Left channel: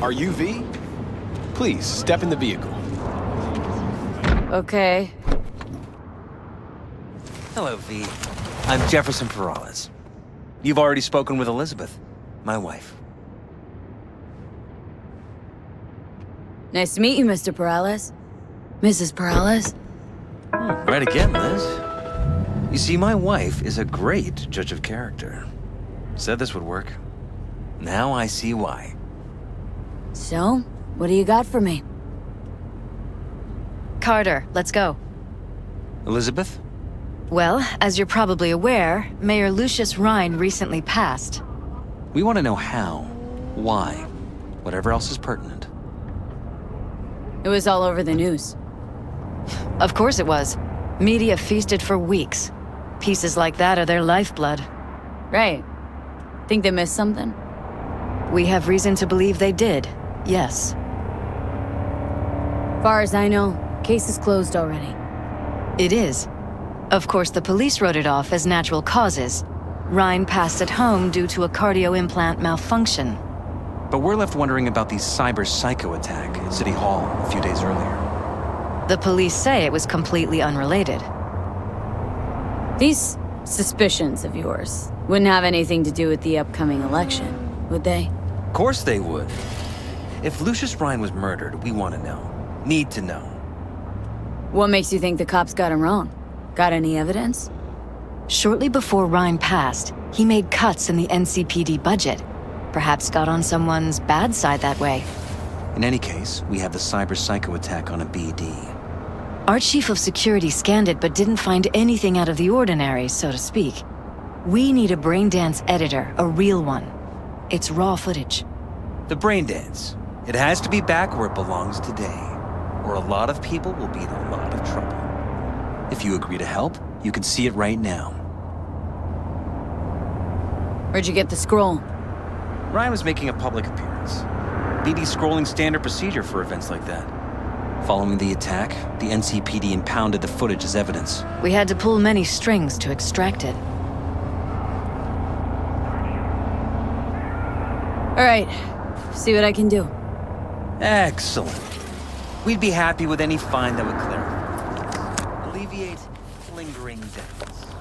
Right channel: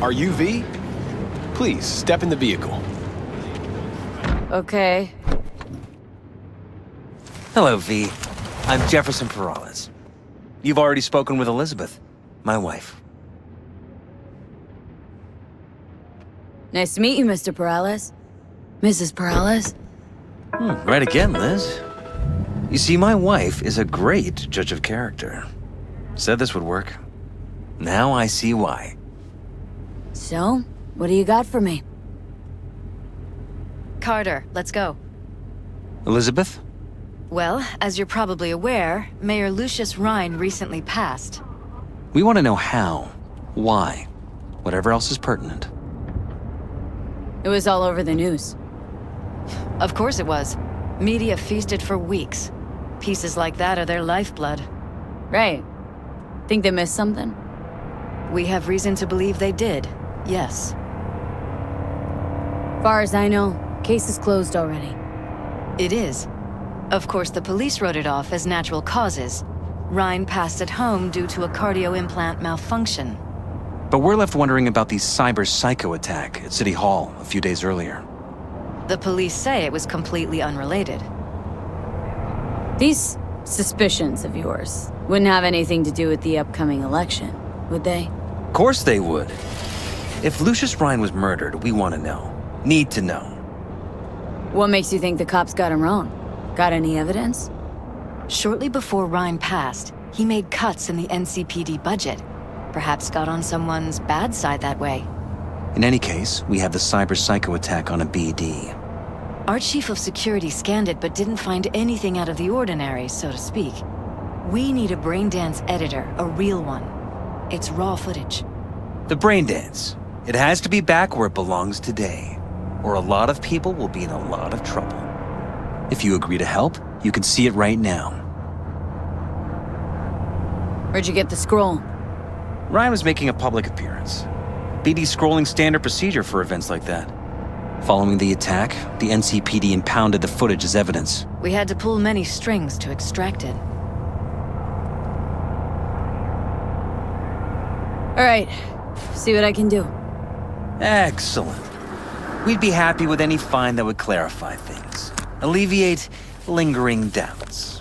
Are you V? Please, step in the vehicle. Okay. Hello, V. I'm Jefferson Peralez. You've already spoken with Elizabeth, my wife. Nice to meet you, Mr. Peralez. Mrs. Peralez? Right again, Liz. You see, my wife is a great judge of character. Said this would work. Now I see why. So, what do you got for me? Carter, let's go. Elizabeth? Well, as you're probably aware, Mayor Lucius Rhine recently passed. We want to know how, why, whatever else is pertinent. It was all over the news. Of course it was. Media feasted for weeks. Pieces like that are their lifeblood. Right. Think they missed something? We have reason to believe they did, yes. Far as I know, case is closed already. It is. Of course, the police wrote it off as natural causes. Rhine passed at home due to a cardio implant malfunction. But we're left wondering about the cyber psycho attack at City Hall a few days earlier. The police say it was completely unrelated. These suspicions of yours wouldn't have anything to do with the upcoming election, would they? Of course they would. If Lucius Rhine was murdered, we want to know. Need to know. What makes you think the cops got him wrong? Got any evidence? Shortly before Rhine passed, he made cuts in the NCPD budget. Perhaps got on someone's bad side that way. In any case, we have the cyber psycho attack on a BD. Our chief of security scanned it but didn't find anything out of the ordinary, so to speak. We need a braindance editor, a real one. It's raw footage. The brain dance. It has to be back where it belongs today, or a lot of people will be in a lot of trouble. If you agree to help, you can see it right now. Where'd you get the scroll? Ryan was making a public appearance. BD scrolling standard procedure for events like that. Following the attack, the NCPD impounded the footage as evidence. We had to pull many strings to extract it. All right, see what I can do. Excellent. We'd be happy with any find that would clarify things, alleviate lingering doubts.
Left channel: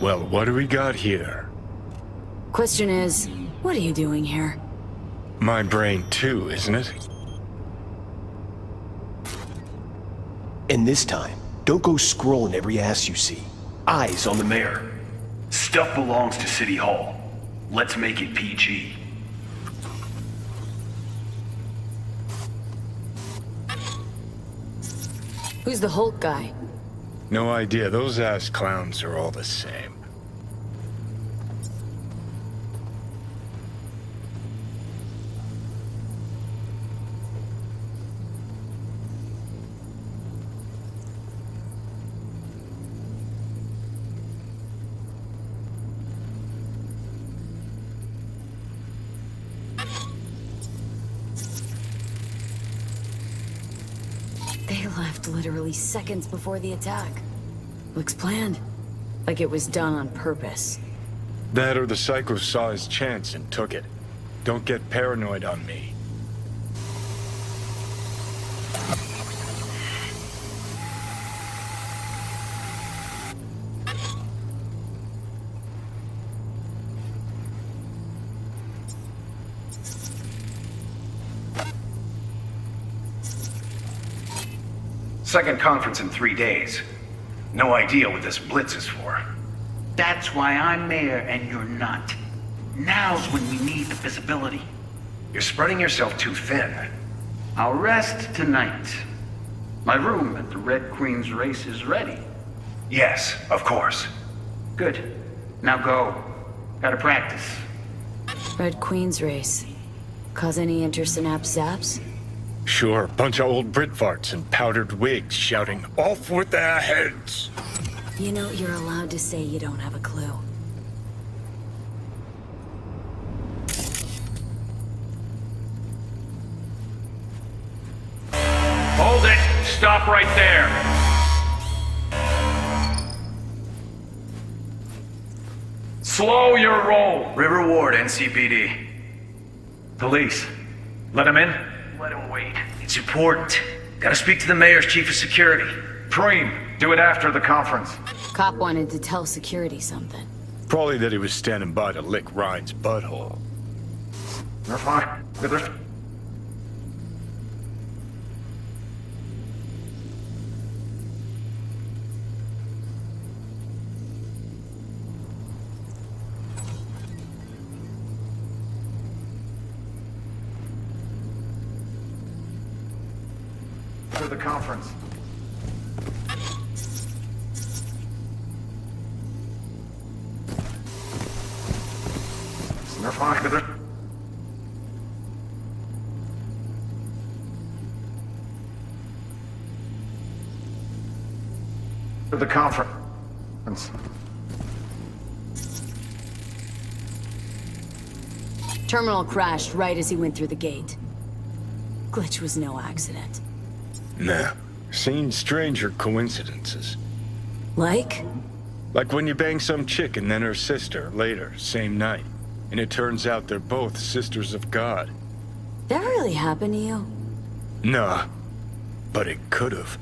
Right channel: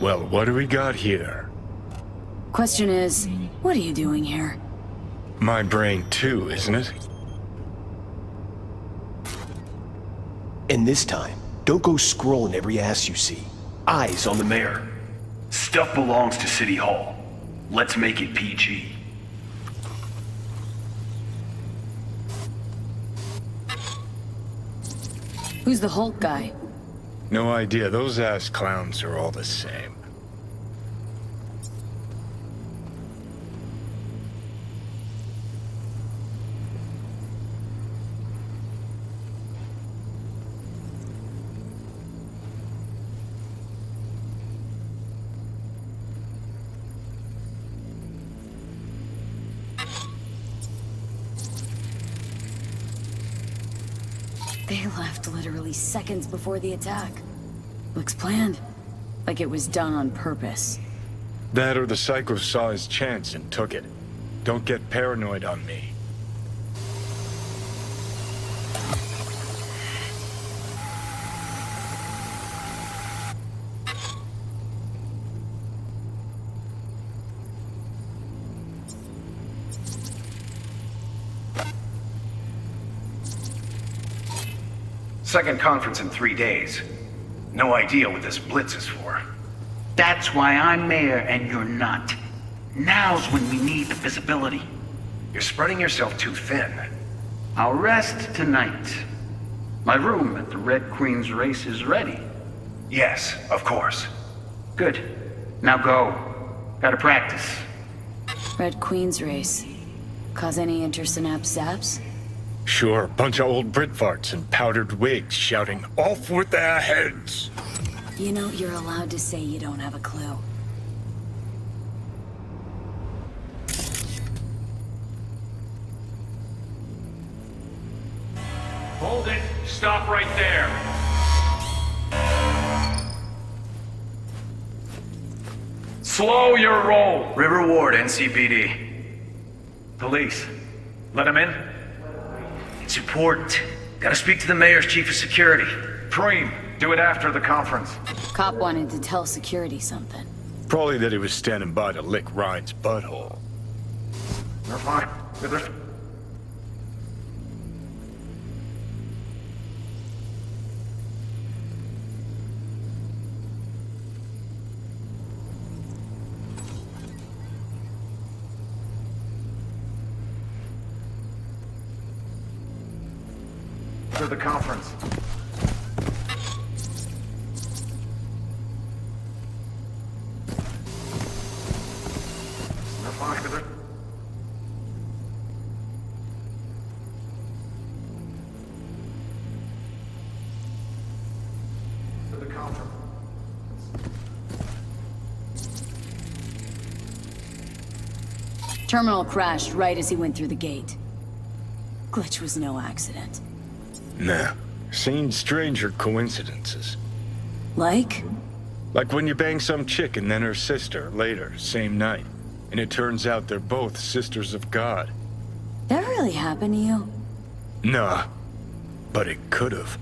Well, what do we got here? Question is, what are you doing here? My brain too, isn't it? And this time, don't go scrolling every ass you see. Eyes on the mayor. Stuff belongs to City Hall. Let's make it PG. Who's the Hulk guy? No idea. Those ass clowns are all the same. They left literally seconds before the attack. Looks planned. Like it was done on purpose. That or the psycho saw his chance and took it. Don't get paranoid on me. Second conference in 3 days. No idea what this blitz is for. That's why I'm mayor and you're not. Now's when we need the visibility. You're spreading yourself too thin. I'll rest tonight. My room at the Red Queen's race is ready. Yes, of course. Good. Now go. Gotta practice. Red Queen's race. Cause any intersynapse zaps? Sure, bunch of old Brit farts in powdered wigs shouting, "Off with their heads!" You know, you're allowed to say you don't have a clue. Stop right there. Slow your roll. River Ward, NCPD. Police. Let him in? Let him wait. It's important. Gotta speak to the mayor's chief of security. Preem, do it after the conference. Cop wanted to tell security something. Probably that he was standing by to lick Ryan's butthole. They're fine. To the conference. They're fine. To the conference. Terminal crashed right as he went through the gate. Glitch was no accident. Nah. Seen stranger coincidences. Like? Like when you bang some chick and then her sister later, same night. And it turns out they're both sisters of God. That really happened to you? Nah. But it could've.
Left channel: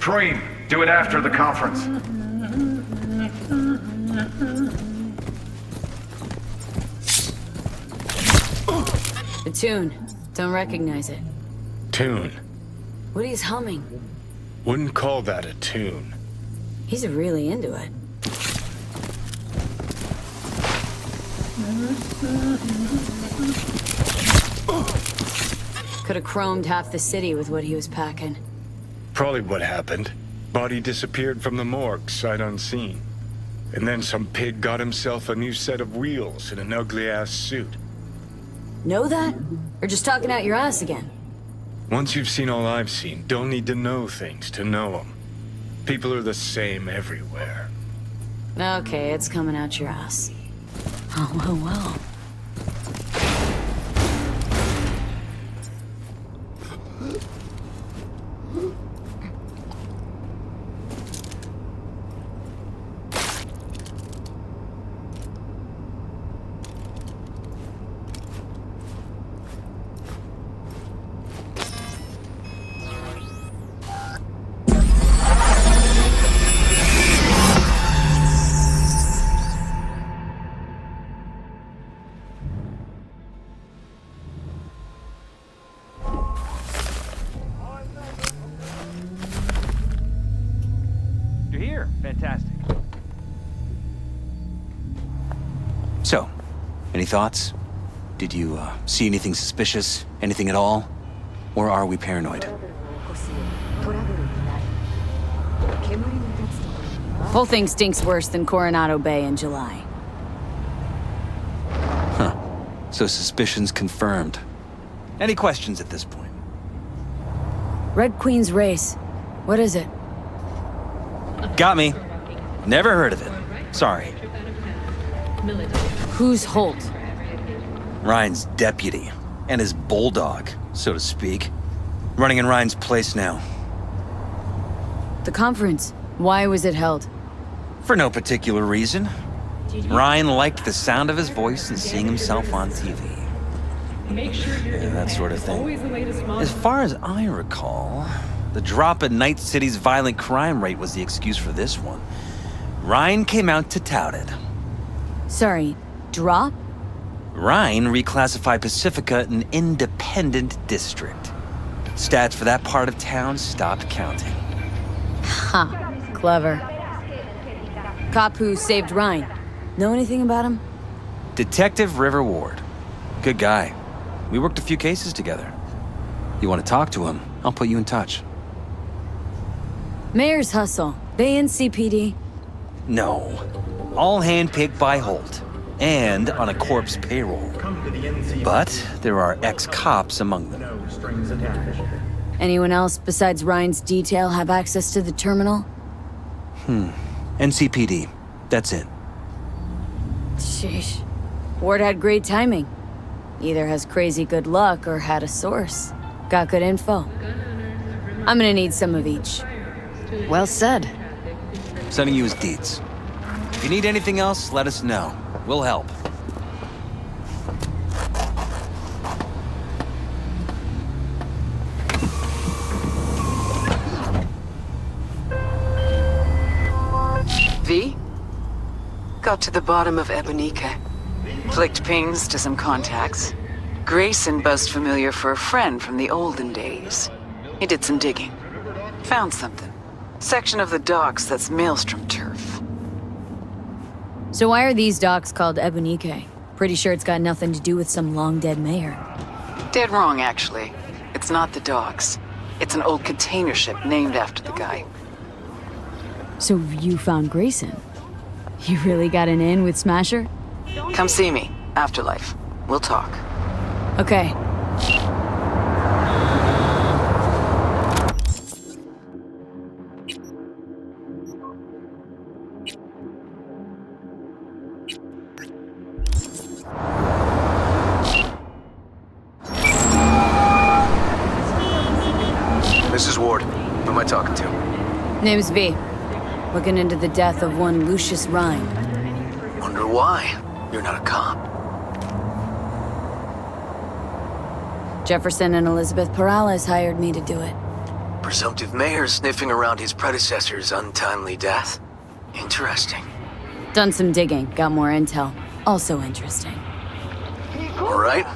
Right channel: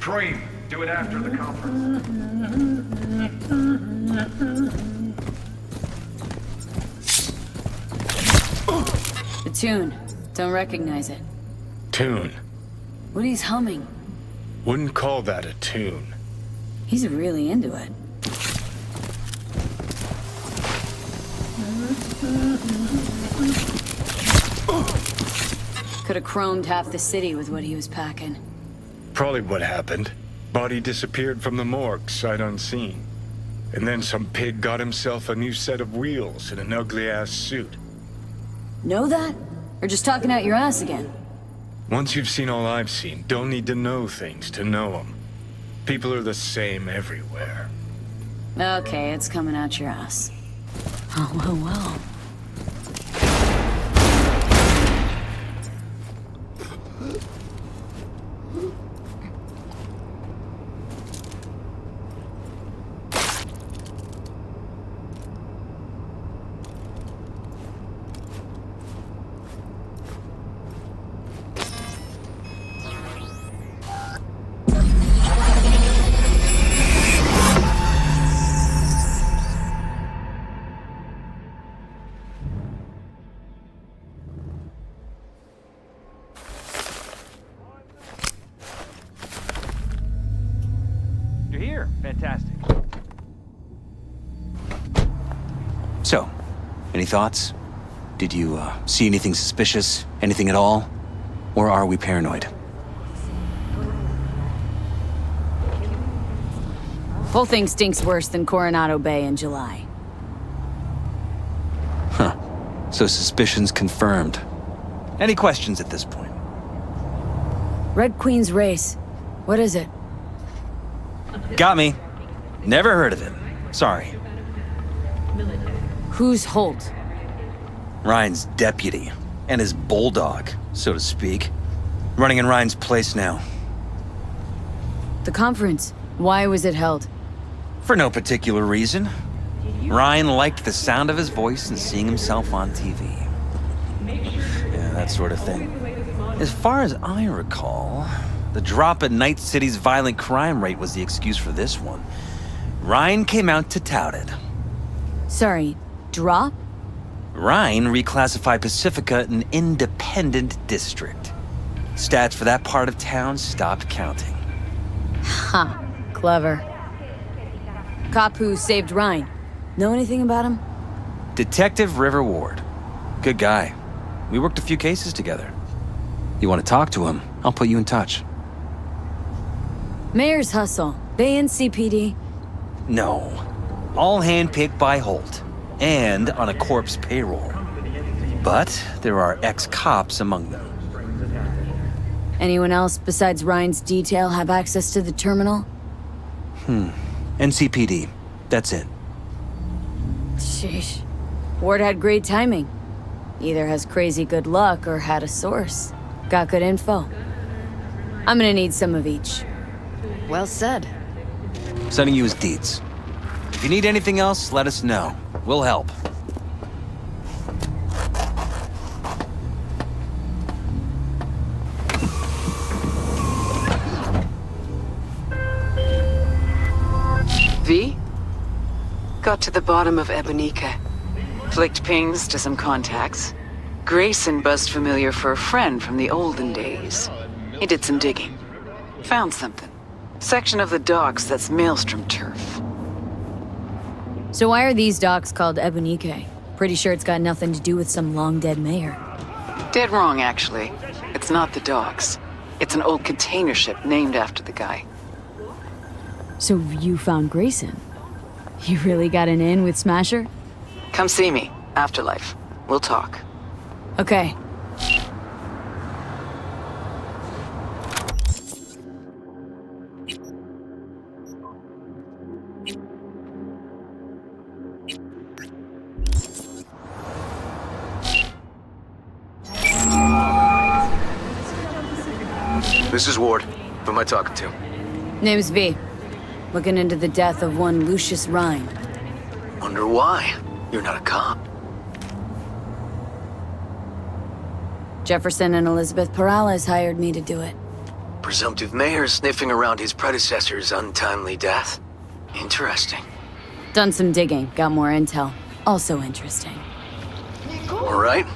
Preem, do it after the conference. The tune. Don't recognize it. Tune. What he's humming. Wouldn't call that a tune. He's really into it. Could have chromed half the city with what he was packing. Probably what happened. Body disappeared from the morgue, sight unseen. And then some pig got himself a new set of wheels and an ugly-ass suit. Know that? Or just talking out your ass again? Once you've seen all I've seen, don't need to know things to know them. People are the same everywhere. Okay, it's coming out your ass. Oh, well. You're here. Fantastic. So, any thoughts? Did you see anything suspicious? Anything at all? Or are we paranoid? Whole thing stinks worse than Coronado Bay in July. Huh. So suspicions confirmed. Any questions at this point? Red Queen's race. What is it? Got me. Never heard of it. Sorry. Who's Holt? Ryan's deputy. And his bulldog, so to speak. Running in Ryan's place now. The conference. Why was it held? For no particular reason. Ryan liked the sound of his voice and seeing himself on TV. Yeah, that sort of thing. As far as I recall, the drop in Night City's violent crime rate was the excuse for this one. Ryan came out to tout it. Sorry, drop? Ryan reclassified Pacifica an independent district. Stats for that part of town stopped counting. Ha, clever. Cop who saved Ryan. Know anything about him? Detective River Ward. Good guy. We worked a few cases together. You want to talk to him, I'll put you in touch. Mayor's hustle. They in CPD? No. All handpicked by Holt. And on a corpse payroll. But there are ex-cops among them. Anyone else besides Ryan's detail have access to the terminal? NCPD. That's it. Sheesh. Ward had great timing. Either has crazy good luck or had a source. Got good info. I'm gonna need some of each. Well said. Sending you his deeds. If you need anything else, let us know. We'll help. V? Got to the bottom of Ebonike. Flicked pings to some contacts. Grayson buzzed familiar for a friend from the olden days. He did some digging. Found something. Section of the docks that's Maelstrom turf. So why are these docks called Ebonike? Pretty sure it's got nothing to do with some long-dead mayor. Dead wrong, actually. It's not the docks. It's an old container ship named after the guy. So you found Grayson? You really got an in with Smasher? Come see me. Afterlife. We'll talk. Okay. This is Ward. Who am I talking to? Name's V. Looking into the death of one Lucius Rhine. Wonder why? You're not a cop. Jefferson and Elizabeth Perales hired me to do it. Presumptive mayor sniffing around his predecessor's untimely death. Interesting. Done some digging, got more intel. Also interesting. All right.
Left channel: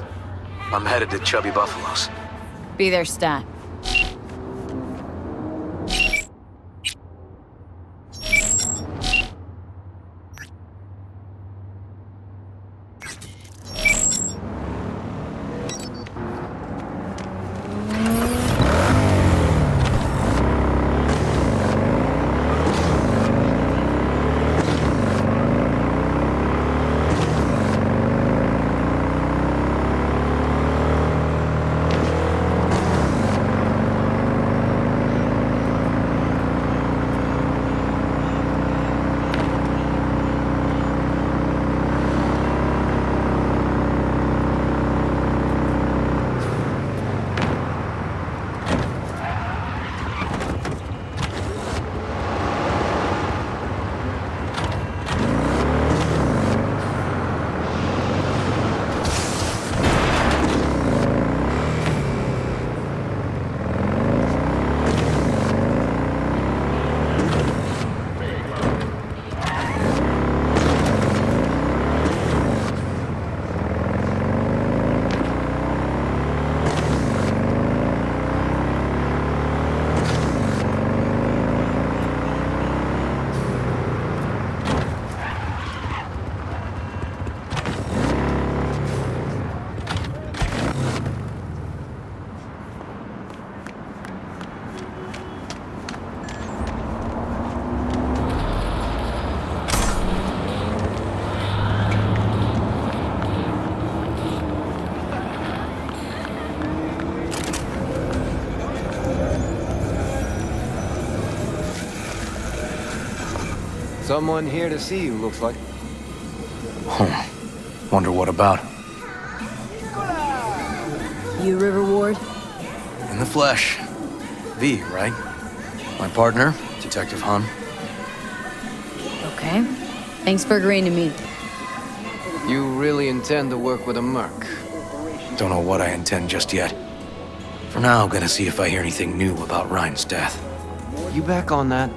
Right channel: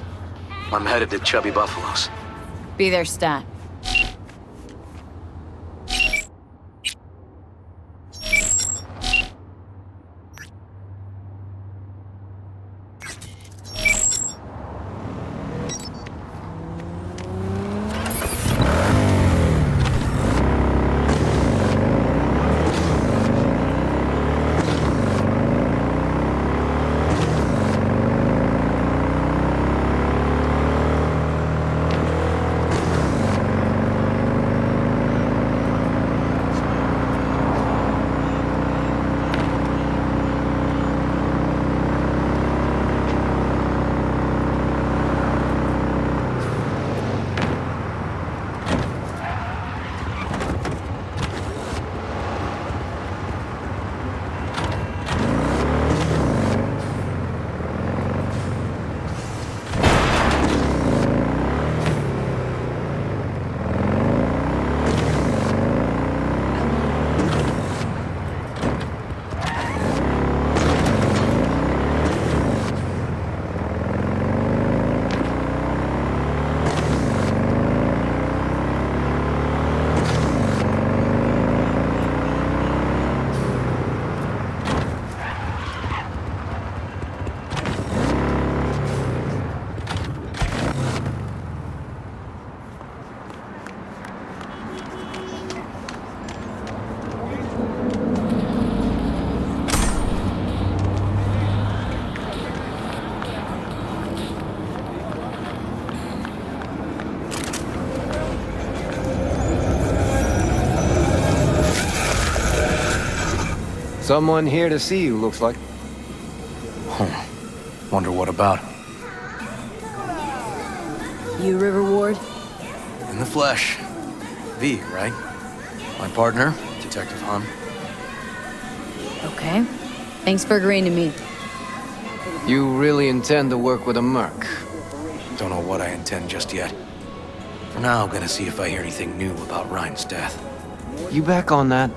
I'm headed to Chubby Buffaloes. Be there, stat. Someone here to see you, looks like. Wonder what about? You River Ward? In the flesh. V, right? My partner, Detective Hahn. Okay. Thanks for agreeing to meet. You really intend to work with a merc? Don't know what I intend just yet. For now, I'm gonna see if I hear anything new about Ryan's death. You back on that?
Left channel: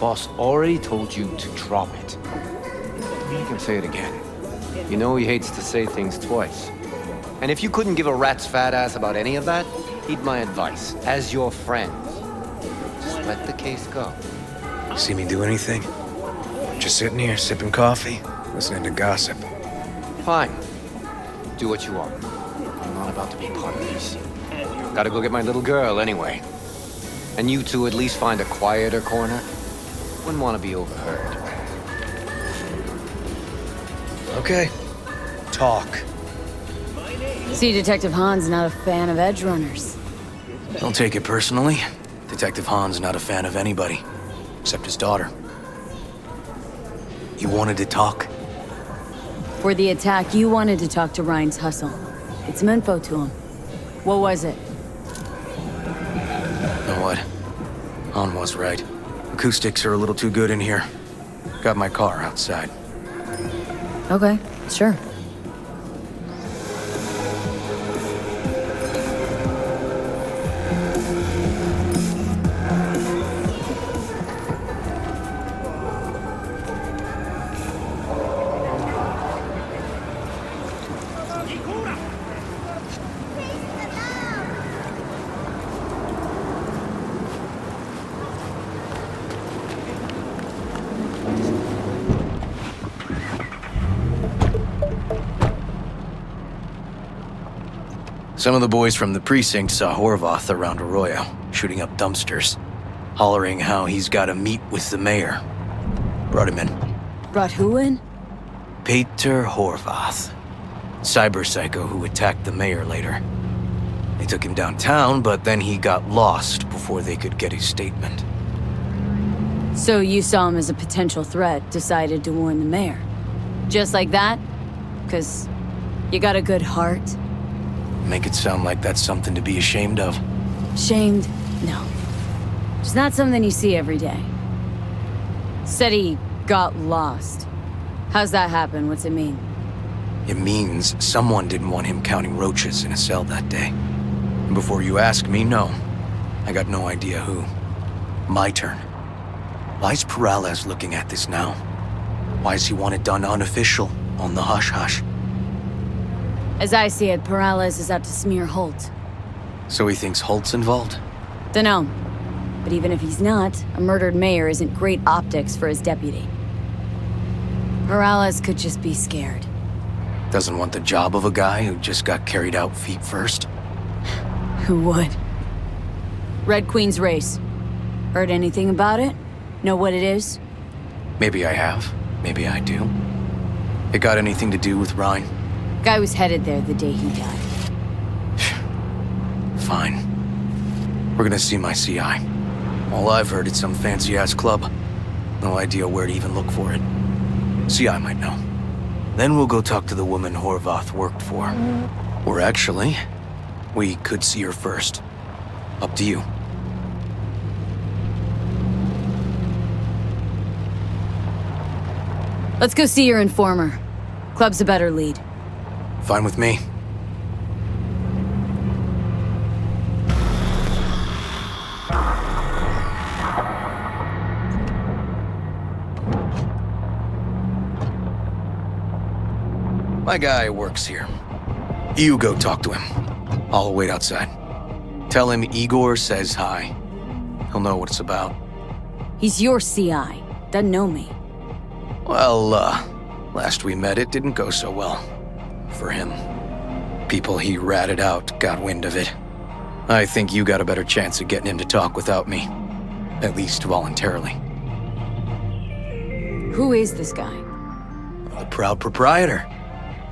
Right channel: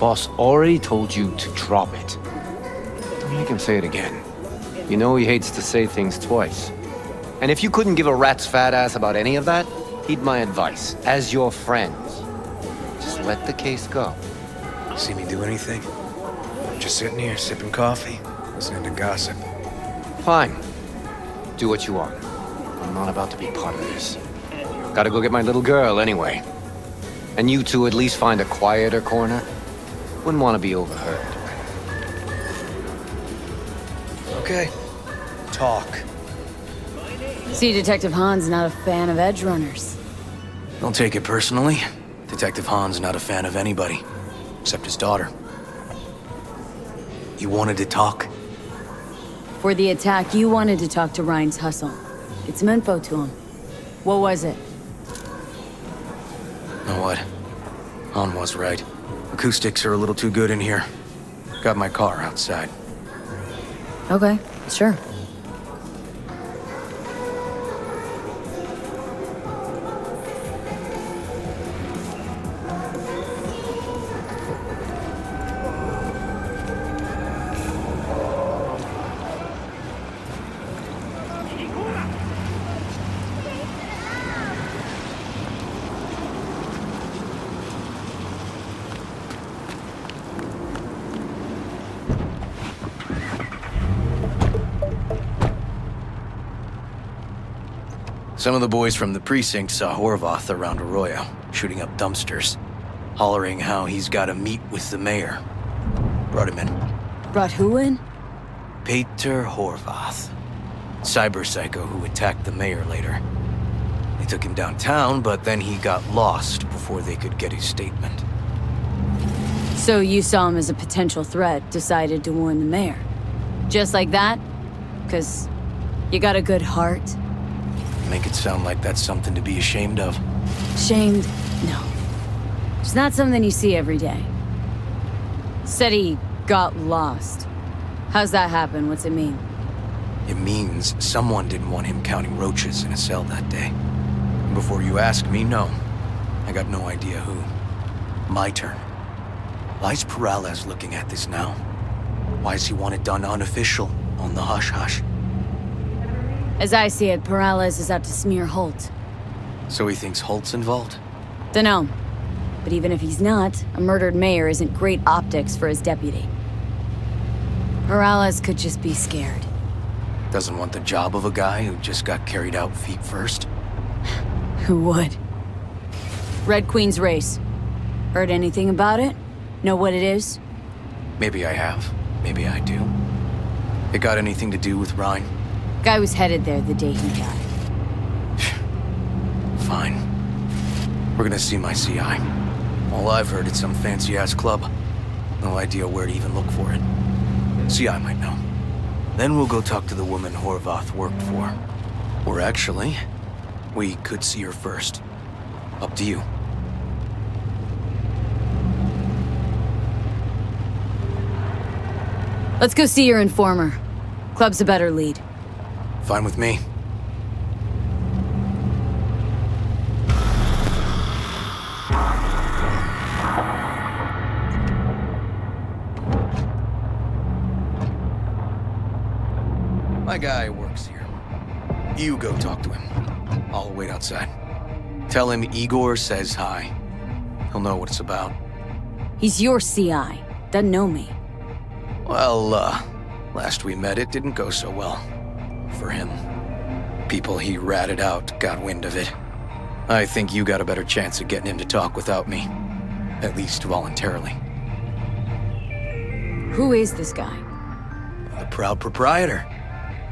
Boss already told you to drop it. Don't make him say it again. You know he hates to say things twice. And if you couldn't give a rat's fat ass about any of that, heed my advice, as your friend. Just let the case go. See me do anything? Just sitting here, sipping coffee, listening to gossip. Fine. Do what you want. I'm not about to be part of this. Gotta go get my little girl anyway. And you two at least find a quieter corner. Wouldn't want to be overheard. Okay. Talk. See, Detective Hahn's not a fan of edge runners. Don't take it personally. Detective Hahn's not a fan of anybody, except his daughter. You wanted to talk? For the attack, you wanted to talk to Ryan's hustle. Get some info to him. What was it? Know what? Hahn was right. Acoustics are a little too good in here. Got my car outside. Okay, sure. Some of the boys from the precinct saw Horvath around Arroyo, shooting up dumpsters, hollering how he's got to meet with the mayor. Brought him in. Brought who in? Peter Horvath. Cyber psycho who attacked the mayor later. They took him downtown, but then he got lost before they could get his statement. So you saw him as a potential threat, decided to warn the mayor. Just like that? 'Cause you got a good heart? Make it sound like that's something to be ashamed of. Shamed? No. It's not something you see every day. Said he got lost. How's that happen? What's it mean? It means someone didn't want him counting roaches in a cell that day. And before you ask me, no. I got no idea who. My turn. Why's Peralez looking at this now? Why does he want it done unofficial, on the hush-hush? As I see it, Peralez is out to smear Holt. So he thinks Holt's involved? Dunno. But even if he's not, a murdered mayor isn't great optics for his deputy. Peralez could just be scared. Doesn't want the job of a guy who just got carried out feet first? Who would? Red Queen's race. Heard anything about it? Know what it is? Maybe I have. Maybe I do. It got anything to do with Ryan? Guy was headed there the day he died. Fine. We're gonna see my CI. All I've heard, it's some fancy-ass club. No idea where to even look for it. CI might know. Then we'll go talk to the woman Horvath worked for. Or actually, we could see her first. Up to you. Let's go see your informer. Club's a better lead. Fine with me. My guy works here. You go talk to him. I'll wait outside. Tell him Igor says hi. He'll know what it's about. He's your CI. Doesn't know me. Well, last we met, it didn't go so well. For him. People he ratted out got wind of it. I think you got a better chance of getting him to talk without me. At least voluntarily. Who is this guy? The proud proprietor.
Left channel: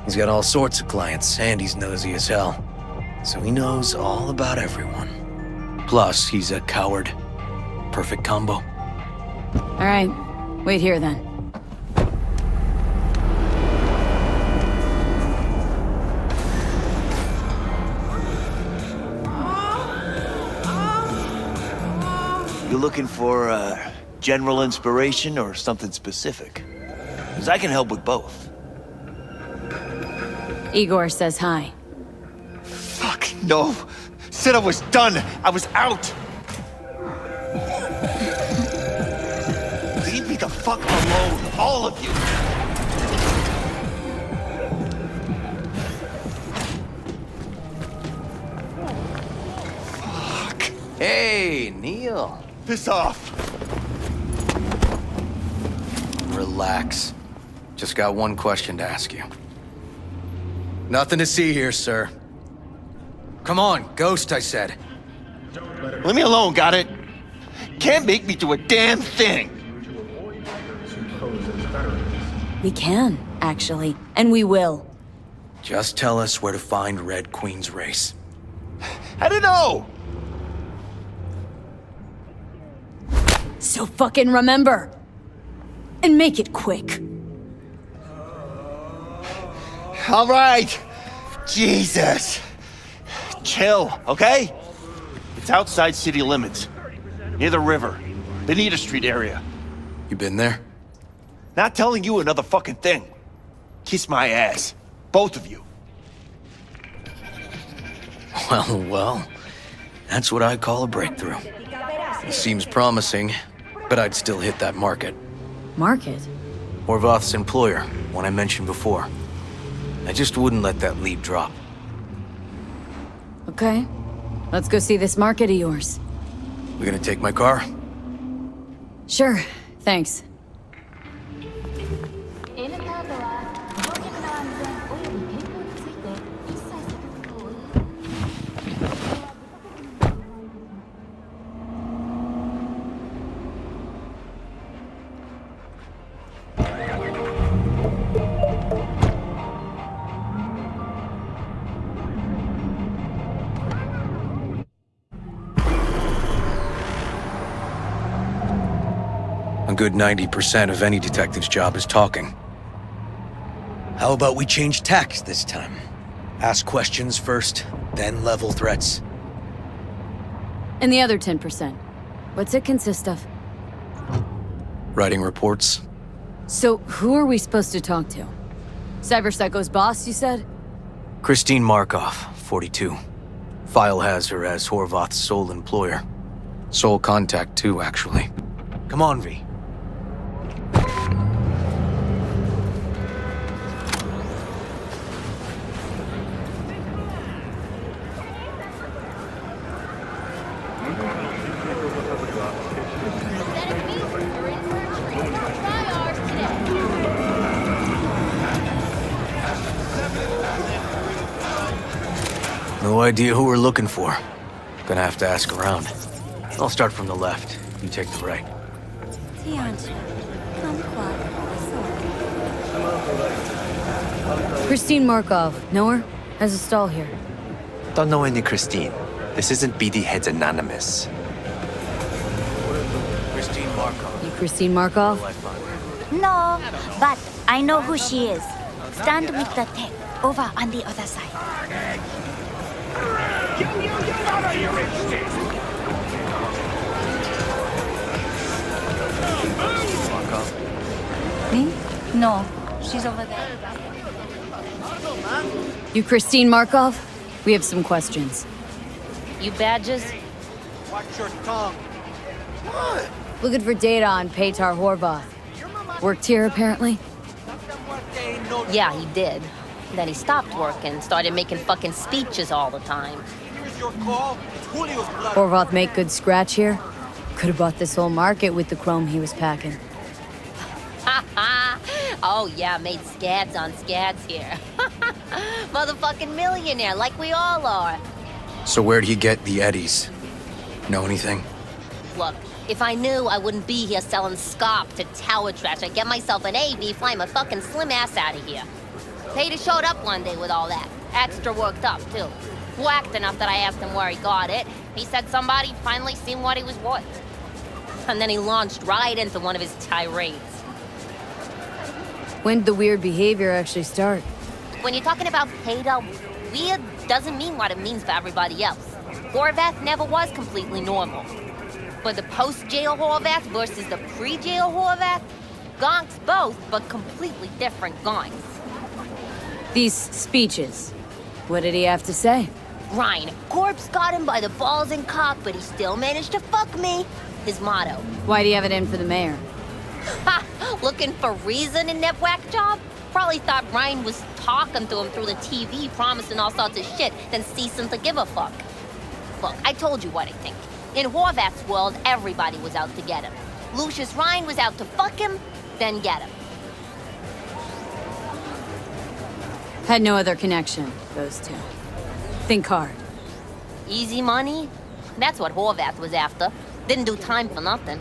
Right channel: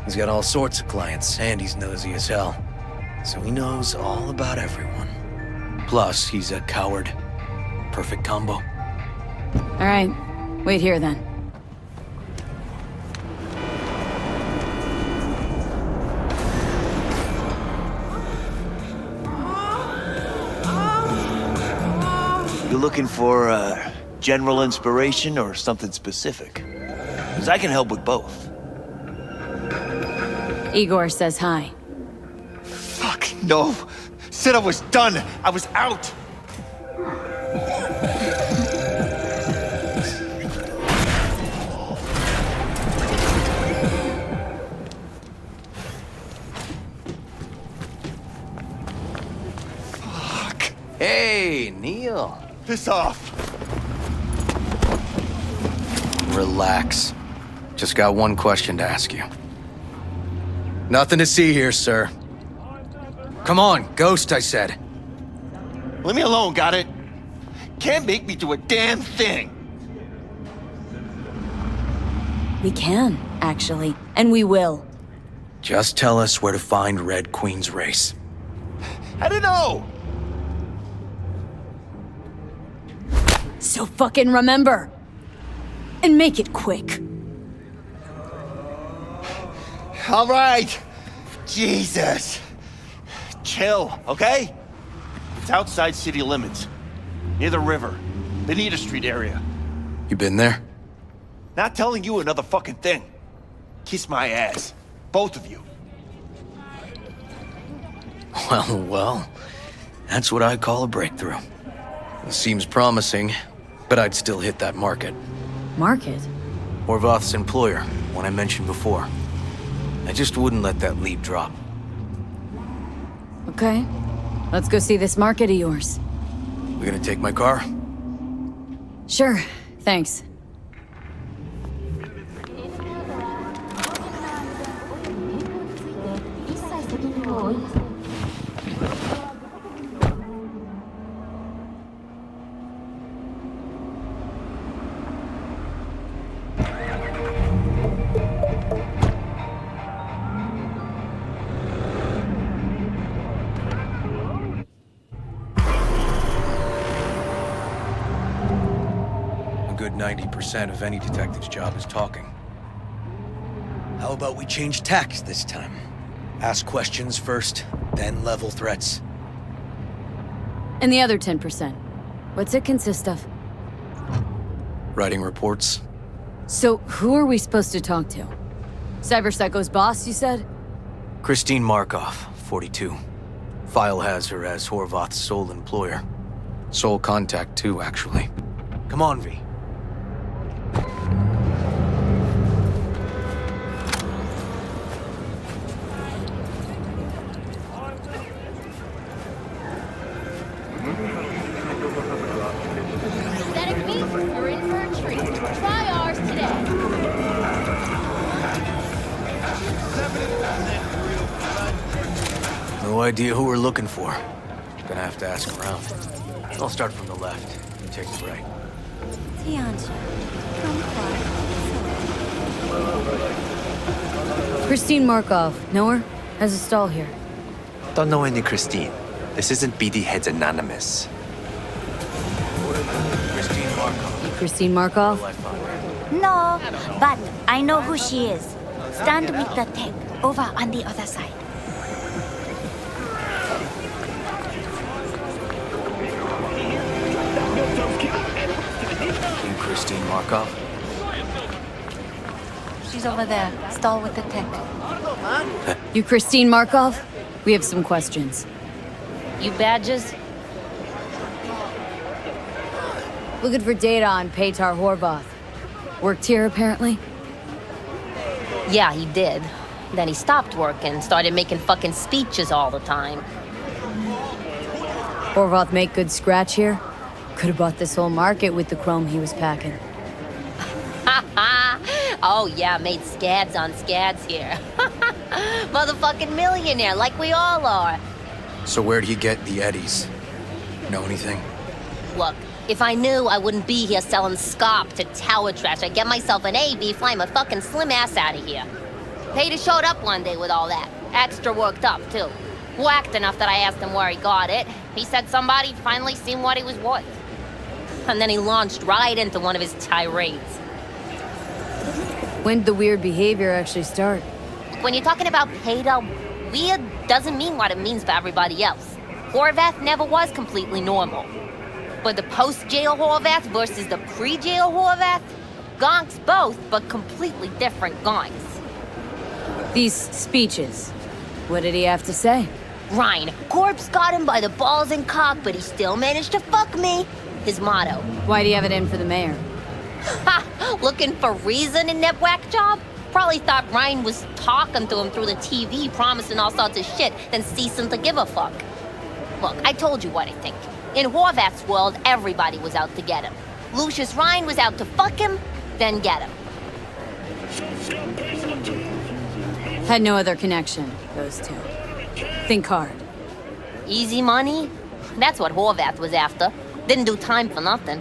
He's got all sorts of clients, and he's nosy as hell. So he knows all about everyone. Plus, he's a coward. Perfect combo. All right. Wait here, then. You looking for general inspiration or something specific? Because I can help with both. Igor says hi. Fuck, no. Said I was done. I was out. Keep me the fuck alone, all of you. Fuck. Hey, Neil. Piss off. Relax. Just got one question to ask you. Nothing to see here, sir. Come on, ghost, I said. Leave me alone, got it? Can't make me do a damn thing. We can, actually. And we will. Just tell us where to find Red Queen's race. I don't know. So fucking remember. And make it quick. All right. Jesus. Chill, okay? It's outside city limits. Near the river. Benita Street area. You been there? Not telling you another fucking thing. Kiss my ass. Both of you. Well. That's what I call a breakthrough. It seems promising, but I'd still hit that market. Market? Horvath's employer, one I mentioned before. I just wouldn't let that lead drop. Okay. Let's go see this market of yours. We gonna take my car? Sure. Thanks. A good 90% of any detective's job is talking. How about we change tacks this time? Ask questions first, then level threats. And the other 10%. What's it consist of? Writing reports. So, who are we supposed to talk to? Cyberpsycho's boss, you said? Christine Markov, 42. File has her as Horvath's sole employer. Sole contact, too, actually. Come on, V. Synthetic meats are in for a treat. Try ours today. No idea who we're looking for. Gonna have to ask around. I'll start from the left. You take the right. Christine Markov. Know her? Has a stall here. Don't know any Christine. This isn't BD Heads Anonymous. Christine Markov. You Christine Markov? No, but I know who she is. Stand with the tech over on the other side. Christine Markov. No, she's over there. Stall with the tech. You Christine Markov? We have some questions. You badges? Looking for data on Petar Horvath. Worked here, apparently? Yeah, he did. Then he stopped working, started making fucking speeches all the time. Horvath make good scratch here? Could have bought this whole market with the chrome he was packing. Oh yeah, made scads on scads here. Motherfucking millionaire, like we all are. So where'd he get the eddies? Know anything? Look, if I knew, I wouldn't be here selling scop to tower trash. I'd get myself an AV, fly my fucking slim ass out of here. Pater showed up one day with all that. Extra worked up, too. Whacked enough that I asked him where he got it. He said somebody finally seen what he was worth. And then he launched right into one of his tirades. When did the weird behavior actually start? When you're talking about Peter, weird doesn't mean what it means for everybody else. Horvath never was completely normal. But the post-jail Horvath versus the pre-jail Horvath, gonks both, but completely different gonks. These speeches, what did he have to say? Ryan, corpse got him by the balls and cock, but he still managed to fuck me. His motto. Why do you have it in for the mayor? Ha! Looking for reason in that whack job? Probably thought Ryan was talking to him through the TV, promising all sorts of shit, then ceasing to give a fuck. Look, I told you what I think. In Horvath's world, everybody was out to get him. Lucius Ryan was out to fuck him, then get him. Had no other connection, those two. Think hard. Easy money? That's what Horvath was after. Didn't do time for nothing.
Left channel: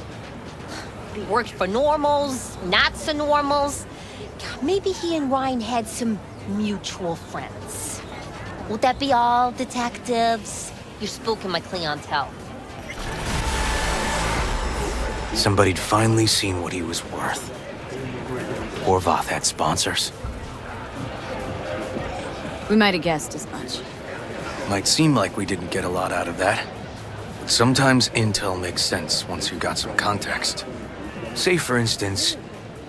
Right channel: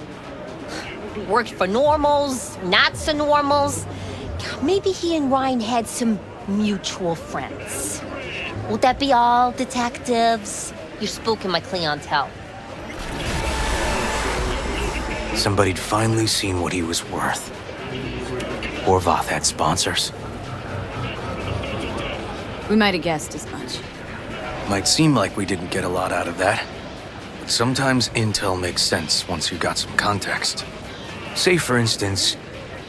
Worked for normals, not so normals. Maybe he and Ryan had some mutual friends. Would that be all, detectives? You're spooking my clientele. somebody'd finally seen what he was worth. Horvath had sponsors. We might have guessed as much. Might seem like we didn't get a lot out of that, but sometimes intel makes sense once you got some context. Say, for instance,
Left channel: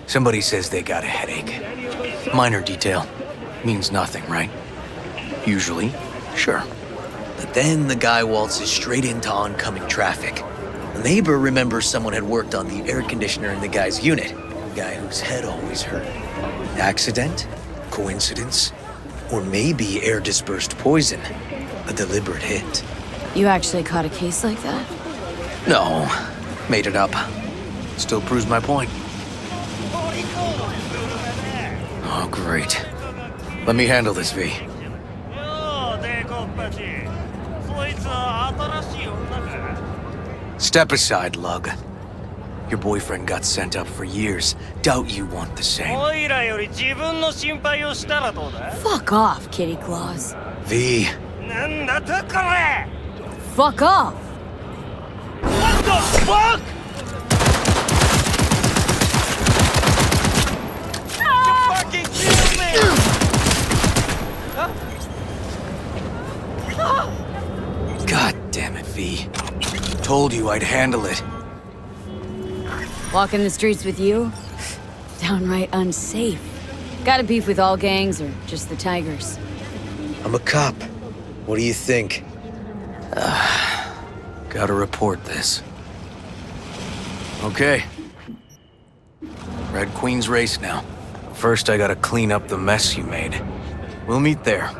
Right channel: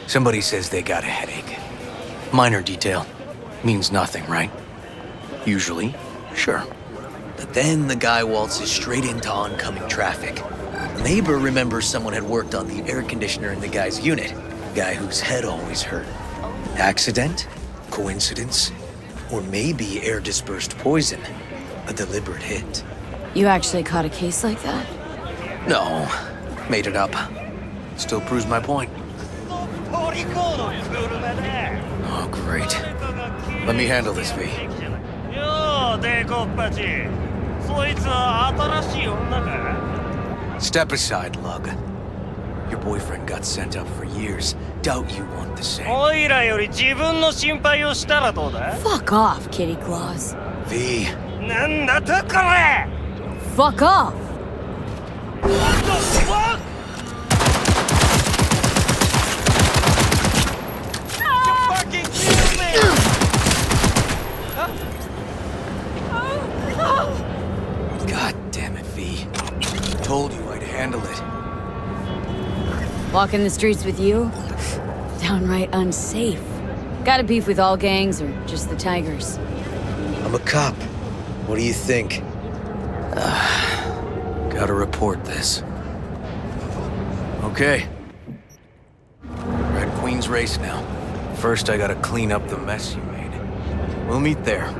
somebody says they got a headache. Minor detail. Means nothing, right? Usually, sure. But then the guy waltzes straight into oncoming traffic. The neighbor remembers someone had worked on the air conditioner in the guy's unit. A guy whose head always hurt. Accident? Coincidence? Or maybe air-dispersed poison. A deliberate hit. You actually caught a case like that? No, made it up. Still proves my point. Oh, great. Let me handle this, V. Step aside, Lug. Your boyfriend got sent up for years. Doubt you want the same. Fuck off, Kitty Claus. V. Fuck off! What the fuck?! You fucking kill me! God damn it, V. Told you I'd handle it. Walking the streets with you? Downright unsafe. Got a beef with all gangs or just the Tigers? I'm a cop. What do you think? Gotta report this. Okay. Red Queen's race now. First, I gotta clean up the mess you made. We'll meet there.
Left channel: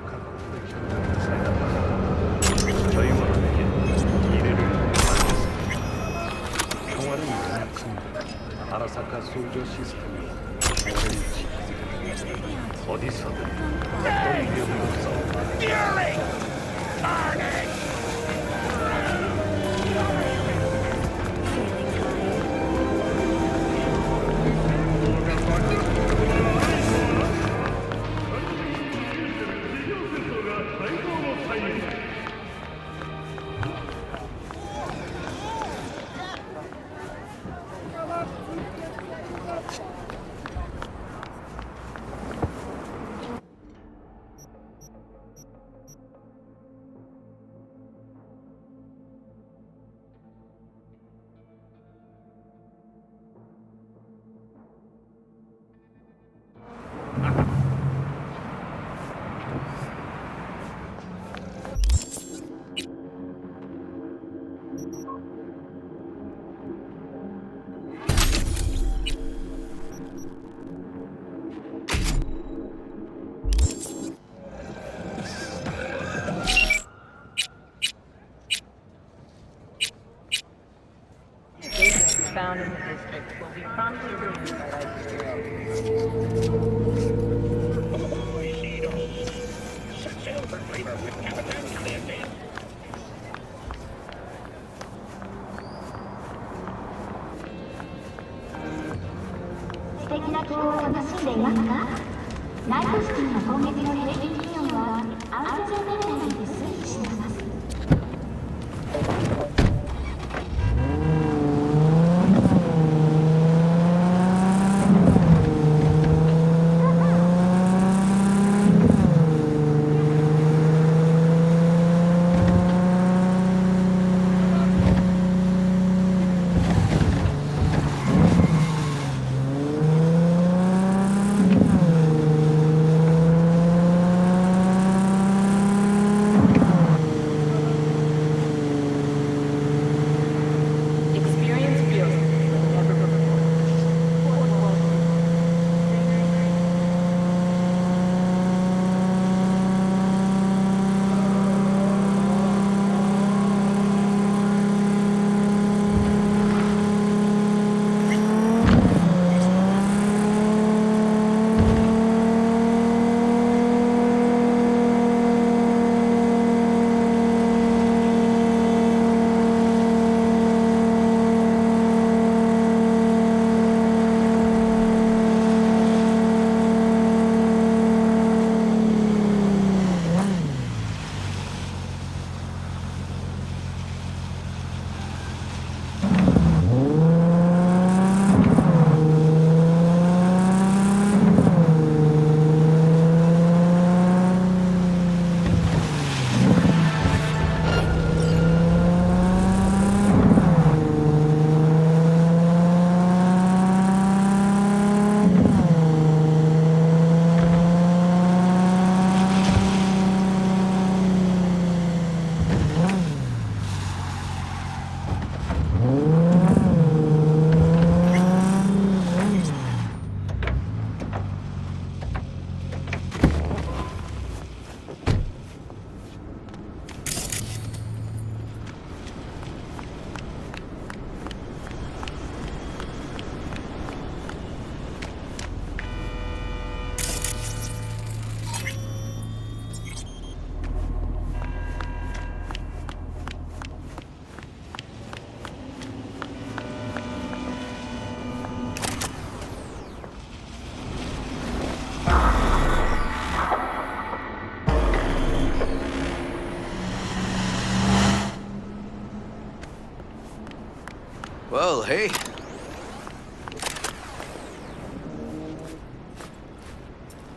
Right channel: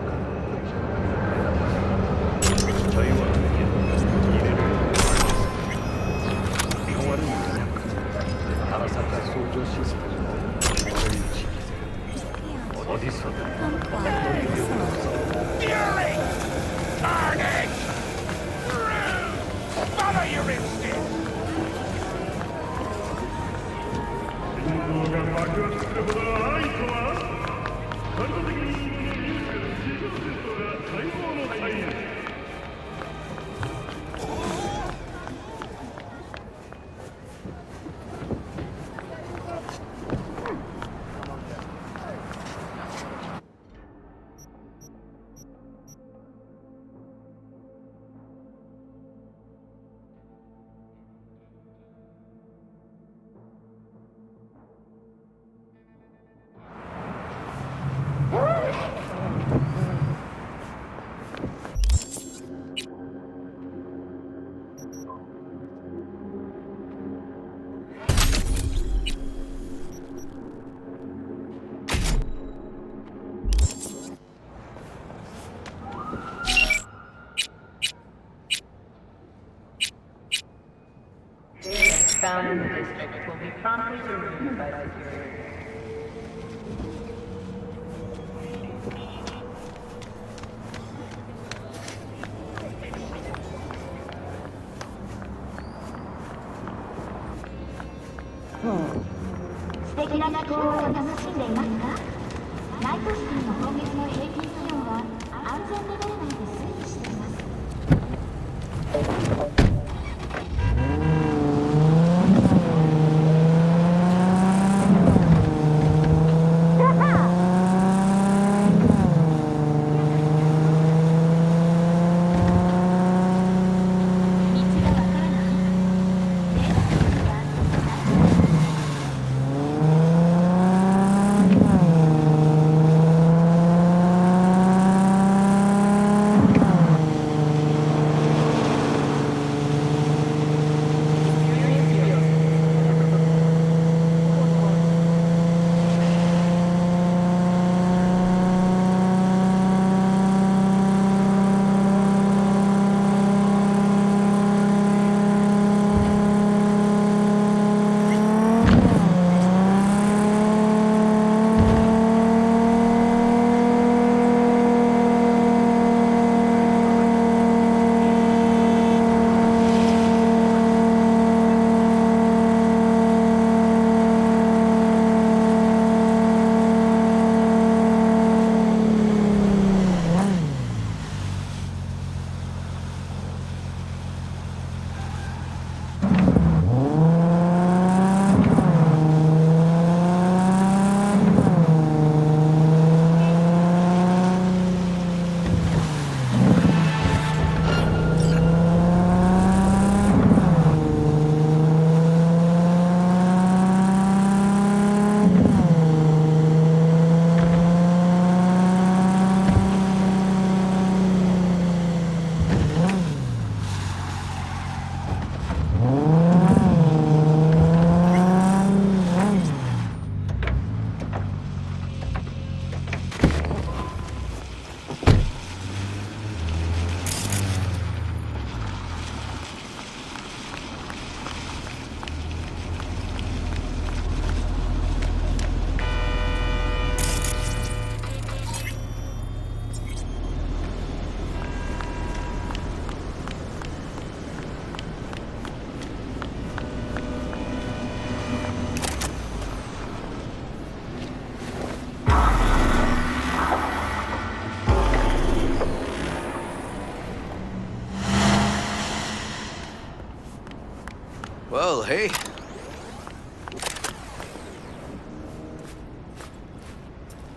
Well, hey.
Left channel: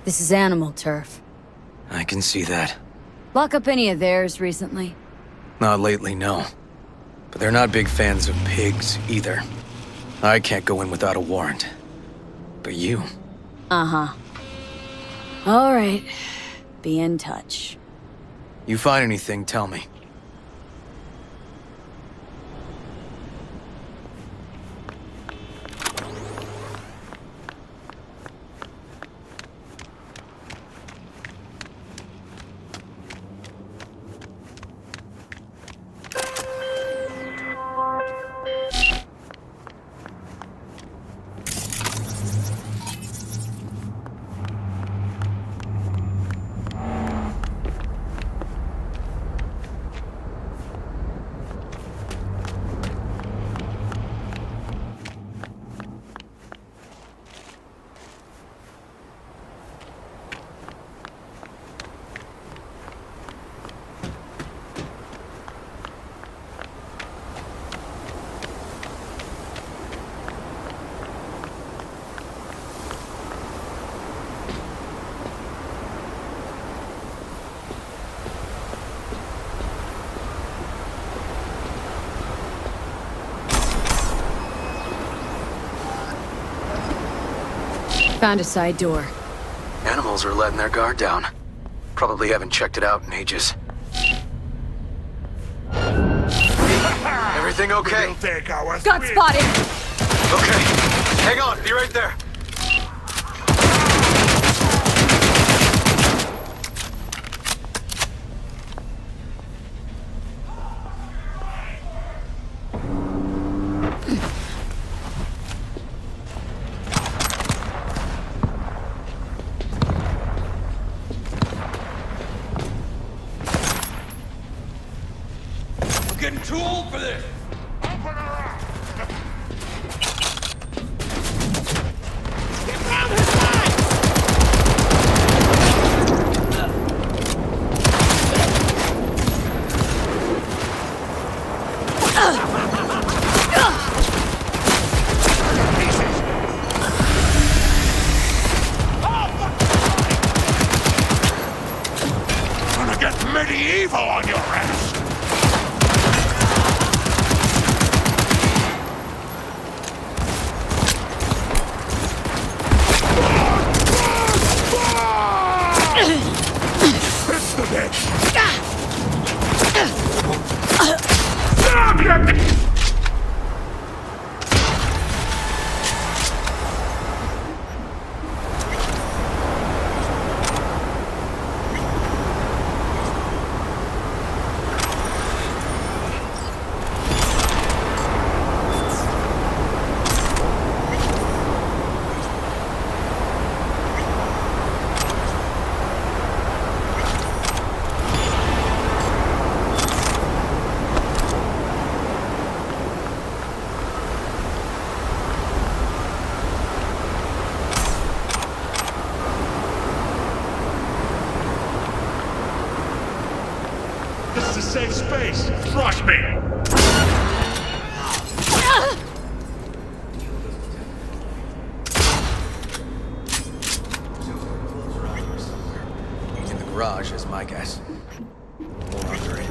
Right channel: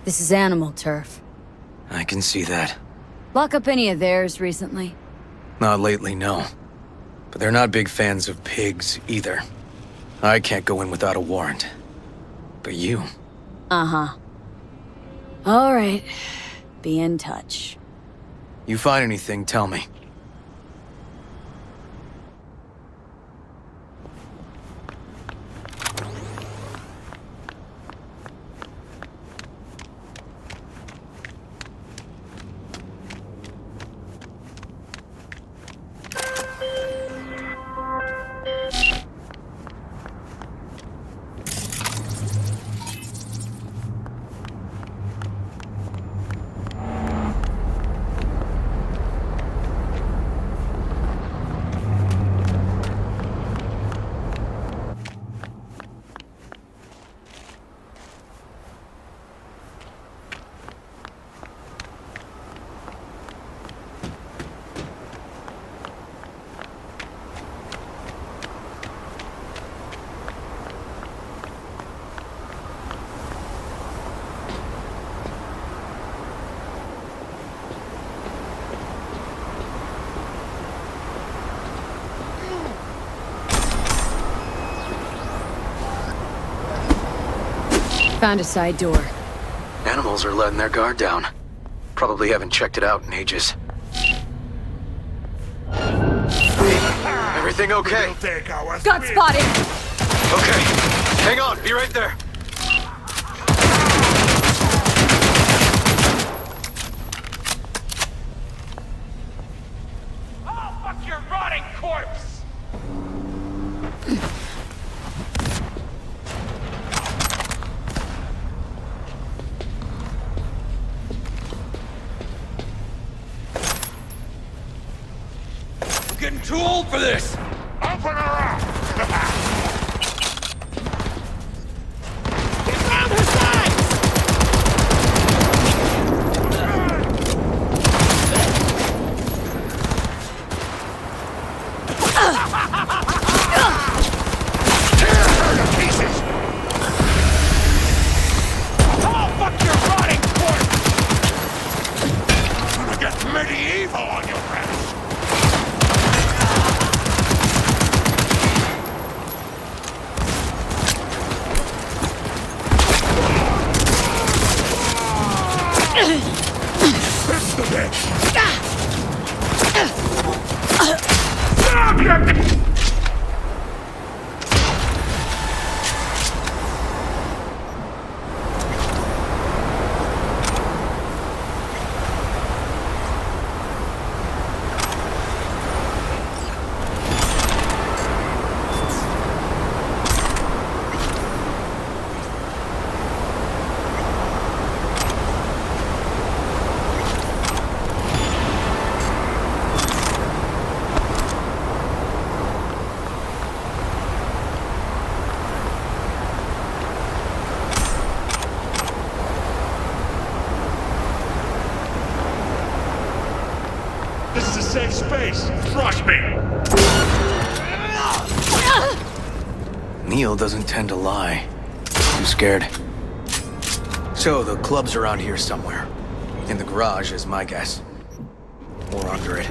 This is animal turf. I can see that. Lock up any of theirs recently? Not lately, no. But they're not big fans of pigs, either. I can't go in without a warrant. But you... Uh-huh. All right. Be in touch. You find anything, tell me. Found a side door. Animals are letting their guard down. Probably haven't checked it out in ages. Everything okay? Got spotted! Okay. Hang on, be right there. Getting too old for this! Open her up! Get round her sides! Oh, fuck your rotting corpse! Gonna get medieval on your ass! This is a safe space. Trust me. Neil doesn't tend to lie. I'm scared. So, the club's around here somewhere. In the garage is my guess. Or under it.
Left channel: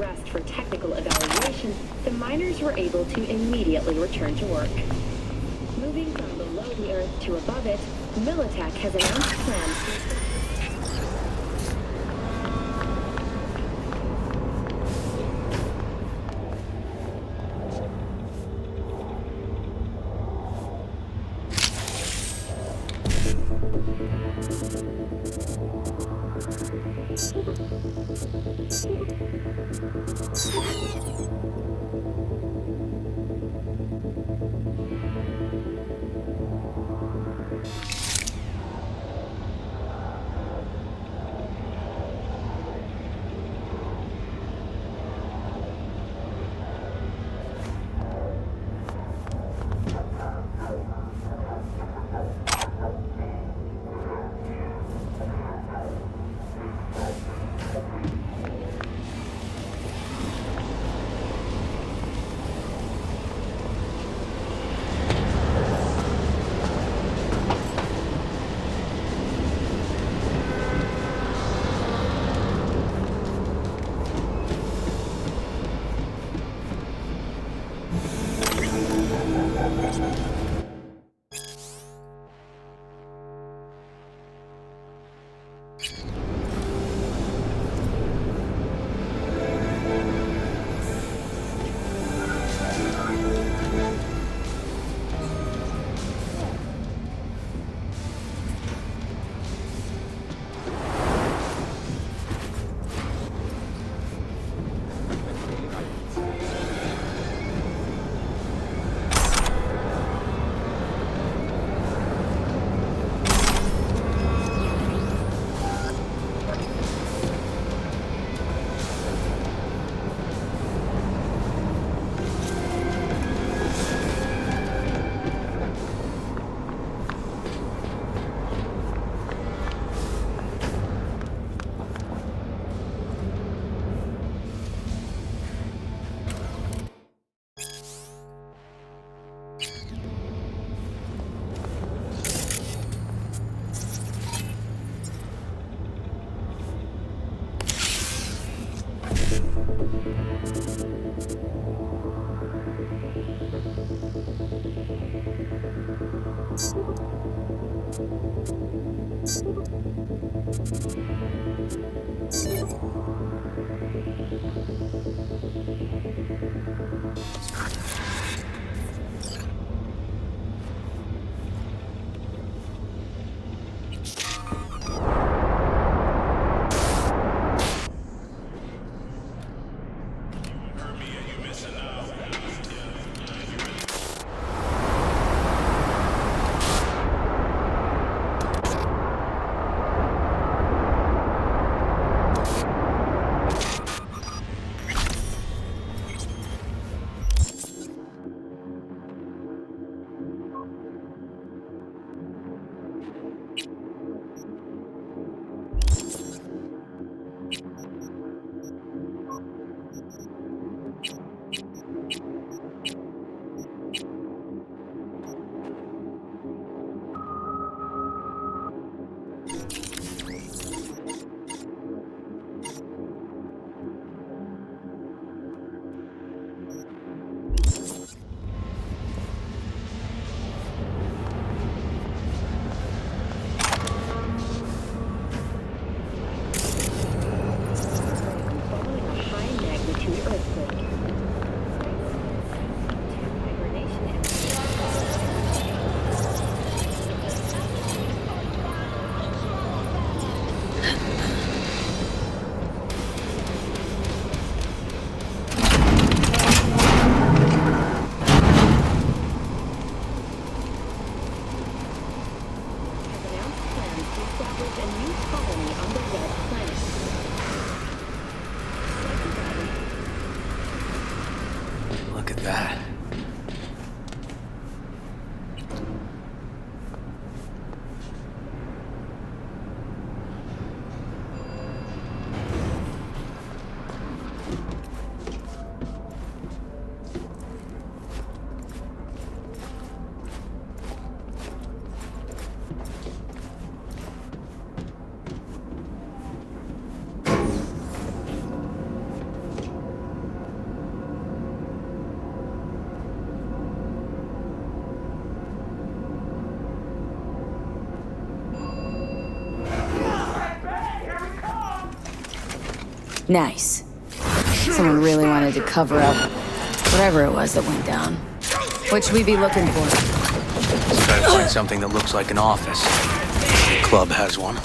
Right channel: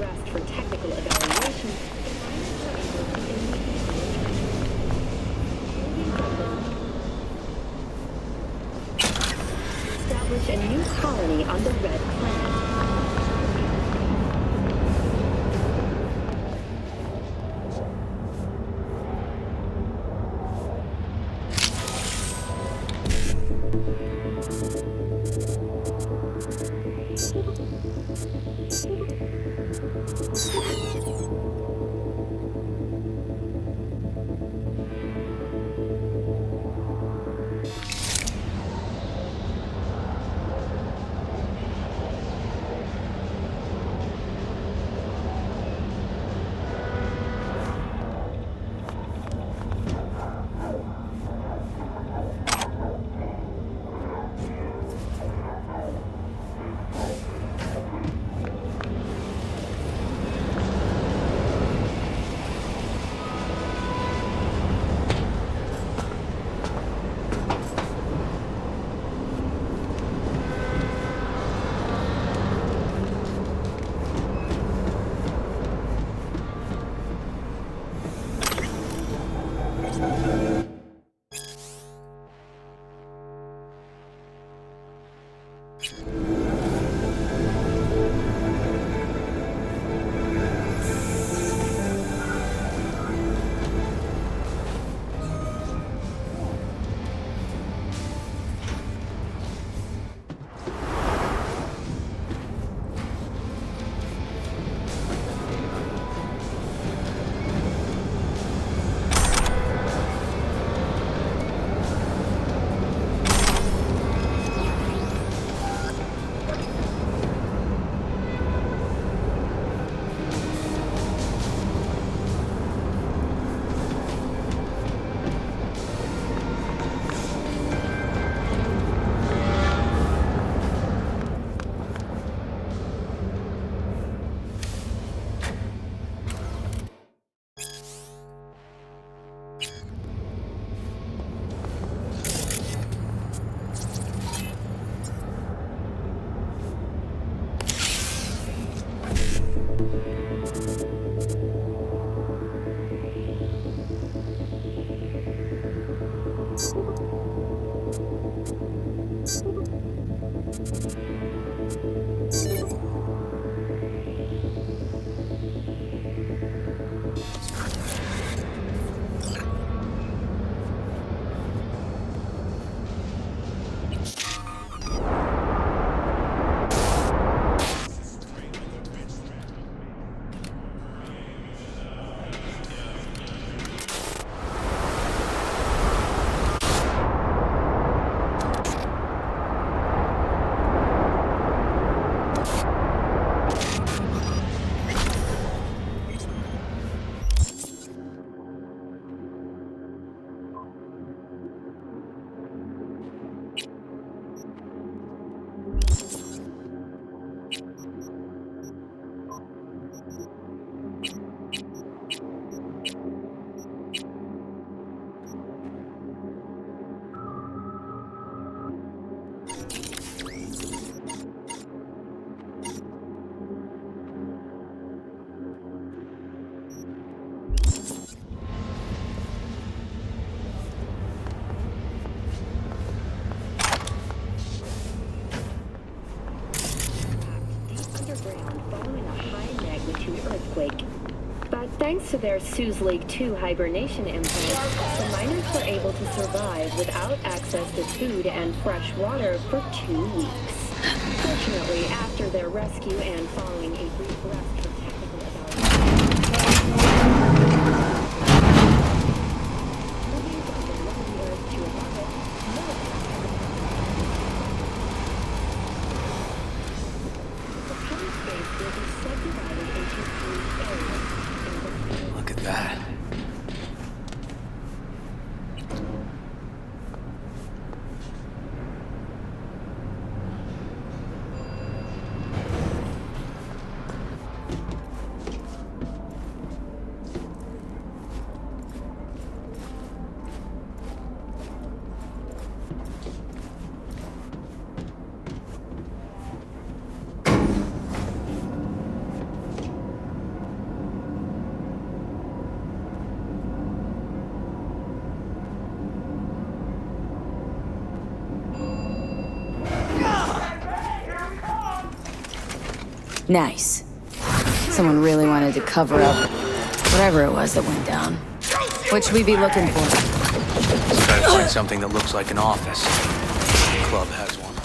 rest for technical evaluation, the miners were able to immediately return to work. Moving from below the Earth to above it, Militech has announced plans to establish a new colony on the Red Planet. To their Sue's Lake 2 hibernation implant, the miners were able to survive without access to food and fresh water for 2 weeks. Fortunately, after their rescue and following a brief rest Look at that. Nice. Someone really wanted to cover up whatever it was that went down. What should we be looking for? Let's try to find something that looks like an office. The club has one.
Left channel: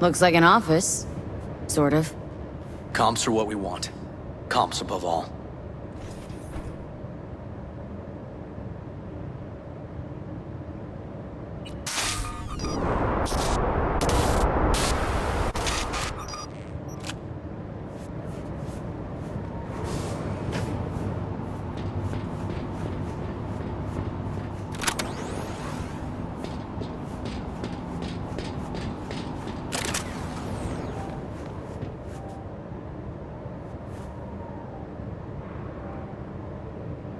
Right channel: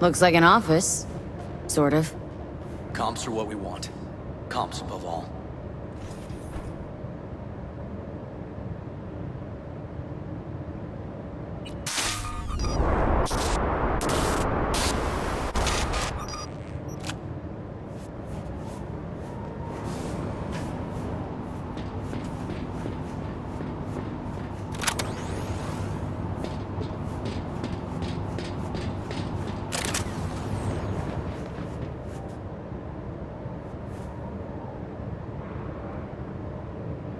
Looks like an office. Sort of. Comps are what we want. Comps above all.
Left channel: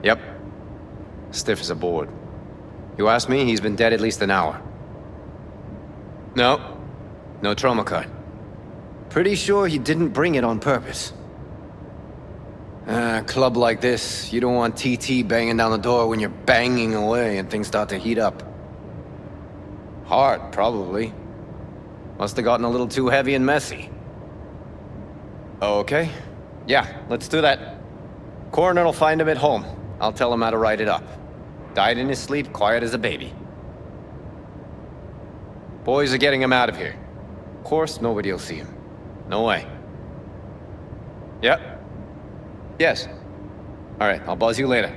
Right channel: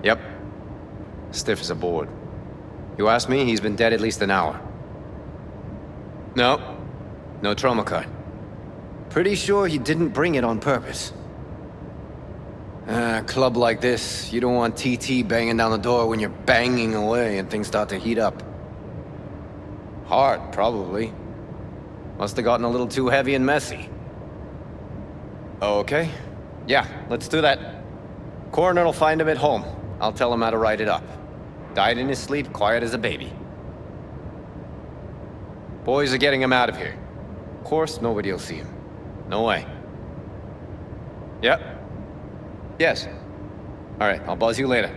Yep. Stiff as a board. You ask me, he's been dead at least an hour. No. No trauma card. Pretty sure he didn't bring it on purpose. A club like this, you don't want TT banging down the door when you're banging away and things start to heat up. Hard, probably. Must have gotten a little too heavy and messy. Okay. Yeah, let's do that. Coroner will find him at home. I'll tell him how to write it up. Died in his sleep, quiet as a baby. Boys are getting him out of here. Of course, nobody will see him. No way. Yep. Yes. All right, I'll buzz you later.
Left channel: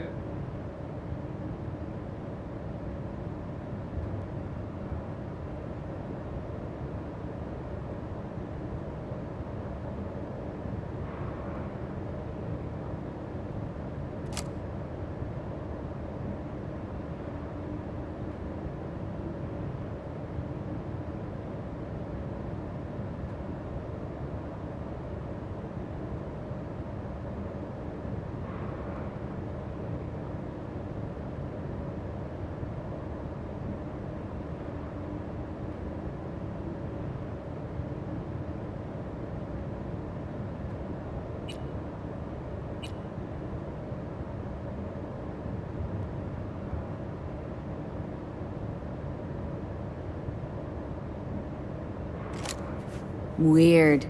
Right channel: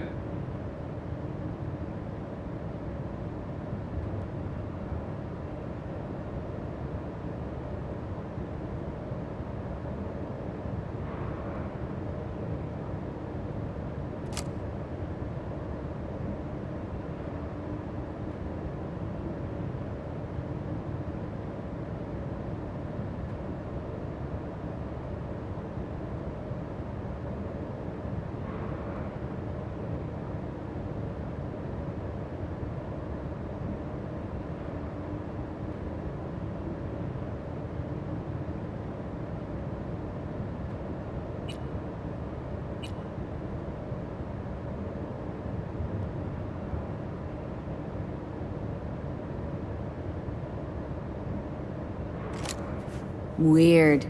Weird.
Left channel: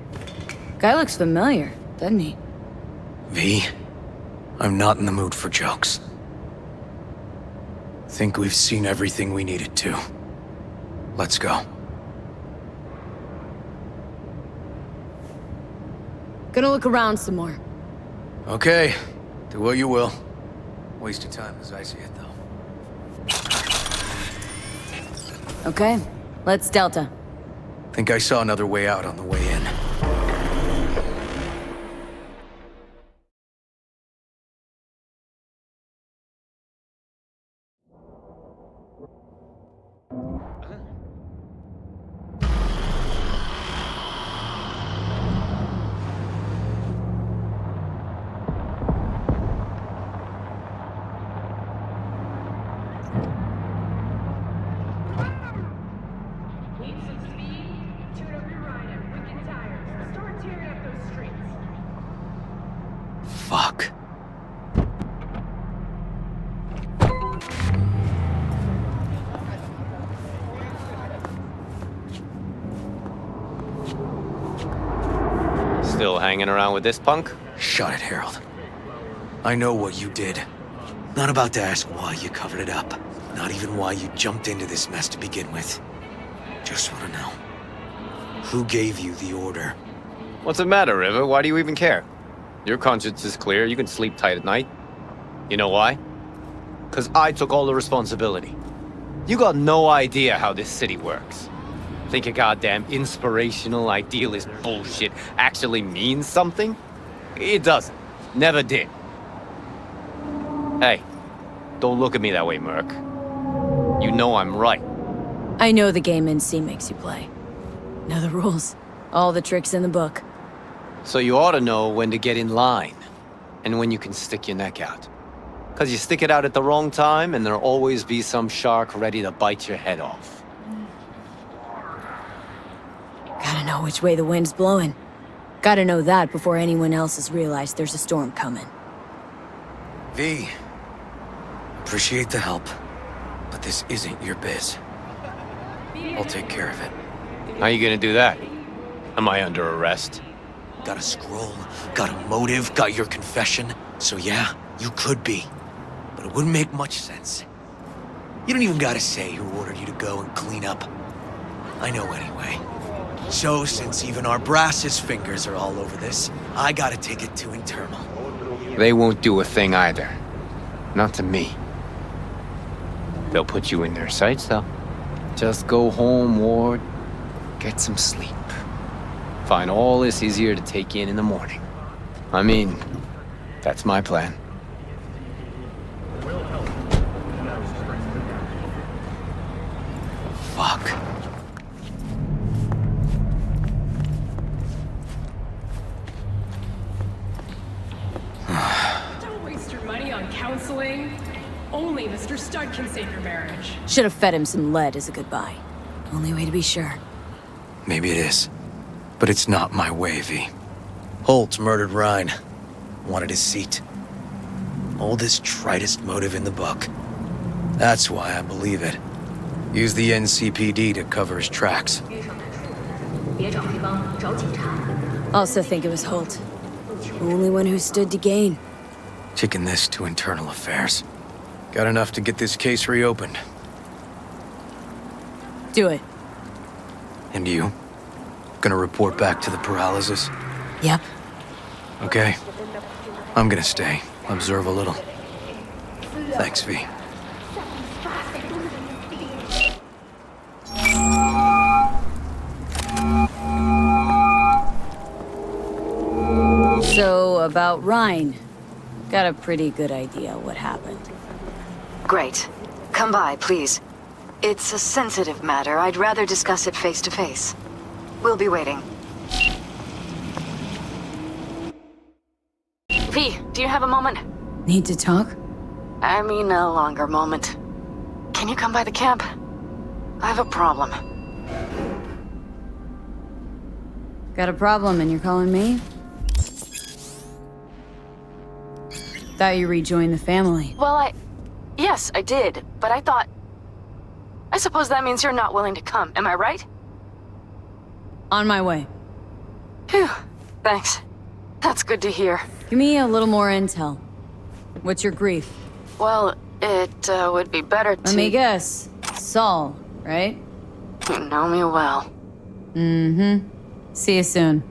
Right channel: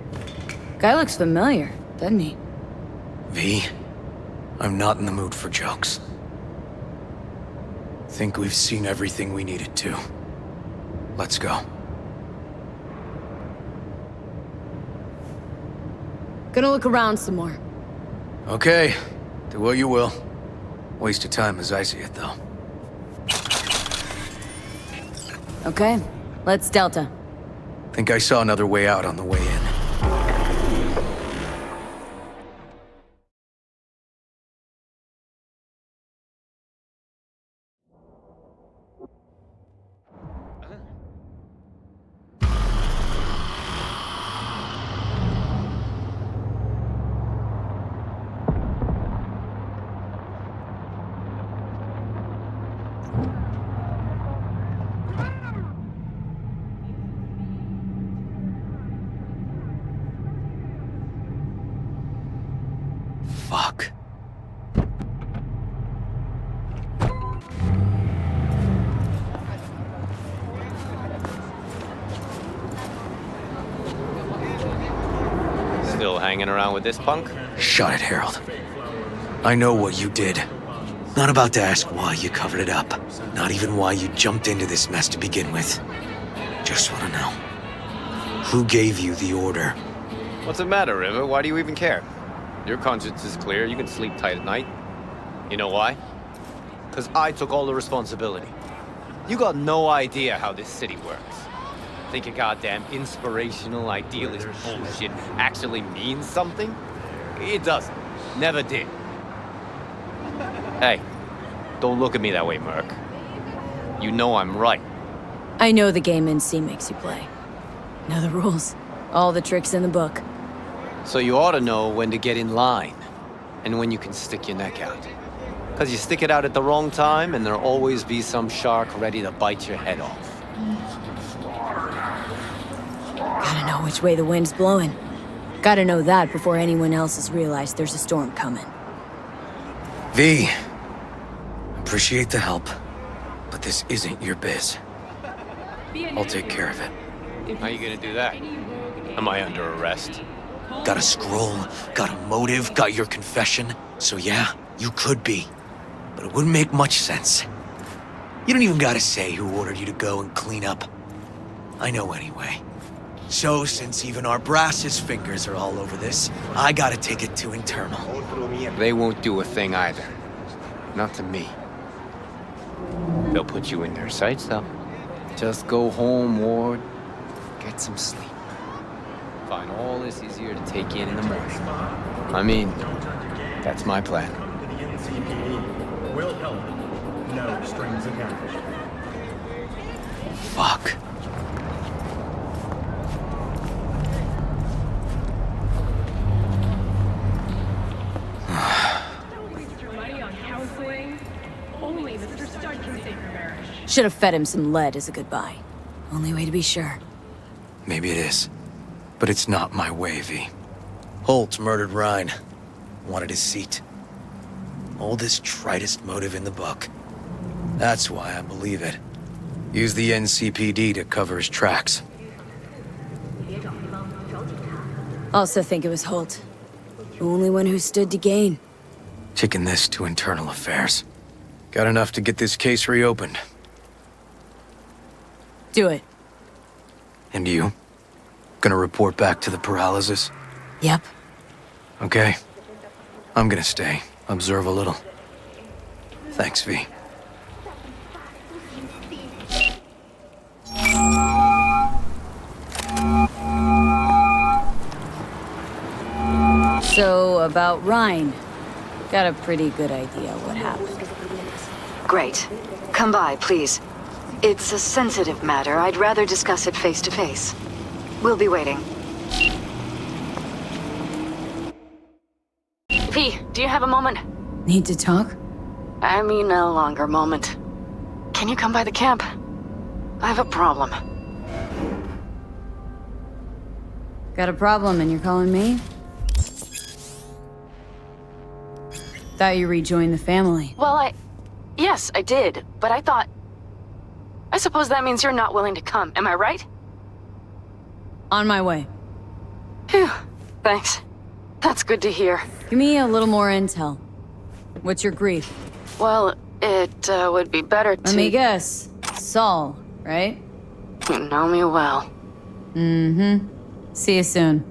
Guy looks familiar, doesn't he? V, I'm not in the mood for jokes. Think we've seen everything we needed to. Let's go. Gonna look around some more. Okay, do what you will. Waste of time as I see it, though. Okay, let's Delta. Think I saw another way out on the way in. Fuck. Still hanging around with this punk? Shut it, Harold. I know what you did. Not about to ask why you covered it up. Not even why you jumped into this mess to begin with. Just want to know. Who gave you the order? What's the matter, River? Why do you even care? Your conscience is clear. You can sleep tight at night. You know why? Because I took all the responsibility. You got no idea how this city works. Think a goddamn inspirational, idealist bullshit actually means something? It doesn't. Never did. Hey, don't look at me that way, Merc. You know I'm right. I know the game NC makes you play. Know the rules. All the tricks in the book. So you ought to know when to get in line, and when you can stick your neck out. Because you stick it out at the wrong time, and there'll always be some shark ready to bite your head off. Gotta know which way the wind's blowing. Gotta know that before anyone else has realized there's a storm coming. V, appreciate the help, but this isn't your biz. I'll take care of it. How you gonna do that? Am I under arrest? Got a scroll, got a motive, got your confession. So yeah, you could be. But it wouldn't make much sense. You don't even gotta say who ordered you to go and clean up. I know anyway. So, since even our brass's fingers are all over this, I gotta take it to internal. They won't do a thing either. Not to me. They'll put you in their sights, though. Just go home, Ward. Get some sleep. Find all this easier to take in the morning. I mean, that's my plan. Fuck. Should have fed him some lead as a goodbye. Only way to be sure. Maybe it is. But it's not my way, V. Holt murdered Ryan. Wanted his seat. Oldest, tritest motive in the book. That's why I believe it. Use the NCPD to cover his tracks. Also think it was Holt. The only one who stood to gain. Taking this to internal affairs. Got enough to get this case reopened. Do it. And you? Gonna report back to the paralysis? Yep. Okay. I'm gonna stay. Observe a little. Thanks, V. So, about Ryan. Got a pretty good idea what happened. Great. Come by, please. It's a sensitive matter. I'd rather discuss it face to face. We'll be waiting. V, do you have a moment? Need to talk? I mean a longer moment. Can you come by the camp? I have a problem. Got a problem and you're calling me? Thought you rejoined the family. Well, yes, I did, but I thought... I suppose that means you're not willing to come, am I right? On my way. Phew, thanks. That's good to hear. Give me a little more intel. What's your grief? Well, it would be better to... Let me guess. Saul, right? You know me well. Mm-hmm. See you soon.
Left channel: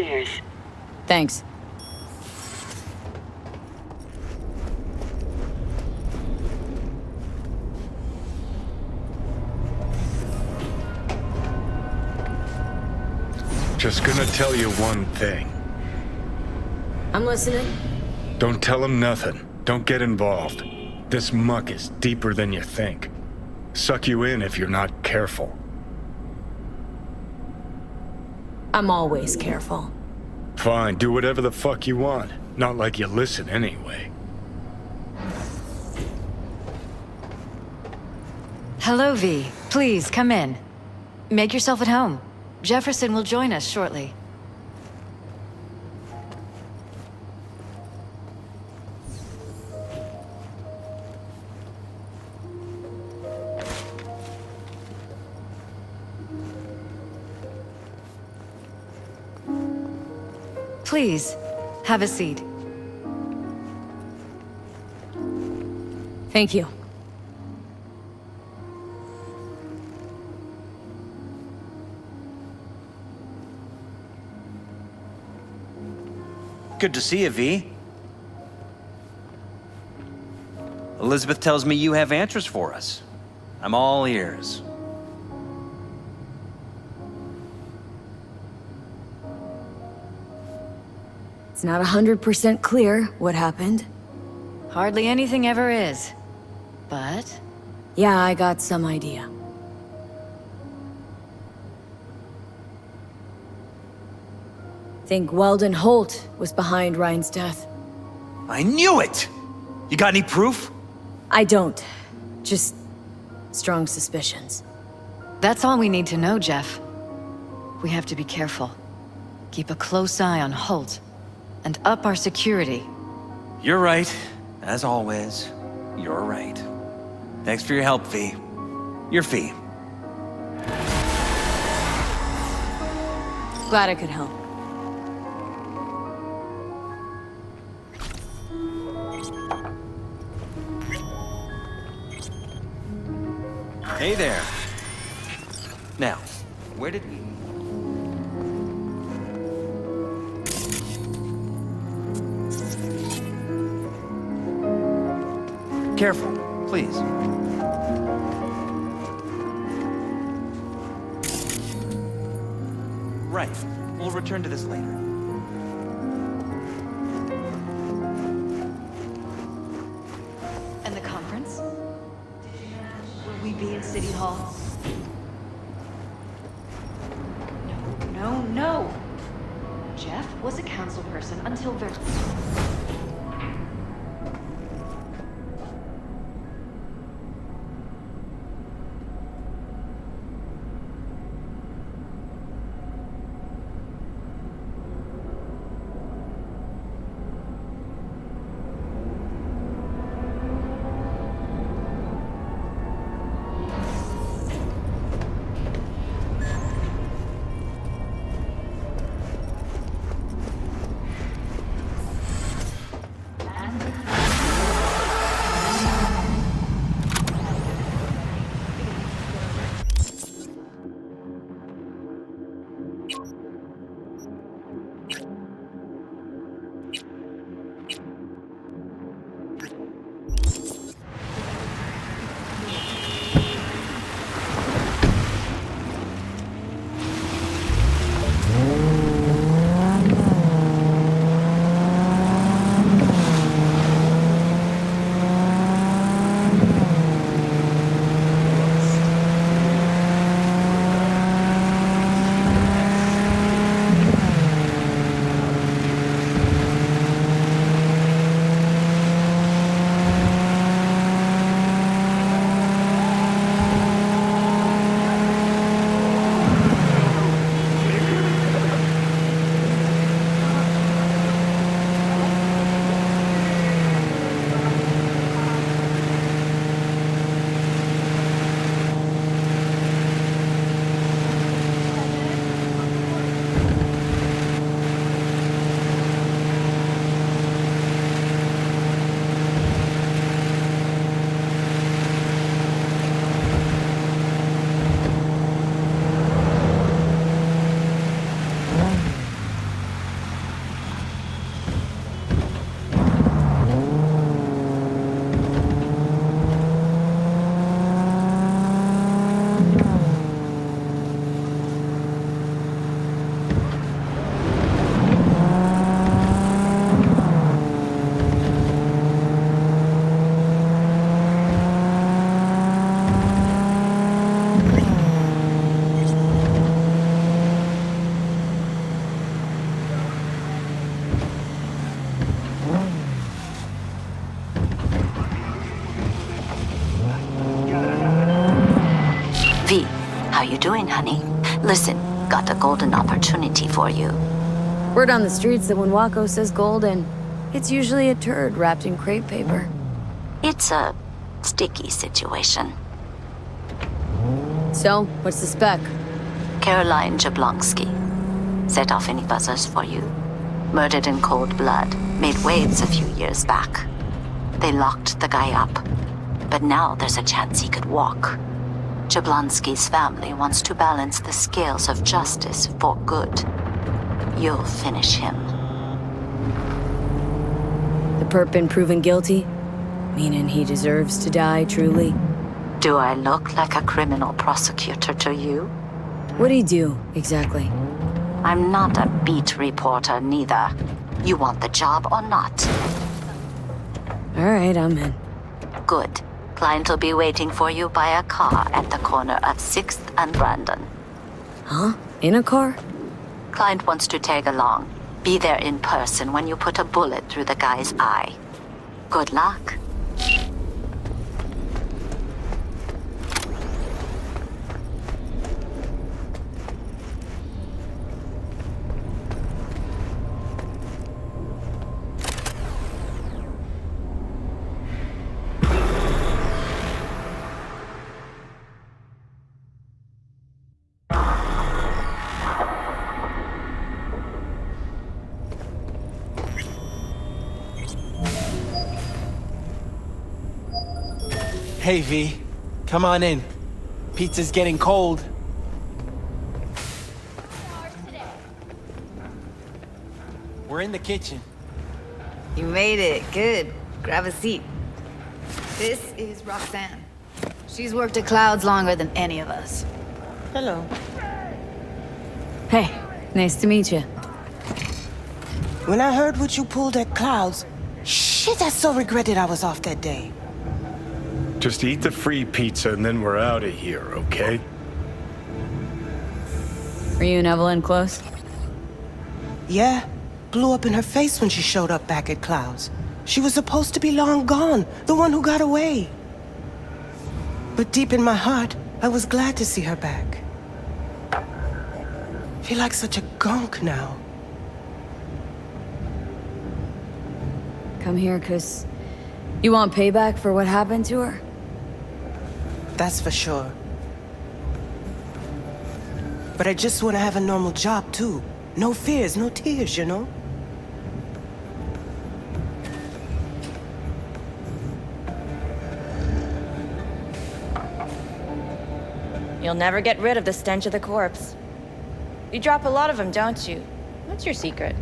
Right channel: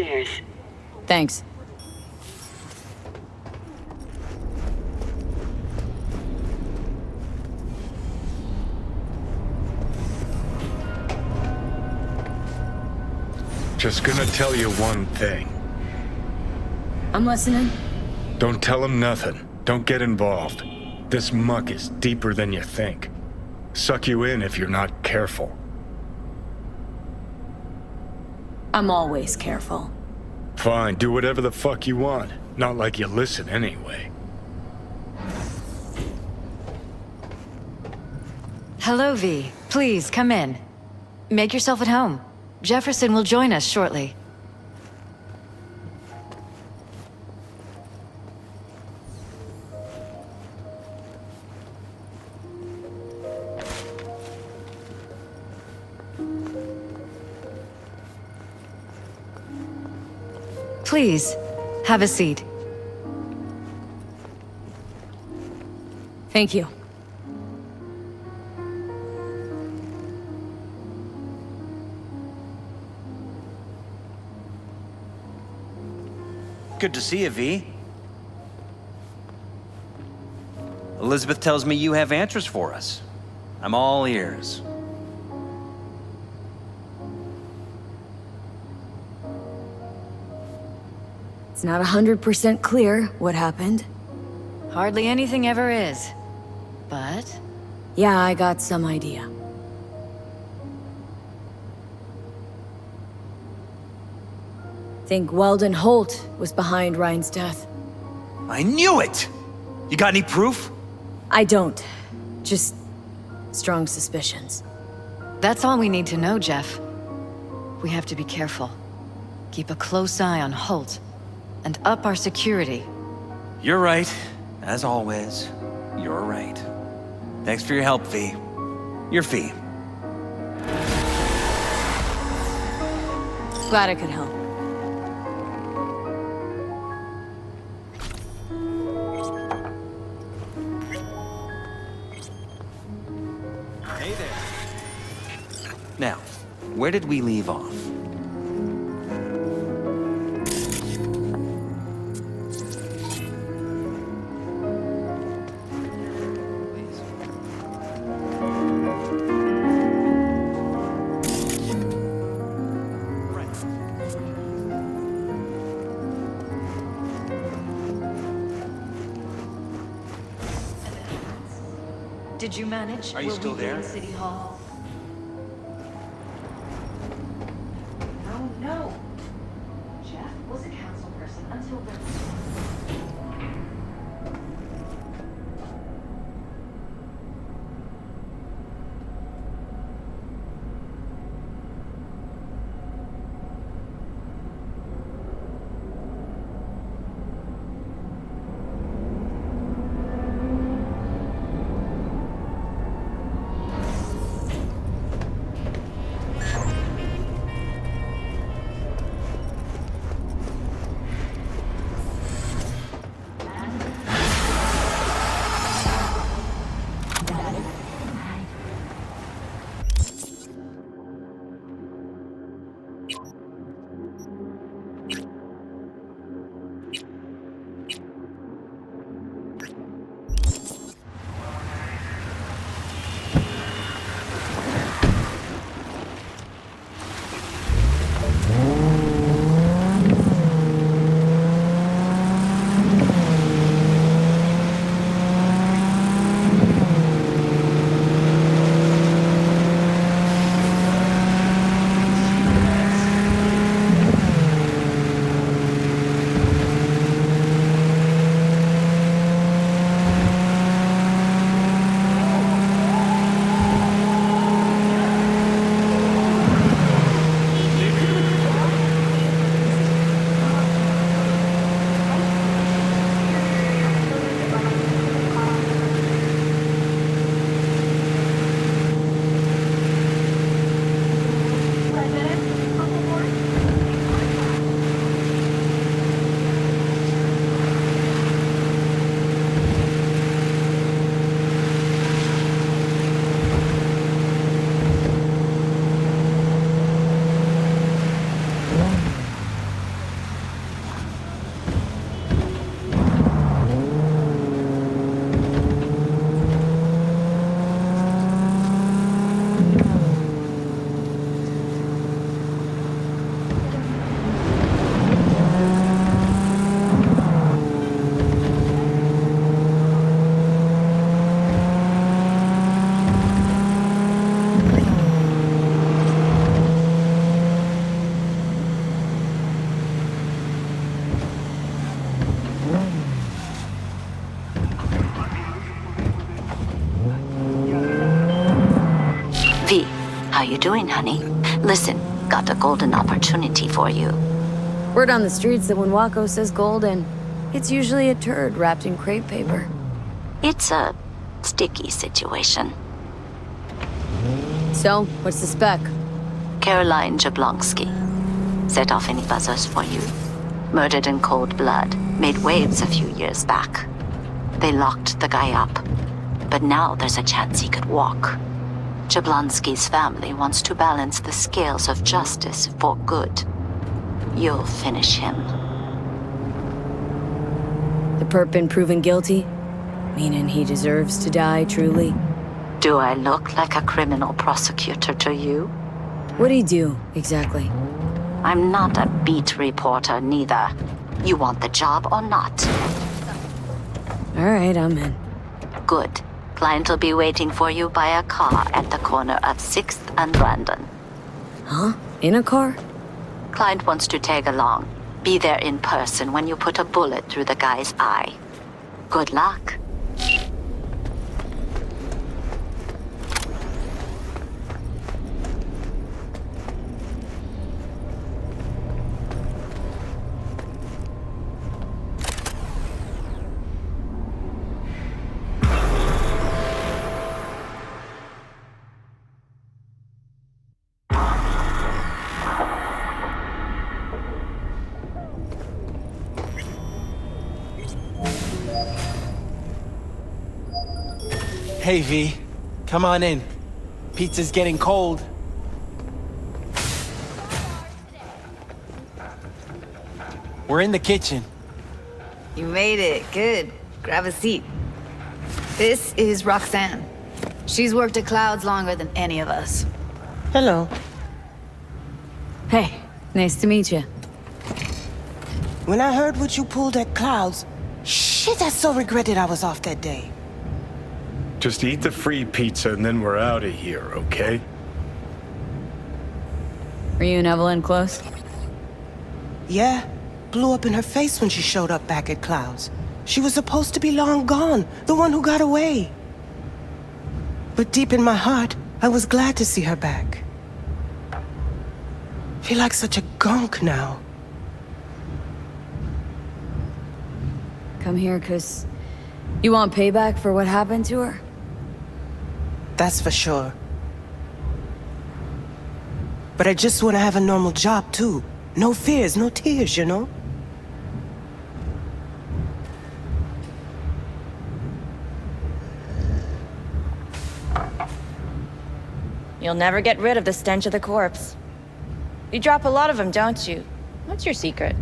upstairs. Thanks. Just gonna tell you one thing. I'm listening. Don't tell him nothing. Don't get involved. This muck is deeper than you think. Suck you in if you're not careful. I'm always careful. Fine, do whatever the fuck you want. Not like you listen anyway. Hello, V. Please, come in. Make yourself at home. Jefferson will join us shortly. Please, have a seat. Thank you. Good to see you, V. Elizabeth tells me you have answers for us. I'm all ears. It's not 100% clear what happened. Hardly anything ever is. But... yeah, I got some idea. Think Weldon Holt was behind Ryan's death. I knew it! You got any proof? I don't. Just strong suspicions. that's all we need to know, Jeff. We have to be careful. Keep a close eye on Holt. And up our security. You're right. As always, you're right. Thanks for your help, V. Your fee. Glad I could help. Hey there. Now, where did we leave off? Careful, please. Right. We'll return to this later. And the conference? Did you manage? Are you Will still we be there? in City Hall? No, no. Jeff was a council person until very... opportunity for you. Word on the streets that when Wako says golden, it's usually a turd wrapped in crepe paper. It's a sticky situation. So, what's the spec? Caroline Jablonski. Set off any buzzers for you. Murdered in cold blood. Made waves a few years back. They locked the guy up. But now there's a chance he could walk. Jablonski's family wants to balance the scales of justice for good. You'll finish him. The perp been proven guilty? Meaning he deserves to die, truly? Do I look like a criminal prosecutor to you? What'd he do, exactly? I'm not a beat reporter, neither. You want the job or not? Alright, I'm in. Good. Client will be waiting for you by a car at the corner of 6th and Brandon. Huh? In a car? Client wants to tag along. Be there in person when you put a bullet through the guy's eye. Good luck. Hey, V. Come on in. Pizza's getting cold. We're in the kitchen. You made it. Good. Grab a seat. This is Roxanne. She's worked at Clouds longer than any of us. Hello. Hey, nice to meet you. When I heard what you pulled at Clouds, shit, I so regretted I was off that day. Just eat the free pizza and then we're out of here, okay? Were you and Evelyn close? Yeah. Blew up in her face when she showed up back at Clouds. She was supposed to be long gone, the one who got away. But deep in my heart, I was glad to see her back. Feel like such a gunk now. Come here, 'cause you want payback for what happened to her? That's for sure. But I just want to have a normal job, too. No fears, no tears, you know? You'll never get rid of the stench of the corpse. You drop a lot of them, don't you? What's your secret?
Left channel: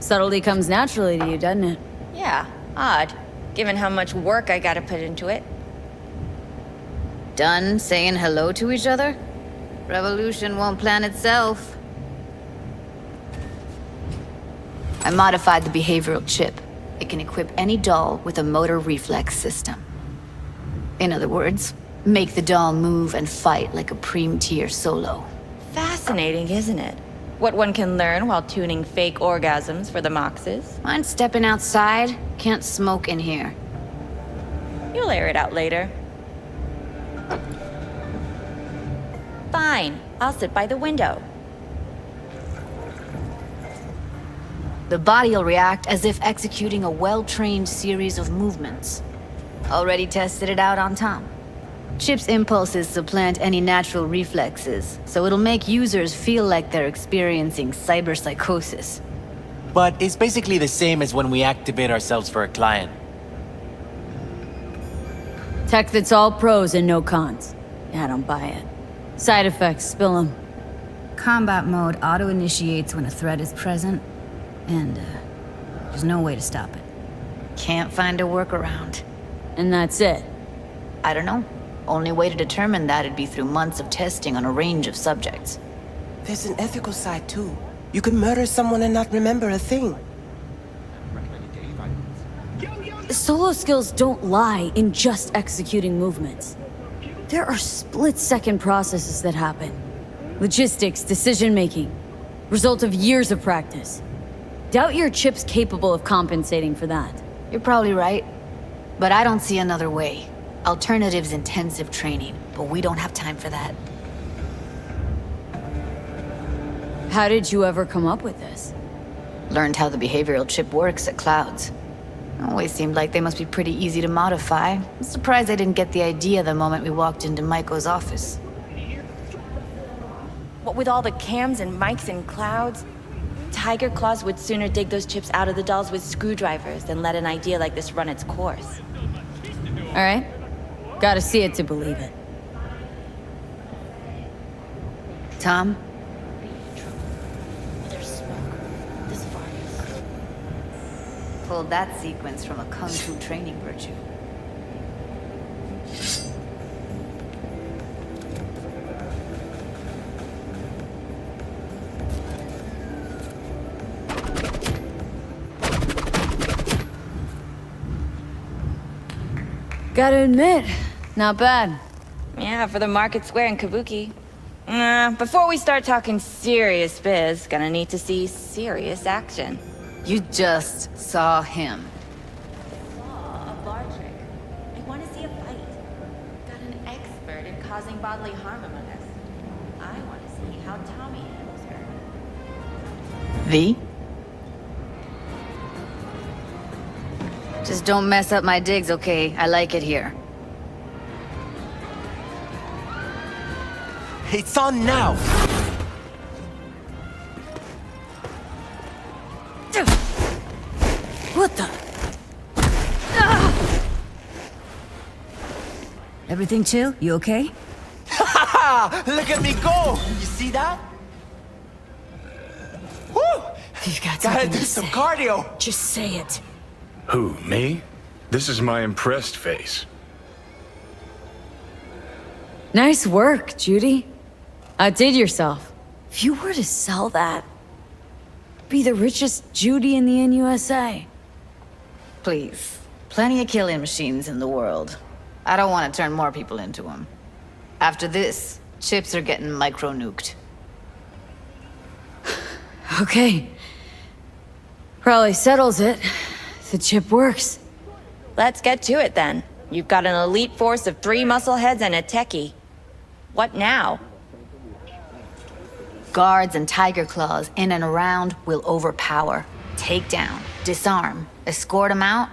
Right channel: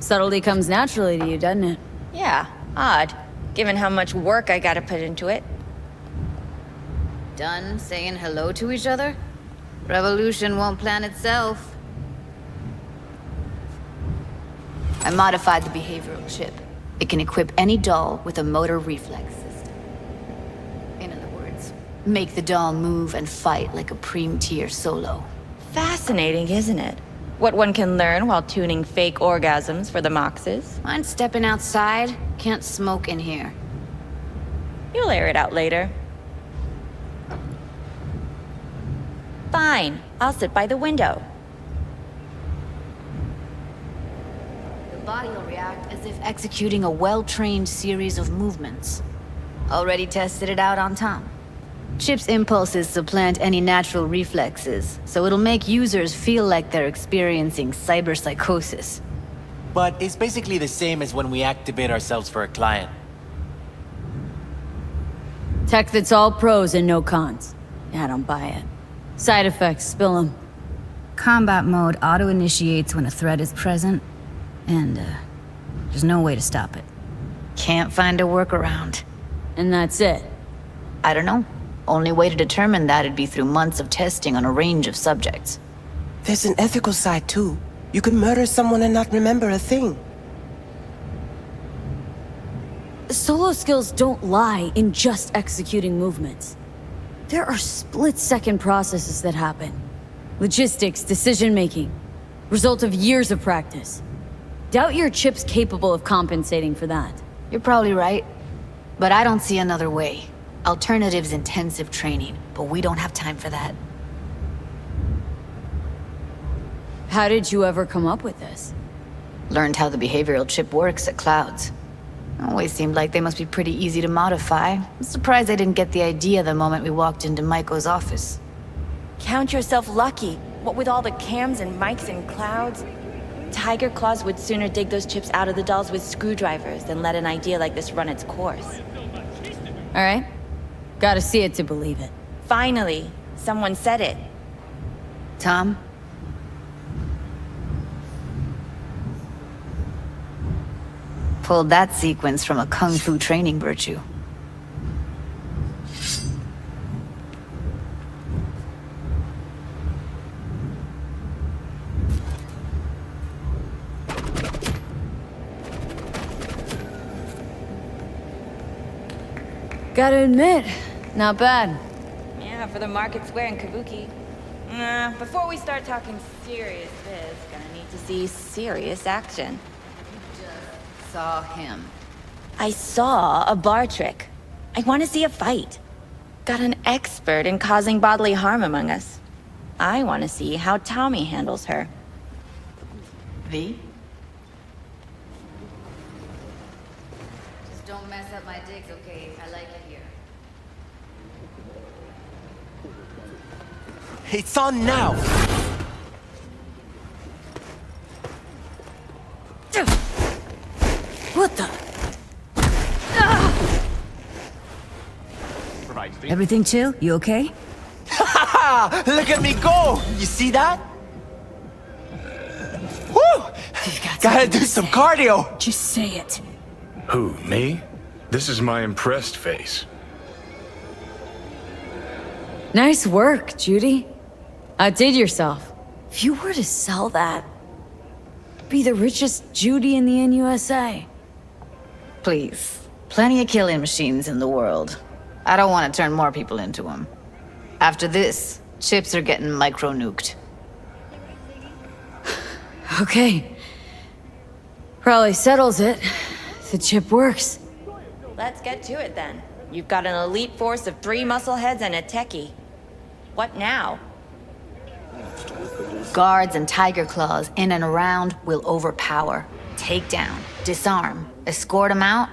Subtlety comes naturally to you, doesn't it? Yeah, odd, given how much work I gotta put into it. Done saying hello to each other? Revolution won't plan itself. I modified the behavioral chip. It can equip any doll with a motor reflex system. In other words, make the doll move and fight like a Prime-tier solo. Fascinating, isn't it? What one can learn while tuning fake orgasms for the Moxes. Mind stepping outside? Can't smoke in here. You'll air it out later. Fine, I'll sit by the window. The body'll react as if executing a well-trained series of movements. Already tested it out on Tom. Chip's impulses supplant any natural reflexes, so it'll make users feel like they're experiencing cyberpsychosis. But it's basically the same as when we activate ourselves for a client. Tech that's all pros and no cons. Yeah, I don't buy it. Side effects, spill them. Combat mode auto-initiates when a threat is present, and there's no way to stop it. Can't find a workaround. And that's it? I don't know. Only way to determine that'd be through months of testing on a range of subjects. There's an ethical side, too. You can murder someone and not remember a thing. Solo skills don't lie in just executing movements. There are split-second processes that happen. Logistics, decision-making. Result of years of practice. Doubt your chip's capable of compensating for that. You're probably right. But I don't see another way. Alternative's intensive training, but we don't have time for that. How did you ever come up with this? Learned how the behavioral chip works at Clouds. Always seemed like they must be pretty easy to modify. I'm surprised I didn't get the idea the moment we walked into Maiko's office. Count yourself lucky. What with all the cams and mics and Clouds? Tiger Claws would sooner dig those chips out of the dolls with screwdrivers than let an idea like this run its course. All right. Gotta see it to believe it. Finally, someone said it. Tom? Pulled that sequence from a kung fu training virtue. Gotta admit, not bad. Yeah, for the market square in Kabuki. Before we start talking serious biz, gonna need to see serious action. You just saw him. I saw a bar trick. I want to see a fight. Got an expert in causing bodily harm among us. I want to see how Tommy handles her. V? Just don't mess up my digs, okay? I like it here. It's on now! What the? Everything chill? You okay? Look at me go! You see that? Woo! Gotta do some cardio! Just say it. Who, me? This is my impressed face. Nice work, Judy. Outdid yourself. If you were to sell that, be the richest Judy in the NUSA. Please. Plenty of killing machines in the world. I don't want to turn more people into them. After this, chips are getting micro-nuked. Okay. Probably settles it. The chip works. Let's get to it then. You've got an elite force of 3 muscleheads and a techie. What now? Guards and Tiger Claws in and around will overpower, take down, disarm, escort them out.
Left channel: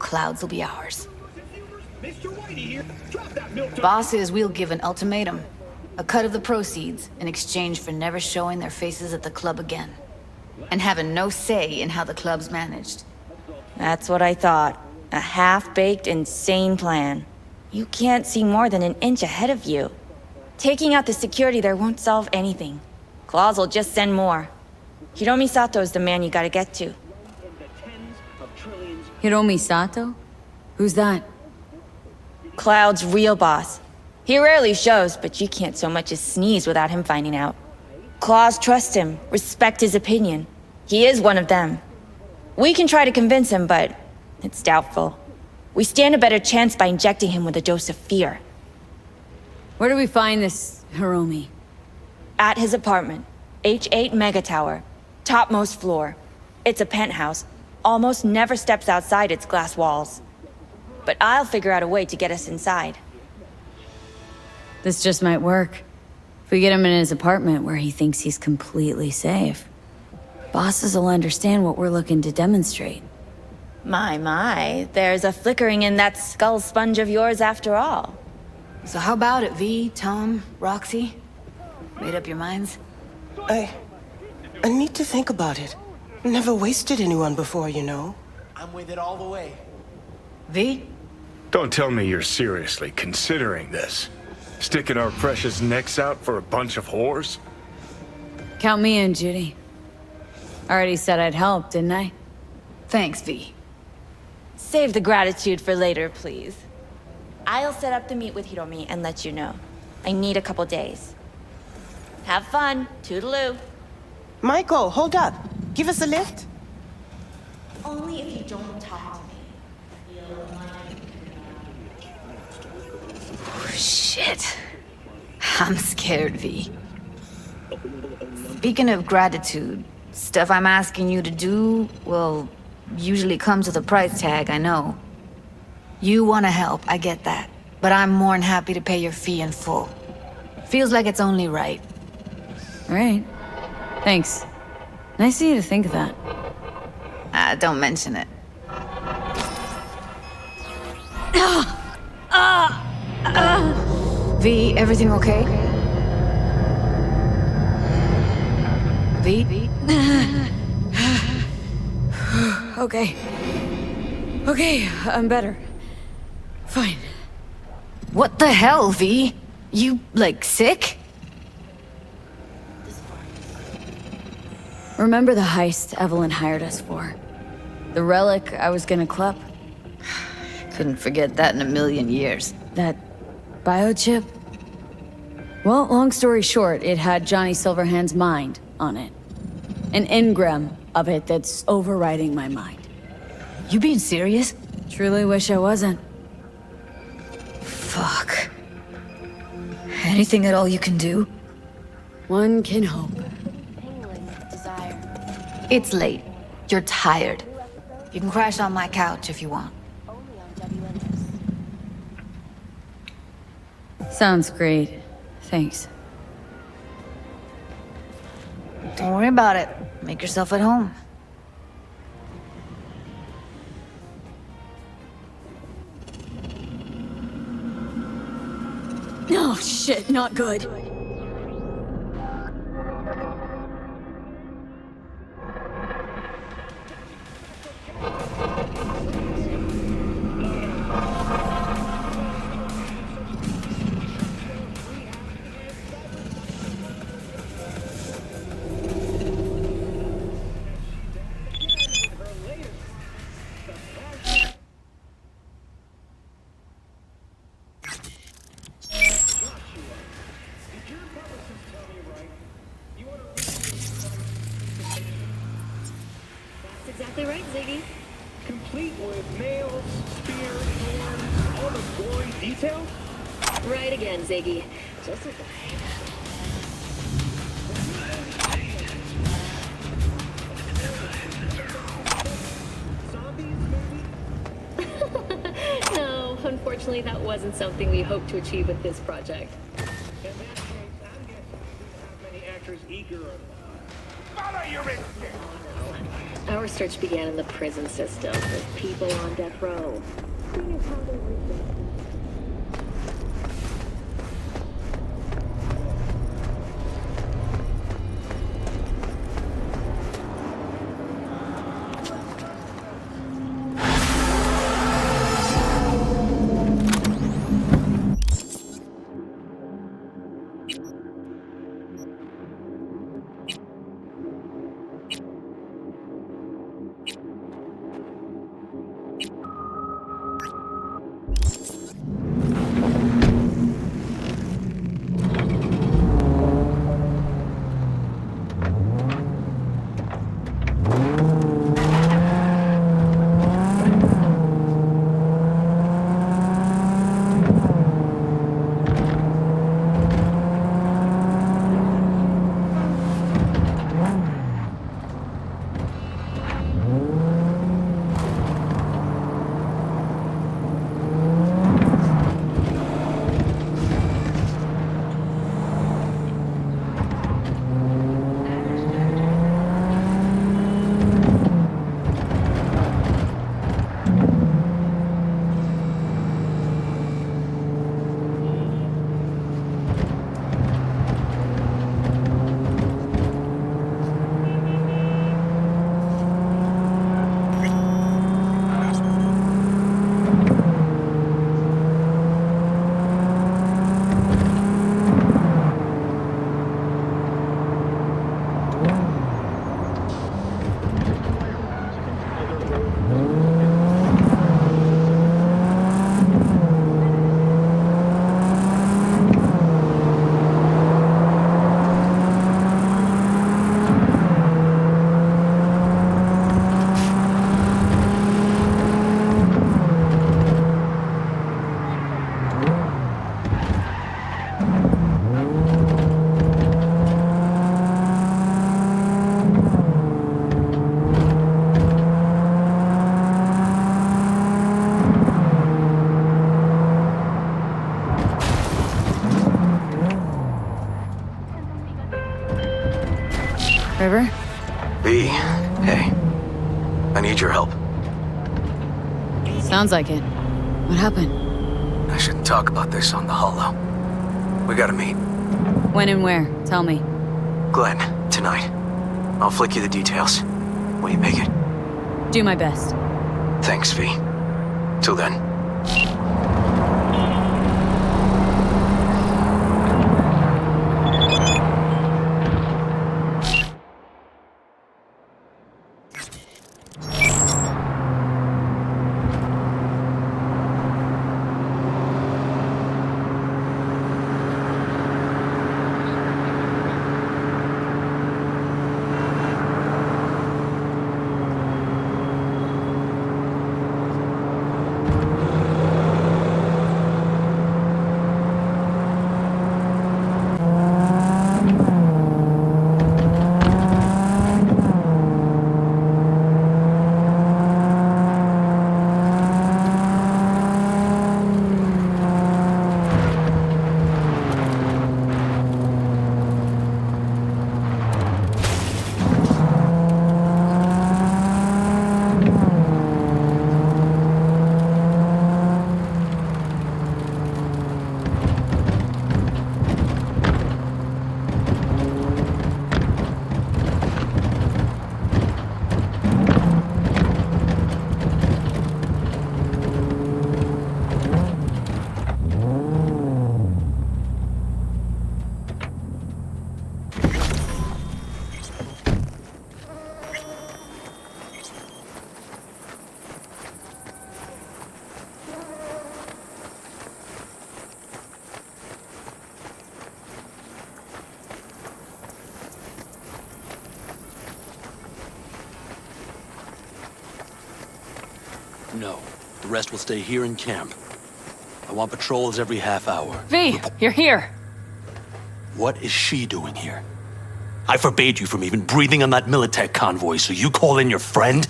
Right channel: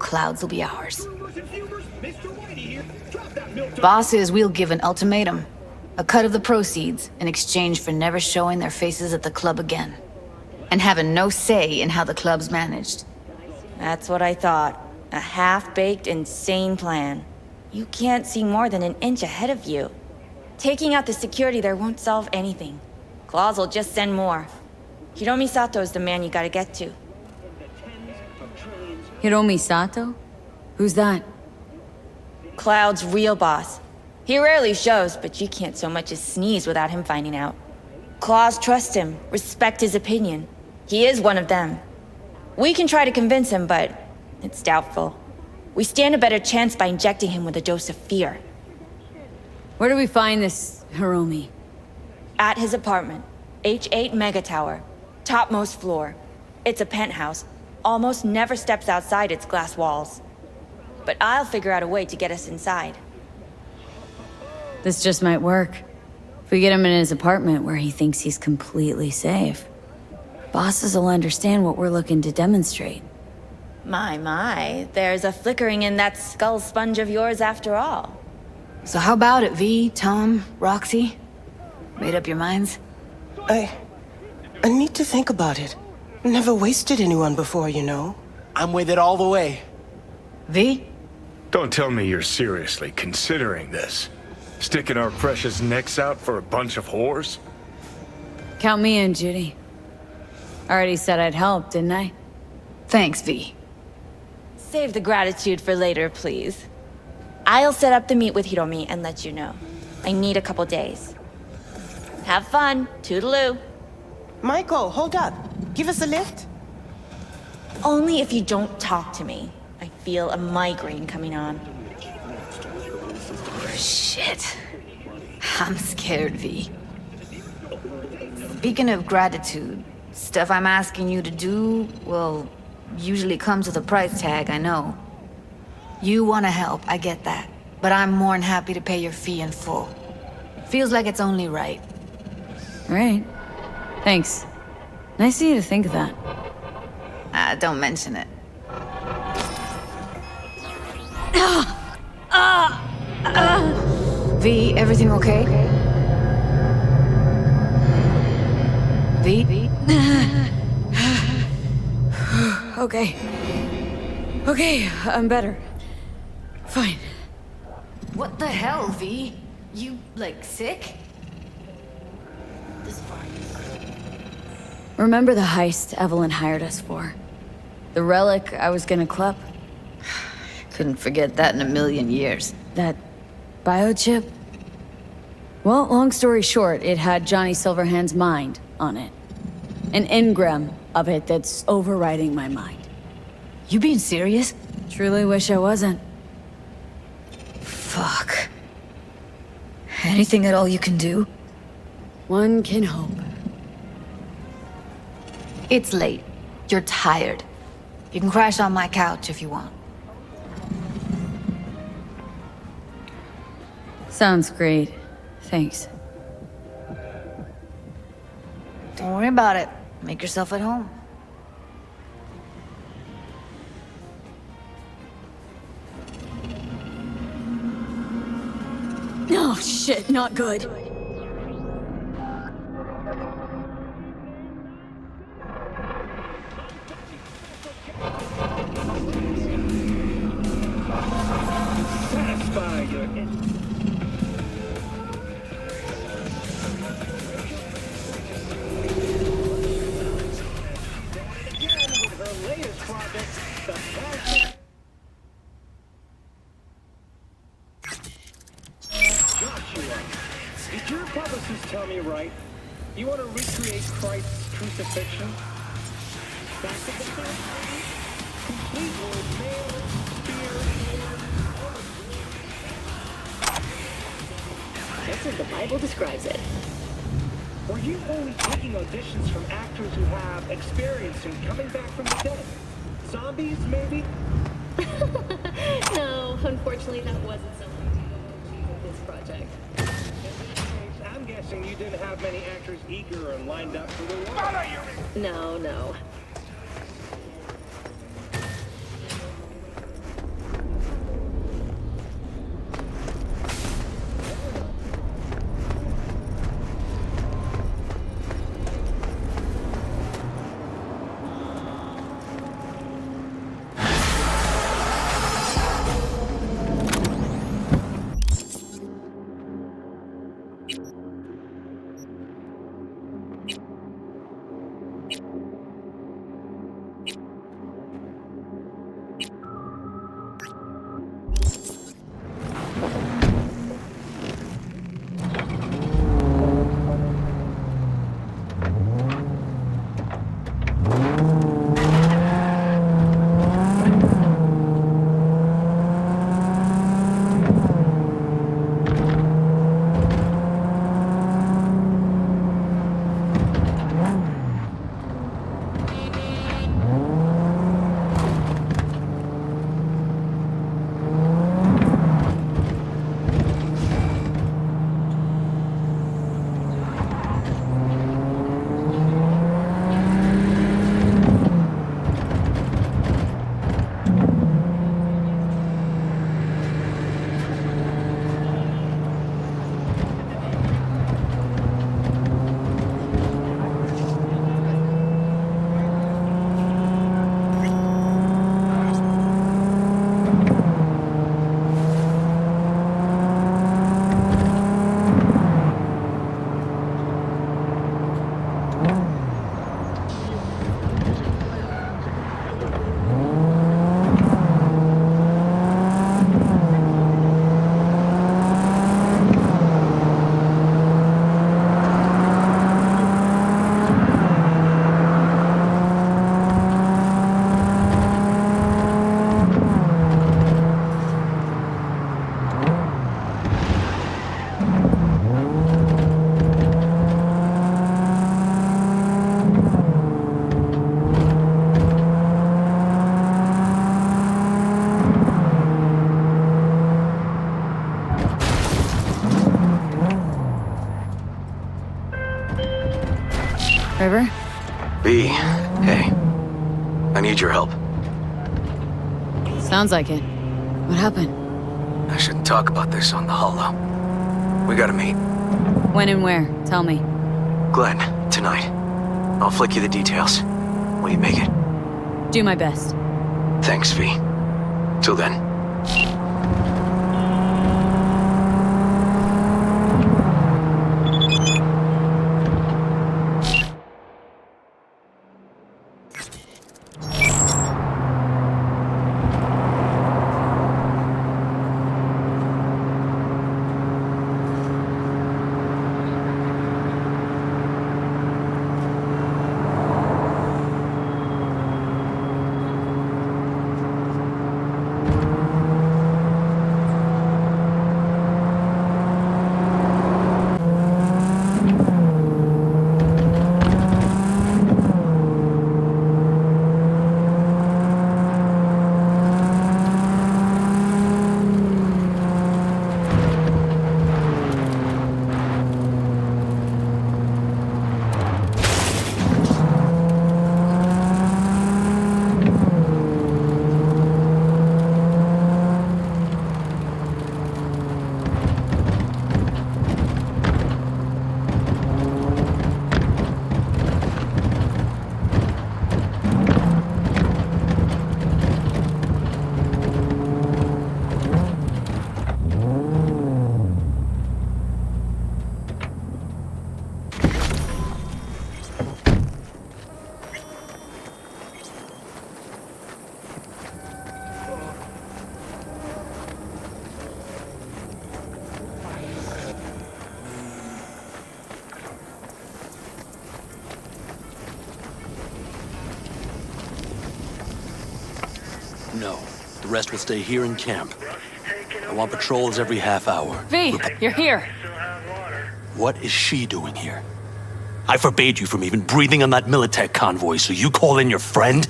Clouds will be ours. Bosses, we'll give an ultimatum. A cut of the proceeds in exchange for never showing their faces at the club again. And having no say in how the club's managed. That's what I thought. A half-baked, insane plan. You can't see more than an inch ahead of you. Taking out the security there won't solve anything. Claws will just send more. Hiromi Sato's the man you gotta get to. Hiromi Sato? Who's that? Cloud's real boss. He rarely shows, but you can't so much as sneeze without him finding out. Claws trust him, respect his opinion. He is one of them. We can try to convince him, but it's doubtful. We stand a better chance by injecting him with a dose of fear. Where do we find this Hiromi? At his apartment. H8 Mega Tower. Topmost floor. It's a penthouse. Almost never steps outside its glass walls. But I'll figure out a way to get us inside. This just might work. If we get him in his apartment where he thinks he's completely safe, bosses will understand what we're looking to demonstrate. My, there's a flickering in that skull sponge of yours after all. So how about it, V, Tom, Roxy? Made up your minds? I need to think about it. Never wasted anyone before, you know. I'm with it all the way. V? Don't tell me you're seriously considering this. Sticking our precious necks out for a bunch of whores? Count me in, Judy. Already said I'd help, didn't I? Thanks, V. Save the gratitude for later, please. I'll set up the meet with Hiromi and let you know. I need a couple days. Have fun. Toodaloo. Michael, hold up. Give us a lift. Only if you don't talk to me. I feel a migraine coming on. Shit. I'm scared, V. Speaking of gratitude, stuff I'm asking you to do, well, usually comes with a price tag, I know. You want to help, I get that. But I'm more than happy to pay your fee in full. Feels like it's only right. Right. Thanks. Nice of you to think of that. Don't mention it. V, everything okay? V? Okay. Okay, I'm better. Fine. What the hell, V? You, like, sick? Remember the heist Evelyn hired us for? The relic I was gonna klep? Couldn't forget that in a million years. That biochip? Well, long story short, it had Johnny Silverhand's mind on it. An engram of it that's overriding my mind. You being serious? Truly wish I wasn't. Fuck. Anything at all you can do? One can hope. It's late. You're tired. You can crash on my couch if you want. Sounds great. Thanks. Don't worry about it. Make yourself at home. Oh, shit, not good. Did your publicist tell me right? You want to recreate Christ's crucifixion? That's exactly right, Ziggy. Complete with nails, spears, horns, all the gory details? Right again, Ziggy. Just as the Bible describes it. Were you only taking auditions from actors who have experience in coming back from the dead? Zombies, maybe? No, unfortunately that wasn't something we hoped to achieve with this project. In this case, I'm guessing you didn't have many actors eager and lined up for the Follow your No. Our search began in the prison system with people on death row. Seeing as how they were River? V, hey. I need your help. Sounds like it. What happened? I shouldn't talk about this on the holo. We gotta meet. When and where? Tell me. Glenn, tonight. I'll flick you the details. Will you make it? Do my best. Thanks, V. Till then. No. The rest will stay here in camp. I want patrols every half hour. V, you're here. What is she doing here? I forbade you from even breathing on that Militech convoy, so you call in your friend?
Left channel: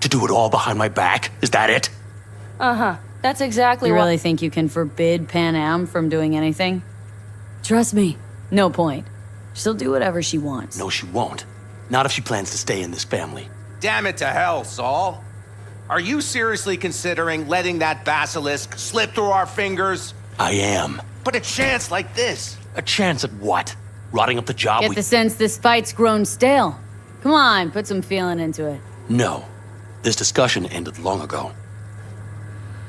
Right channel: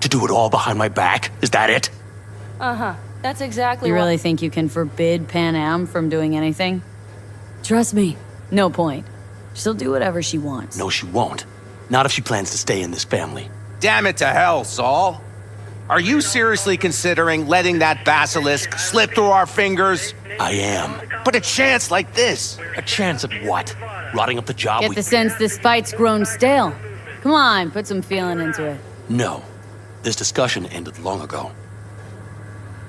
To do it all behind my back? Is that it? Uh-huh. That's exactly You what- really think you can forbid Pan Am from doing anything? Trust me, no point. She'll do whatever she wants. No, she won't. Not if she plans to stay in this family. Damn it to hell, Saul. Are you seriously considering letting that basilisk slip through our fingers? I am. But a chance like this. A chance at what? Rotting up the job Get the sense this fight's grown stale. Come on, put some feeling into it. No. This discussion ended long ago.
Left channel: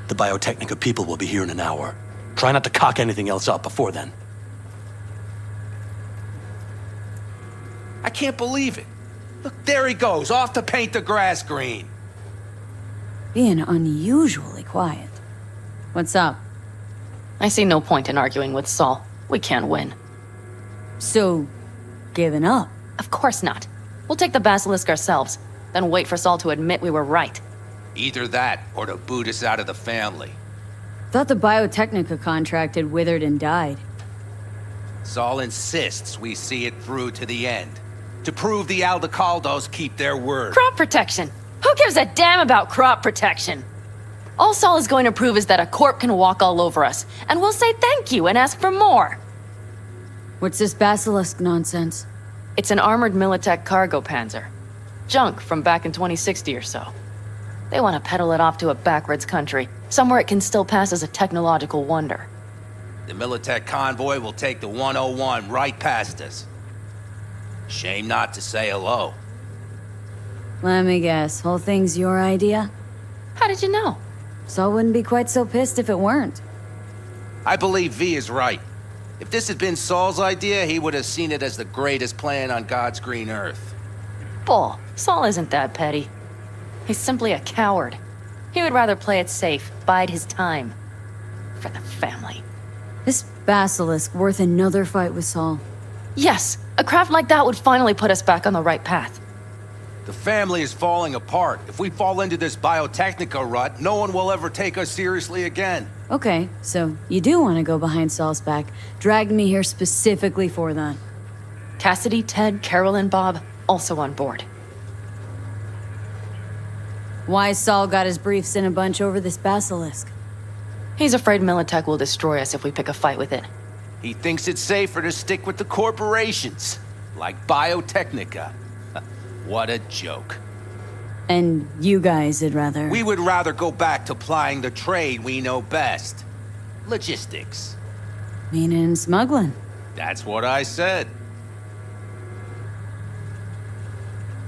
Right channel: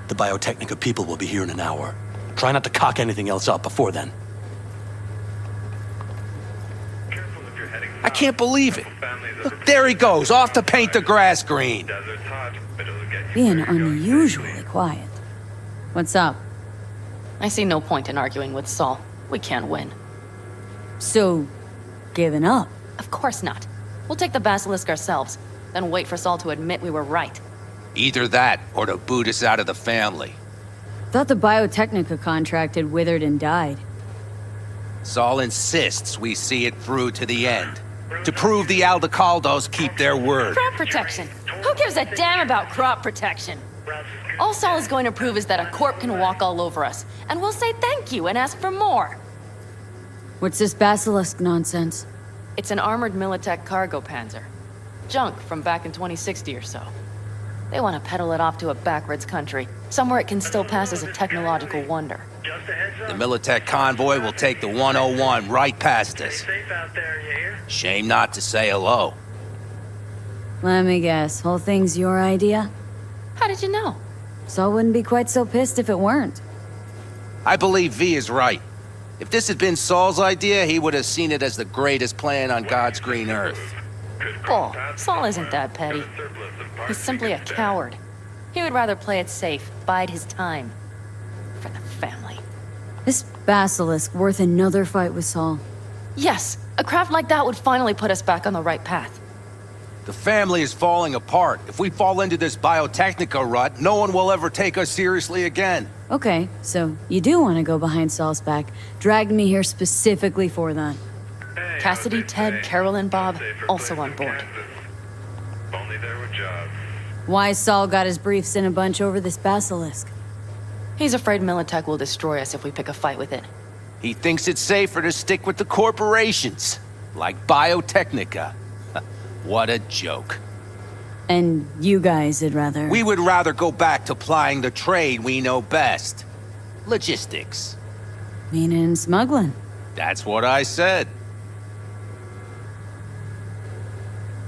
The Biotechnica people will be here in an hour. Try not to cock anything else up before then. I can't believe it. Look, there he goes, off to paint the grass green. Being unusually quiet. What's up? I see no point in arguing with Saul. We can't win. So, giving up? Of course not. We'll take the basilisk ourselves, then wait for Saul to admit we were right. Either that, or to boot us out of the family. Thought the Biotechnica contract had withered and died. Saul insists we see it through to the end. To prove the Aldecaldos keep their word. Crop protection! Who gives a damn about crop protection? All Saul is going to prove is that a corp can walk all over us, and we'll say thank you and ask for more. What's this basilisk nonsense? It's an armored Militech cargo panzer. Junk from back in 2060 or so. They want to peddle it off to a backwards country, somewhere it can still pass as a technological wonder. The Militech convoy will take the 101 right past us. Shame not to say hello. Let me guess, whole thing's your idea? How did you know? Saul wouldn't be quite so pissed if it weren't. I believe V is right. If this had been Saul's idea, he would have seen it as the greatest plan on God's green earth. Bull, Saul isn't that petty. He's simply a coward. He would rather play it safe, bide his time. For the family. This basilisk worth another fight with Saul. Yes, a craft like that would finally put us back on the right path. The family is falling apart. If we fall into this Biotechnica rut, no one will ever take us seriously again. Okay, so you do want to go behind Saul's back. Dragged me here specifically for that. Cassidy, Ted, Carol, and Bob also on board. Why Saul got his briefs in a bunch over this basilisk? He's afraid Militech will destroy us if we pick a fight with it. He thinks it's safer to stick with the corporations, like Biotechnica. What a joke. And you guys would rather... We would rather go back to plying the trade we know best. Logistics. Meaning smuggling. That's what I said.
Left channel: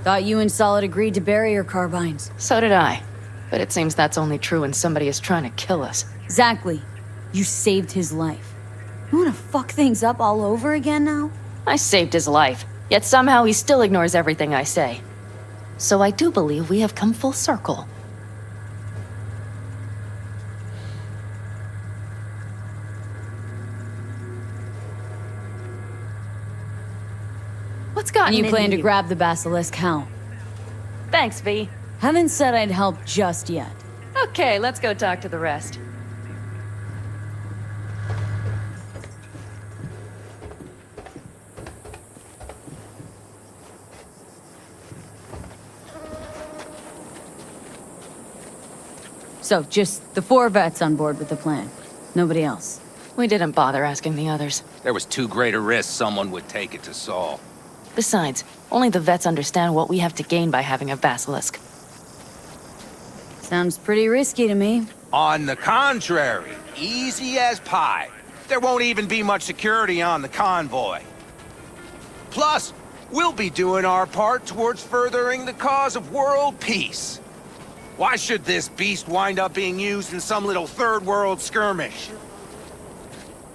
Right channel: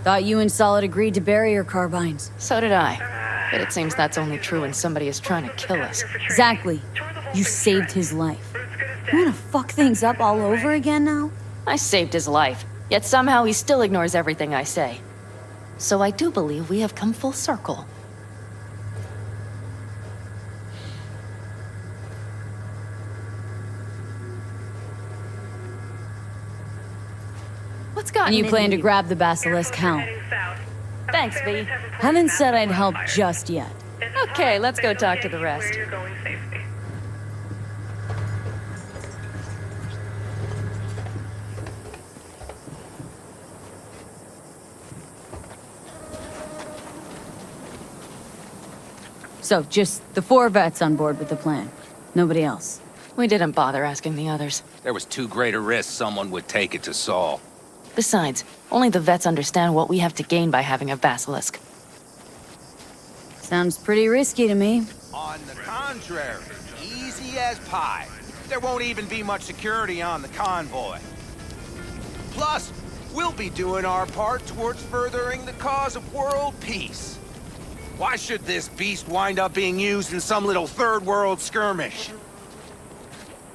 Thought you and Solid agreed to bury your carbines. So did I. But it seems that's only true when somebody is trying to kill us. Exactly. You saved his life. You wanna fuck things up all over again now? I saved his life, yet somehow he still ignores everything I say. So I do believe we have come full circle. What's gotten And you plan into to grab the basilisk how? Thanks, V. Haven't said I'd help just yet. Okay, let's go talk to the rest. So, just the 4 vets on board with the plan. Nobody else. We didn't bother asking the others. There was too great a risk someone would take it to Saul. Besides, only the vets understand what we have to gain by having a basilisk. Sounds pretty risky to me. On the contrary, easy as pie. There won't even be much security on the convoy. Plus, we'll be doing our part towards furthering the cause of world peace. Why should this beast wind up being used in some little third world skirmish?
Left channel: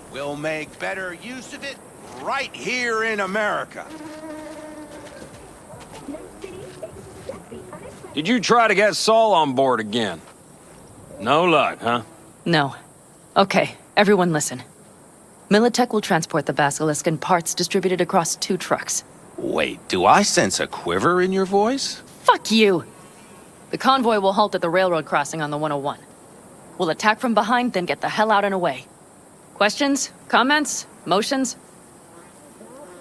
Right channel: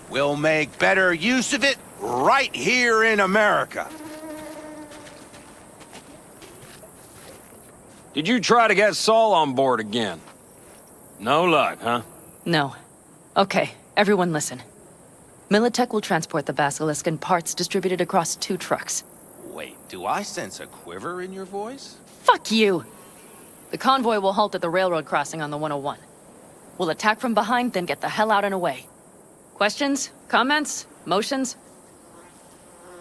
We'll make better use of it right here in America. Did you try to get Saul on board again? No luck, huh? No. Okay, everyone listen. Militech will transport the basilisk in parts distributed across 2 trucks. Wait, do I sense a quiver in your voice? Fuck you! The convoy will halt at the railroad crossing on the 101. We'll attack from behind, then get the hell out and away. Questions? Comments? Motions?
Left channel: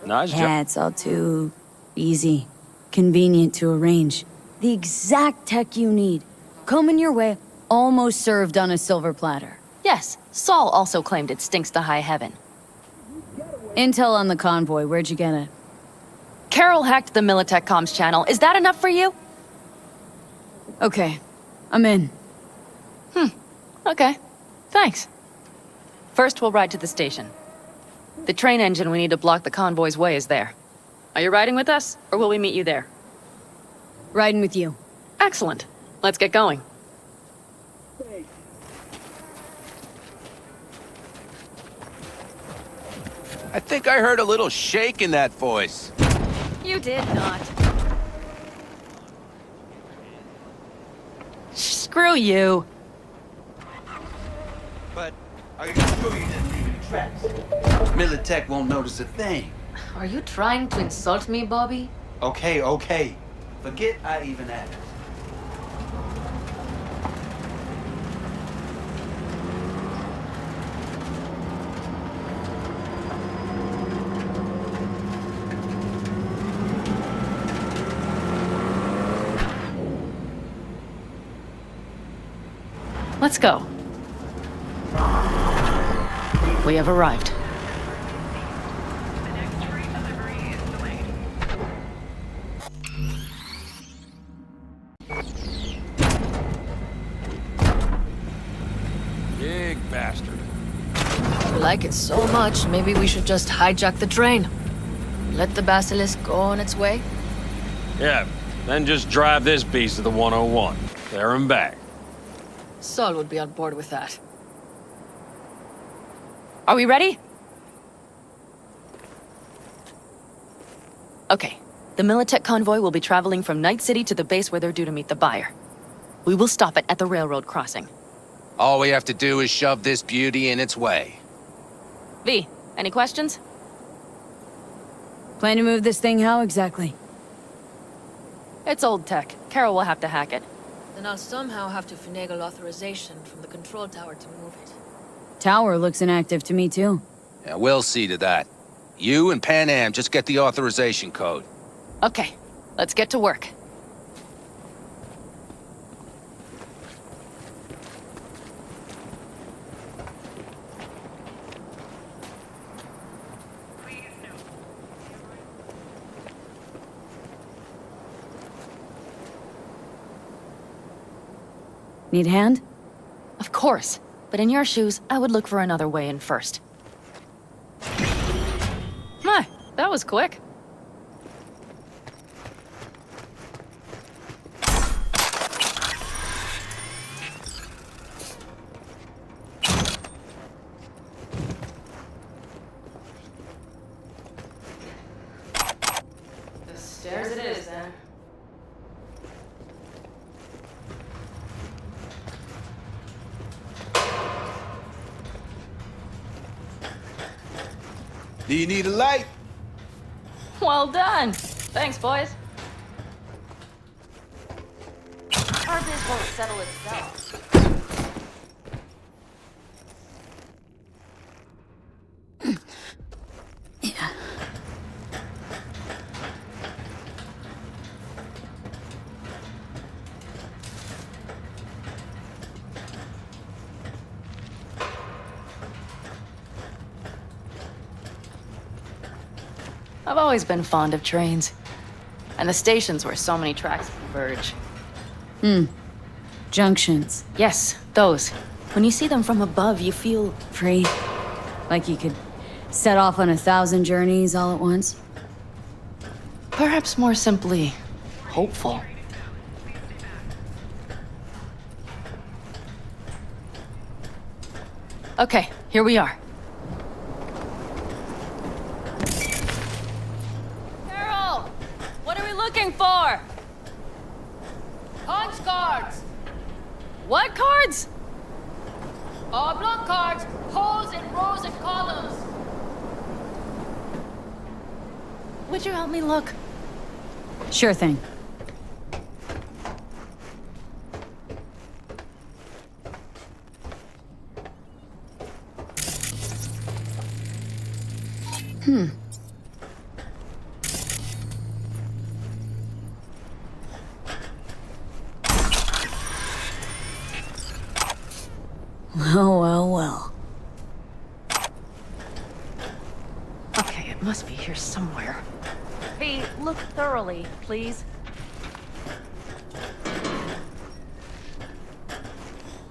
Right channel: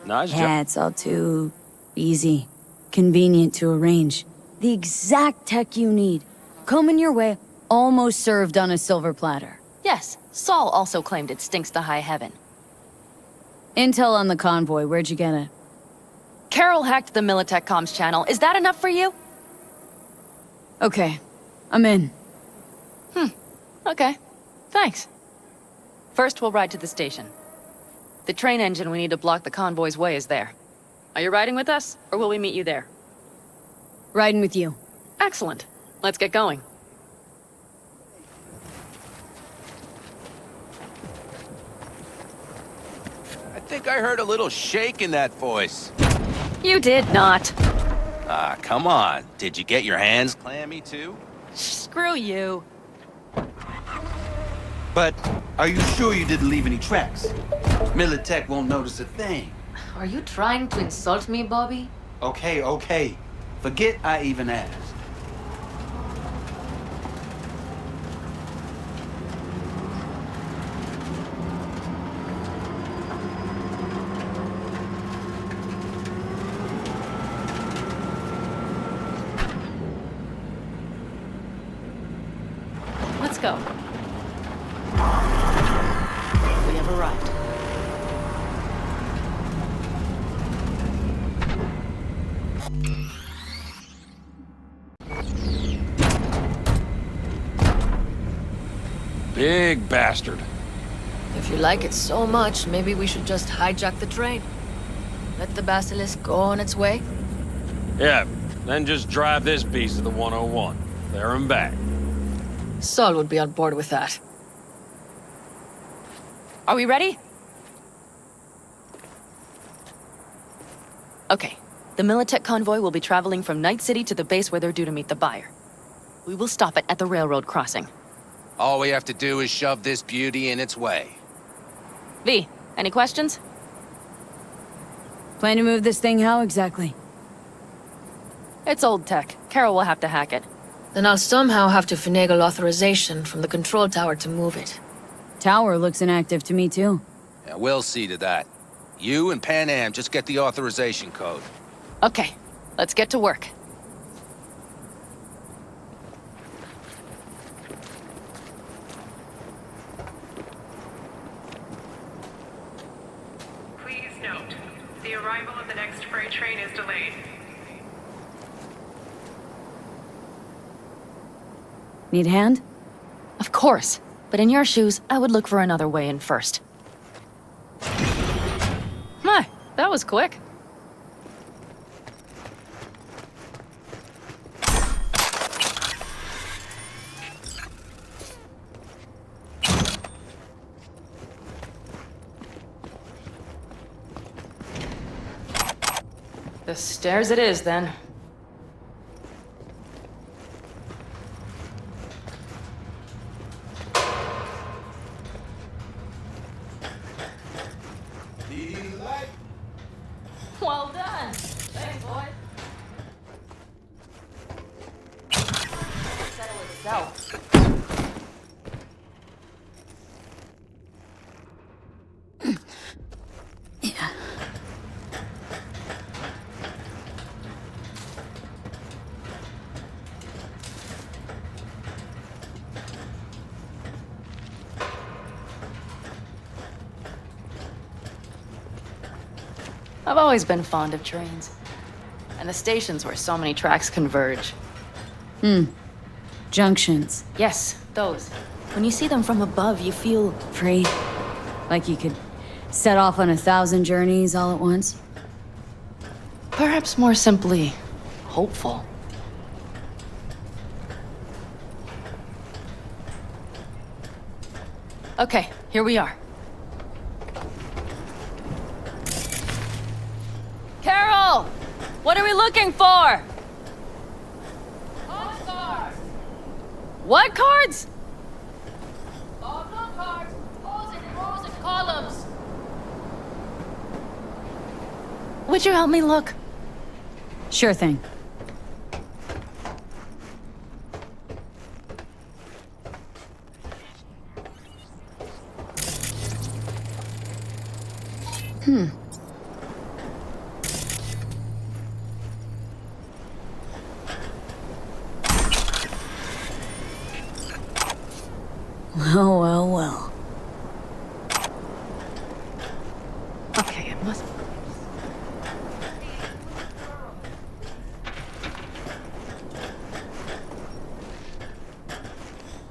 Nice job. Yeah, it's all too easy. Convenient to arrange. The exact tech you need. Coming your way, almost served on a silver platter. Yes, Saul also claimed it stinks to high heaven. Intel on the convoy, where'd you get it? Carol hacked the Militech comms channel. Is that enough for you? Okay, I'm in. Okay. Thanks. First, we'll ride to the station. The train engine we need to block the convoy's way is there. Are you riding with us, or will we meet you there? Riding with you. Excellent. Let's get going. I think I heard a little shake in that voice. You did not. Ah, come on. Did you get your hands clammy too? Screw you. But are you sure you didn't leave any tracks? Militech won't notice a thing. Are you trying to insult me, Bobby? Okay. Forget I even asked. Let's go. We have arrived. Big bastard. If you like it so much, maybe we should just hijack the train. Let the basilisk go on its way. Yeah, then just drive this beast to the 101. There and back. Saul would be on board with that. Are we ready? Okay. The Militech convoy will be traveling from Night City to the base where they're due to meet the buyer. We will stop it at the railroad crossing. All we have to do is shove this beauty in its way. V, any questions? Plan to move this thing how exactly? It's old tech. Carol will have to hack it. Then I'll somehow have to finagle authorization from the control tower to move it. Tower looks inactive to me too. Yeah, we'll see to that. You and Pan Am just get the authorization code. Okay, let's get to work. Please note, the arrival of the next freight train is delayed. Need a hand? Of course. But in your shoes, I would look for another way in first. My, that was quick. The stairs it is, then. Do you need a light? Well done. Thanks, boys. Our biz won't settle itself. Yeah. I've always been fond of trains. And the stations where so many tracks converge. Junctions. Yes, those. When you see them from above, you feel... Free. Like you could set off on 1,000 journeys all at once. Perhaps more simply, hopeful. Okay, here we are. Carol! What are we looking for? Punch cards! What cards? Oblong cards, holes in rows and columns. Would you help me look? Sure thing. Well. Okay, it must be here somewhere. Hey, look thoroughly, please.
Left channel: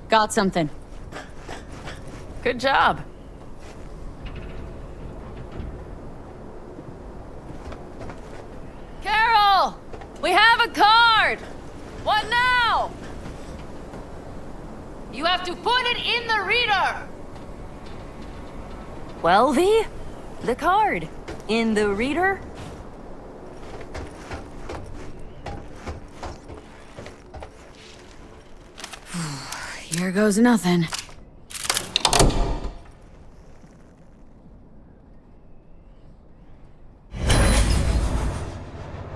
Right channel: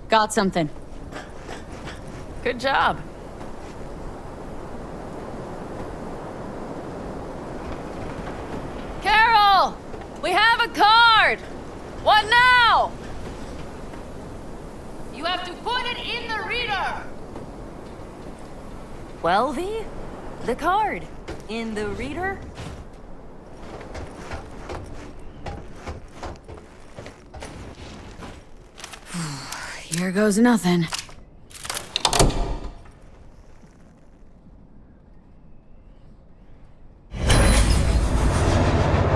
Got something. Good job. Carol! We have a card! What now? You have to put it in the reader! Well, V? The card. In the reader? Here goes nothing.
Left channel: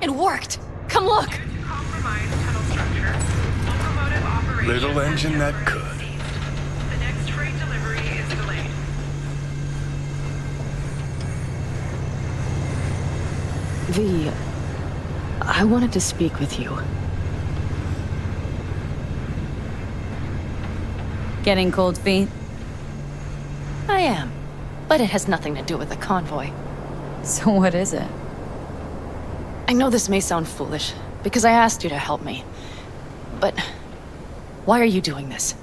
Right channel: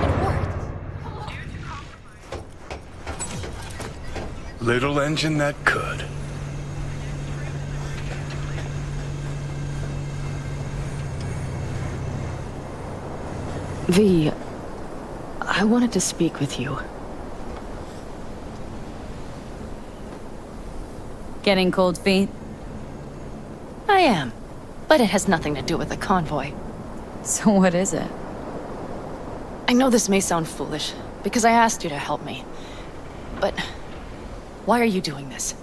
It worked! Come look! Little engine that could. V, I wanted to speak with you. Getting cold feet? I am. But it has nothing to do with the convoy. So what is it? I know this may sound foolish, because I asked you to help me. But why are you doing this?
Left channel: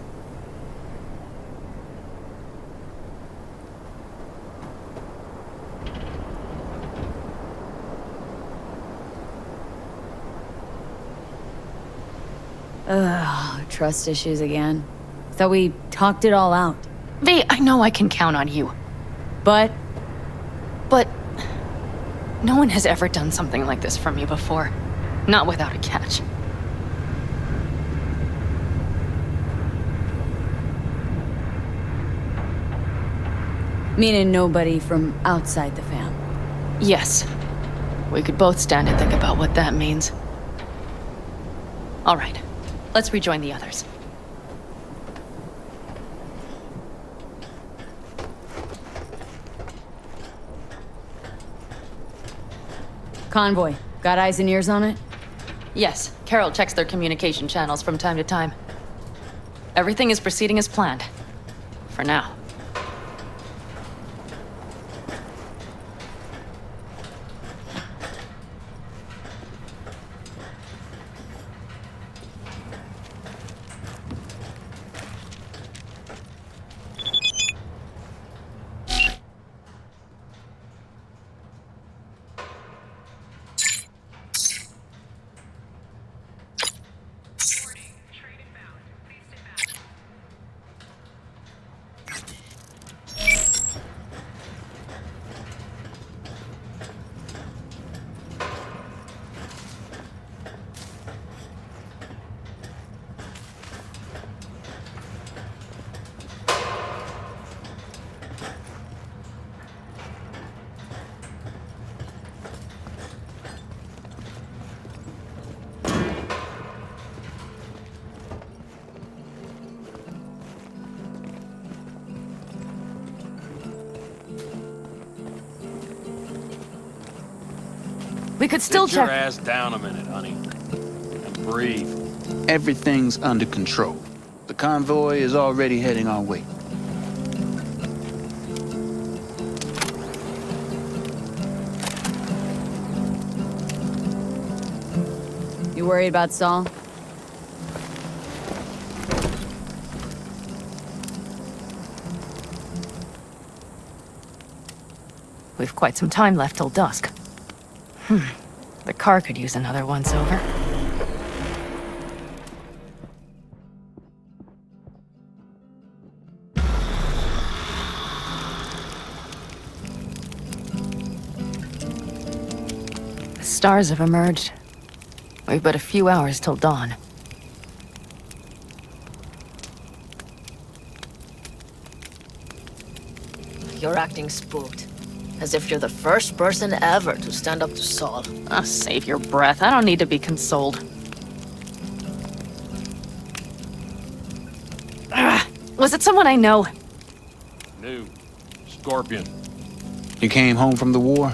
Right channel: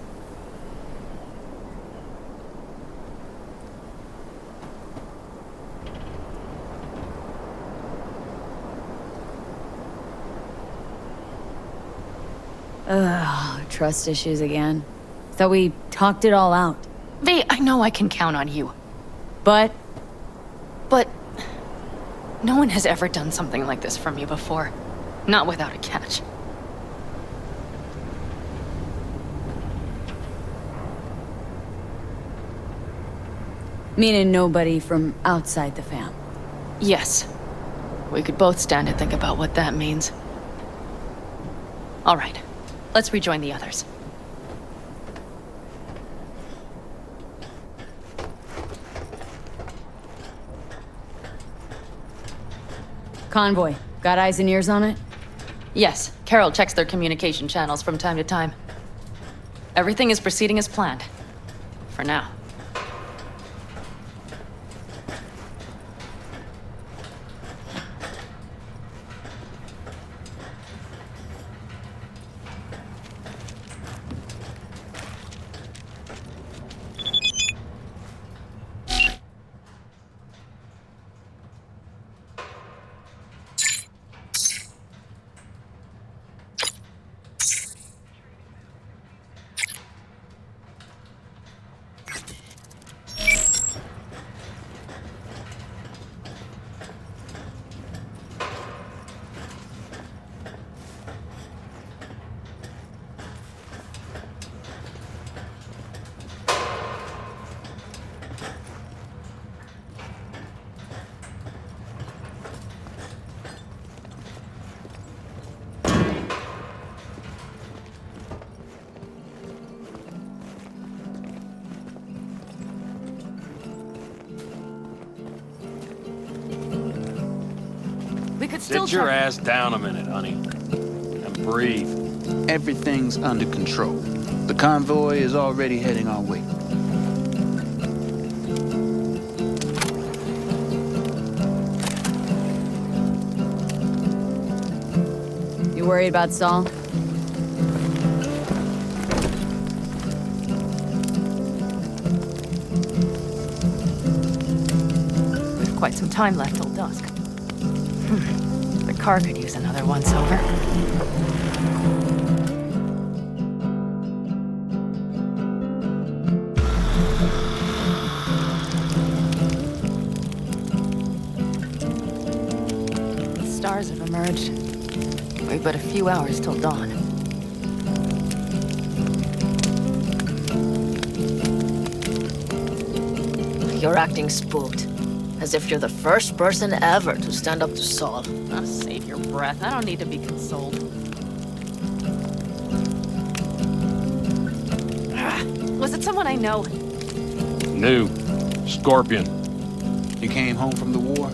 Ugh, trust issues again. Thought we talked it all out. V, I know I can count on you. But no one has ever done something like this for me before. Not without a catch. meaning nobody from outside the fam. Yes. We could both stand and think about what that means. All right. Let's rejoin the others. Convoy. Got eyes and ears on it? Yes. Carol checks their communication channels from time to time. Everything is proceeding as planned. For now. We could still Sit your check... ass down a minute, honey. And breathe. Everything's under control. The convoy is already heading our way. You worried about Saul? We've quite some time left till dusk. The car could use another once-over. The stars have emerged. We've but a few hours till dawn. You're acting spooked. As if you're the first person ever to stand up to Saul. Oh, save your breath. I don't need to be consoled. Was it someone I know? New. Scorpion. You came home from the war,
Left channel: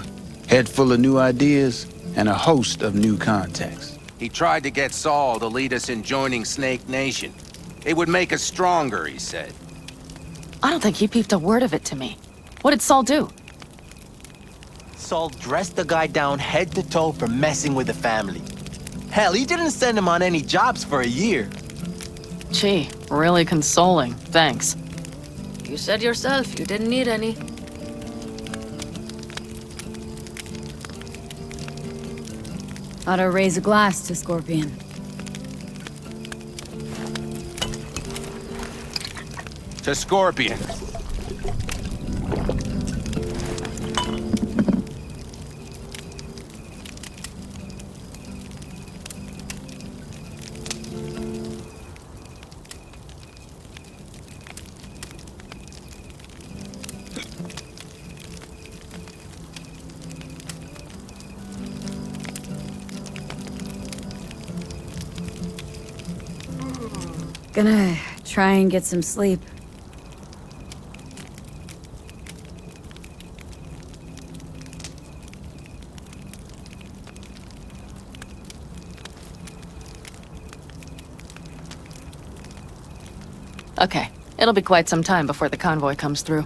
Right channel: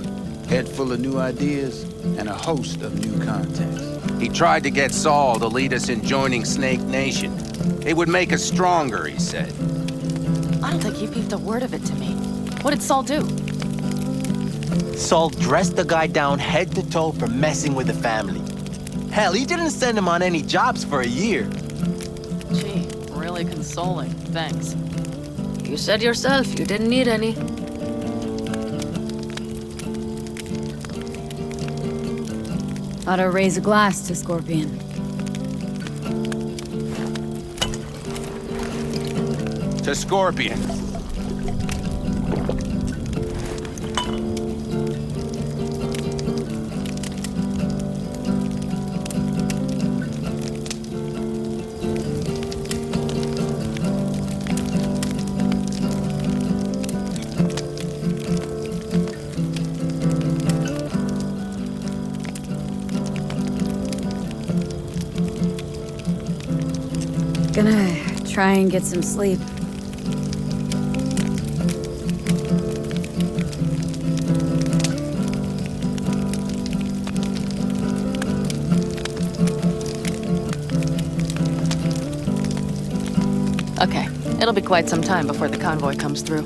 head full of new ideas, and a host of new contacts. He tried to get Saul to lead us in joining Snake Nation. It would make us stronger, he said. I don't think he peeped a word of it to me. What did Saul do? Saul dressed the guy down head to toe for messing with the family. Hell, he didn't send him on any jobs for a year. Gee, really consoling. Thanks. You said yourself you didn't need any. Ought to raise a glass to Scorpion. To Scorpion. Gonna try and get some sleep. Okay, it'll be quite some time before the convoy comes through.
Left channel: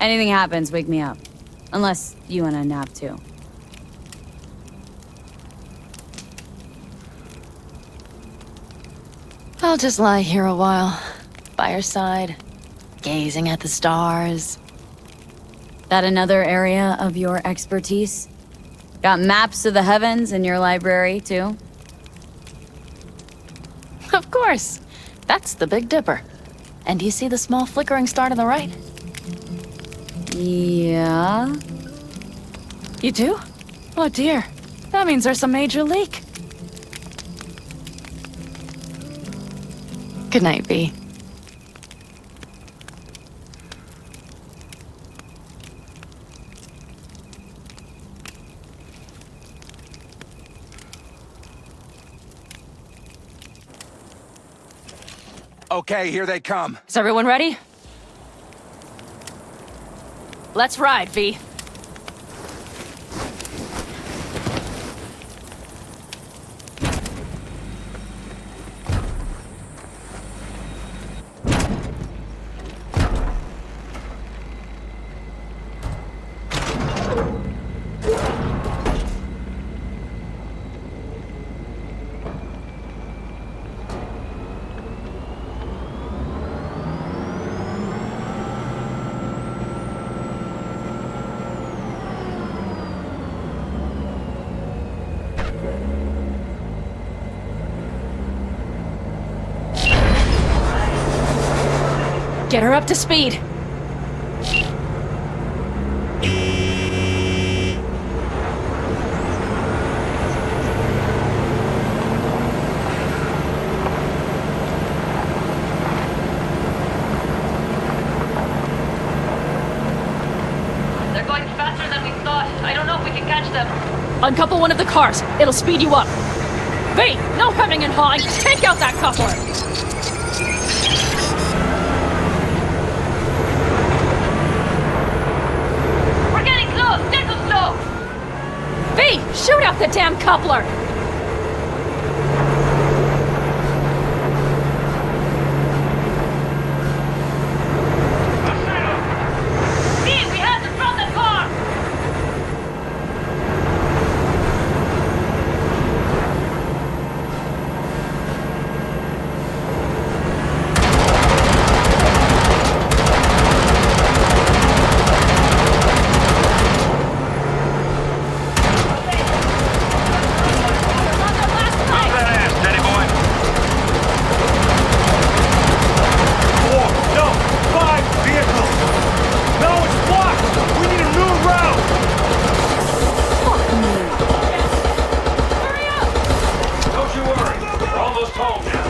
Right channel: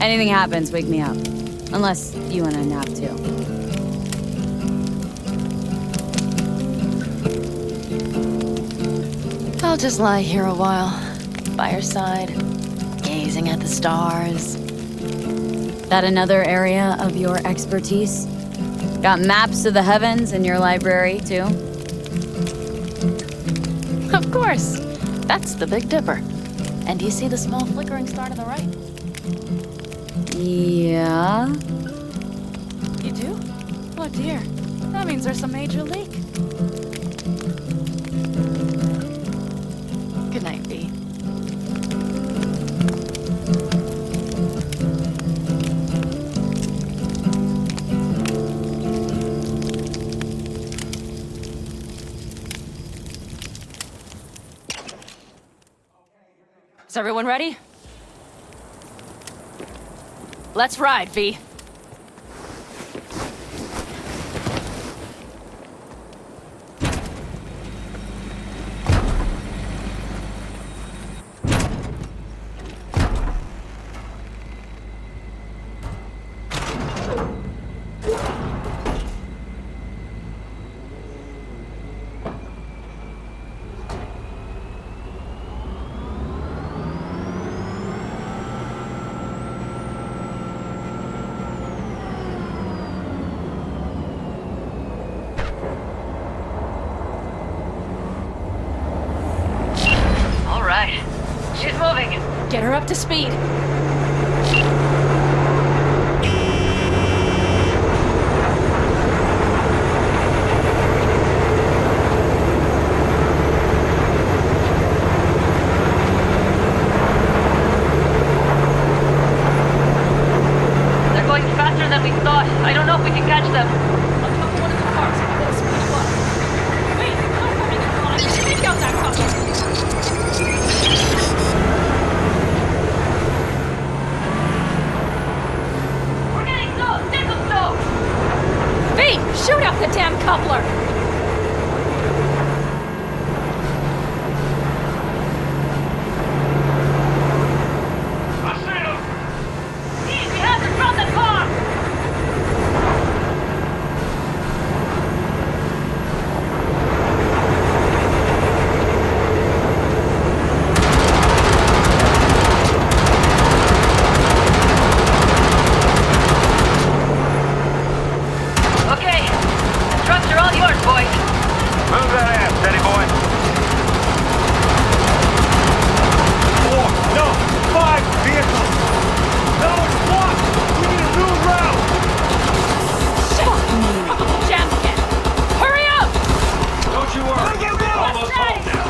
Anything happens, wake me up. Unless you want a nap too. I'll just lie here a while, by your side, gazing at the stars. That another area of your expertise? Got maps of the heavens in your library, too? Of course. That's the Big Dipper. And do you see the small flickering star to the right? Yeah. You do? Oh dear. That means there's a major leak. Good night, V. Okay, here they come. Is everyone ready? Let's ride, V. Get her up to speed. They're going faster than we thought. I don't know if we can catch them. Uncouple one of the cars. It'll speed you up. Wait, no coming in high. Take out that coupler. the damn coupler! Pete, we have to drop the car! Okay, trucks are all yours, boys. Move that ass, steady boy. 4, no, 5 vehicles. No, it's blocked. We need a new route. Fuck me. Jessica, hurry up! Don't you worry. We're almost home now.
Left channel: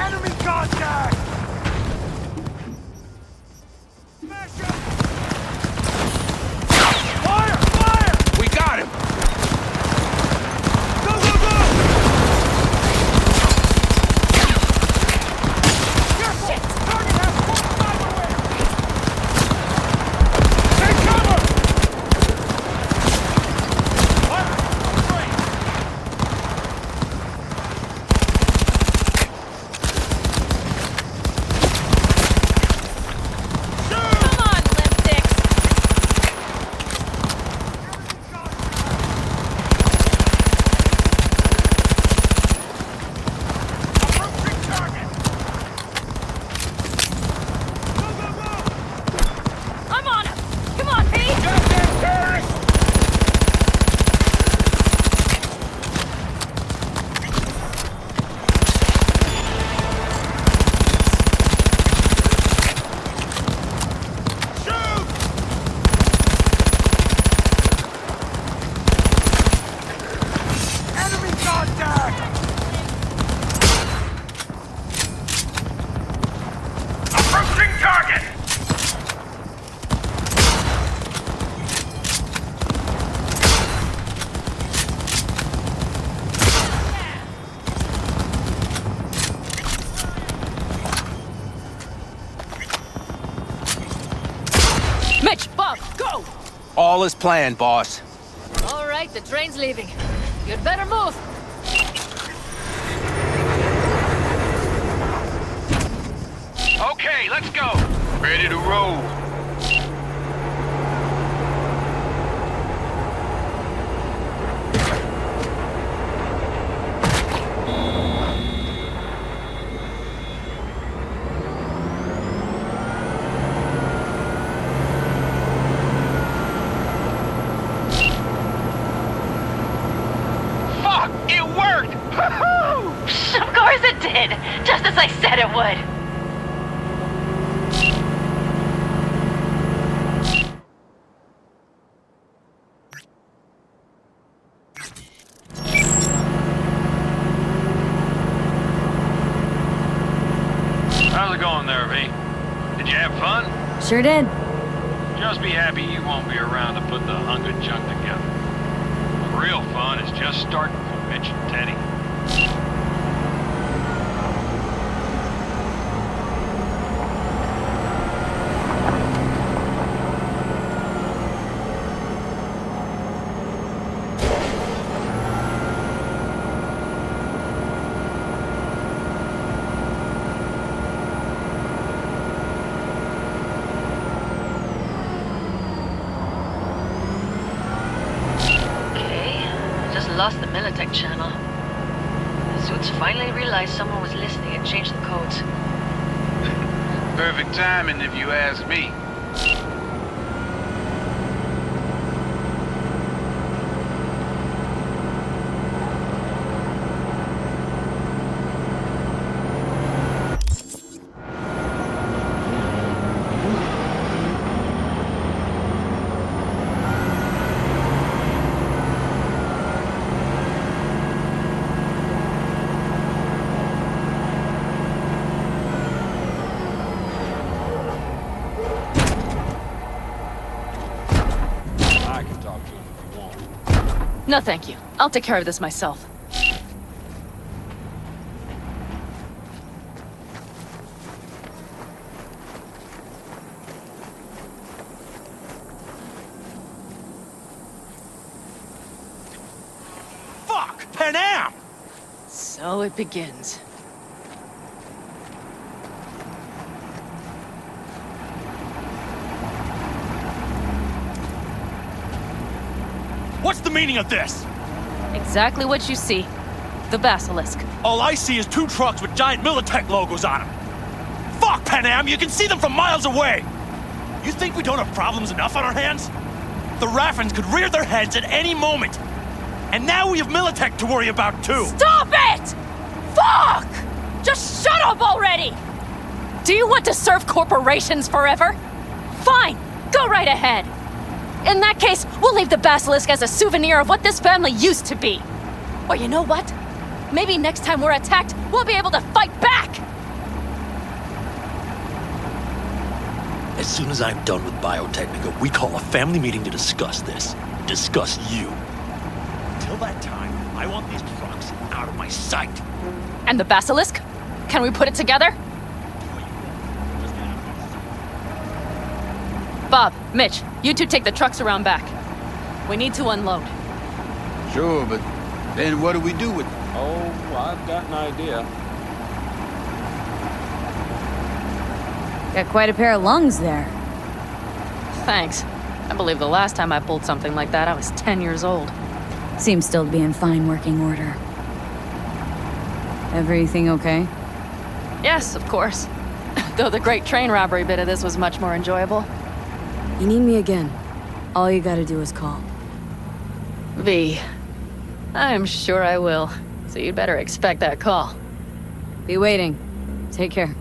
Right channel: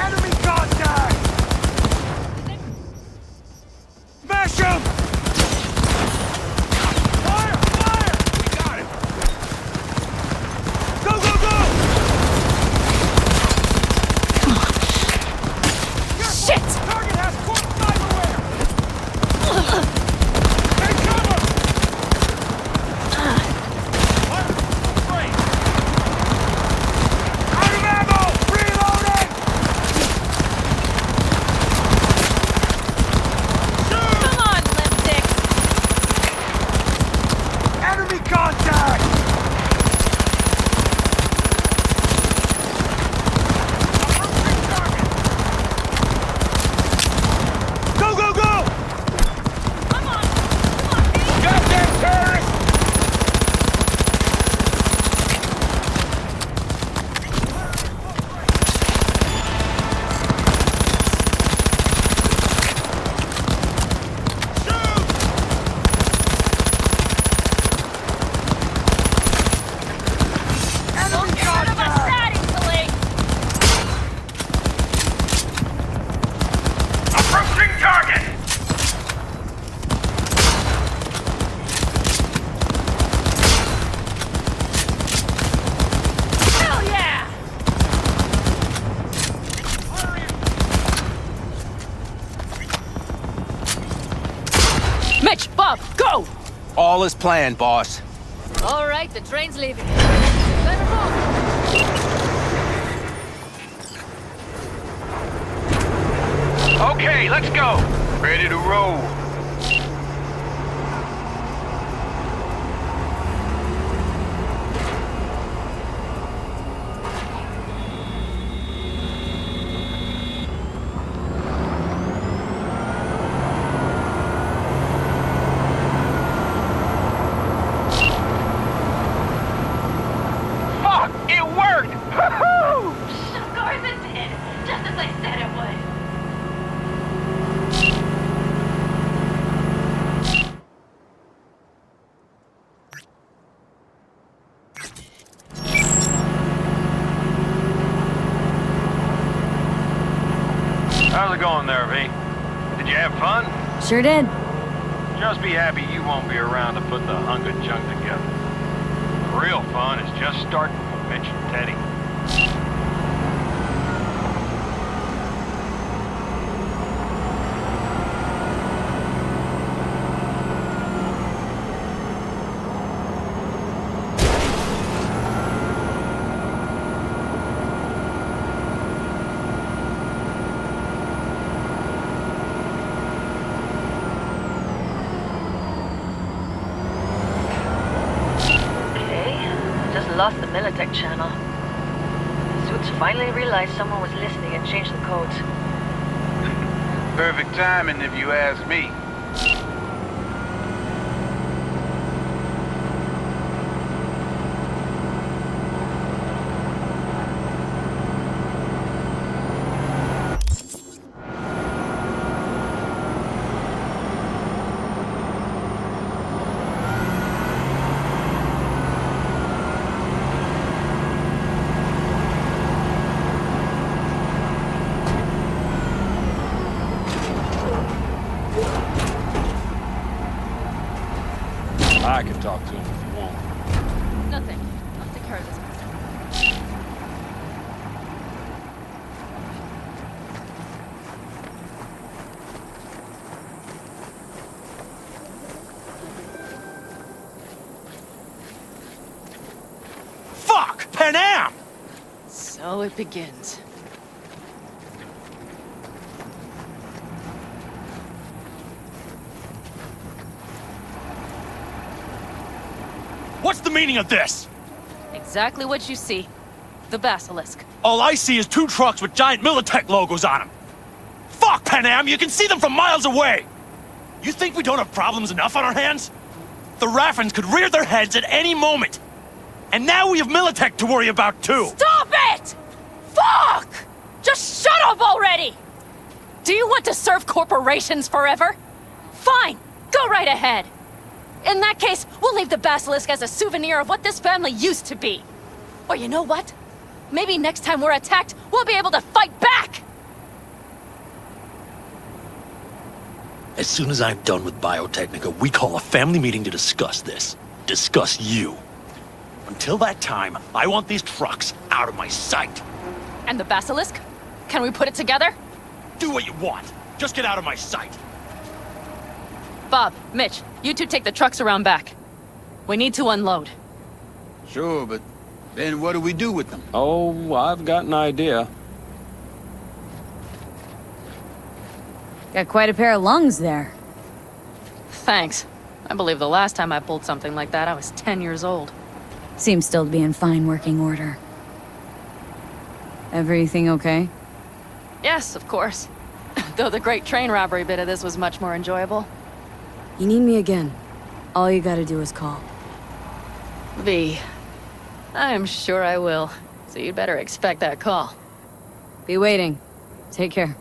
Enemy contact! Smash him! Fire! Fire! We got him! Go, go, go! Shit! Target has full cyberware! Take cover! Fire! Free! Out of ammo! Reloading! Come on, limp dicks! Enemy contact! Approaching target! Go, go, go! I'm on it! Come on, Pete! Goddamn terrorists! Enemy contact! Approaching target! Hell yeah! Mitch, Bob, go! All is planned, boss. All right, the train's leaving. You better move. Okay, let's go. Ready to roll. Fuck! It worked! Woohoo! Of course it did, just as I said it would. How's it going there, V? Did you have fun? Sure did. Just be happy you won't be around to put the hunk of junk together. The real fun is just starting for Mitch and Teddy. Lost the Militech channel. The suits finally realized someone was listening and changed the codes. Perfect timing if you ask me. I can talk to him if you want. No, thank you. I'll take care of this myself. Fuck! Panam! So it begins. What's the meaning of this? Exactly what you see. The Basilisk. All I see is 2 trucks with giant Militech logos on them. Fuck, Panam! You can see them from miles away! You think we don't have problems enough on our hands? The Raffens could rear their heads at any moment. And now we have Militech to worry about, too! Stop it! Fuck! Just shut up already! Do you want to serve corporations forever? Fine, go right ahead. In that case, we'll leave the Basilisk as a souvenir of what this family used to be. Or you know what? Maybe next time we're attacked, we'll be able to fight back! As soon as I'm done with Biotechnica, we call a family meeting to discuss this. Discuss you. Until that time, I want these trucks out of my sight. And the Basilisk? Can we put it together? Do what you want. Just get out of my sight. Bob, Mitch, you two take the trucks around back. We need to unload. Sure, but then what do we do with them? Oh, I've got an idea. Got quite a pair of lungs there. Thanks. I believe the last time I pulled something like that, I was 10 years old. Seems still to be in fine working order. Everything okay? Yes, of course. Though the great train robbery bit of this was much more enjoyable. You need me again. All you gotta do is call. V. I'm sure I will. So you'd better expect that call. Be waiting. Take care.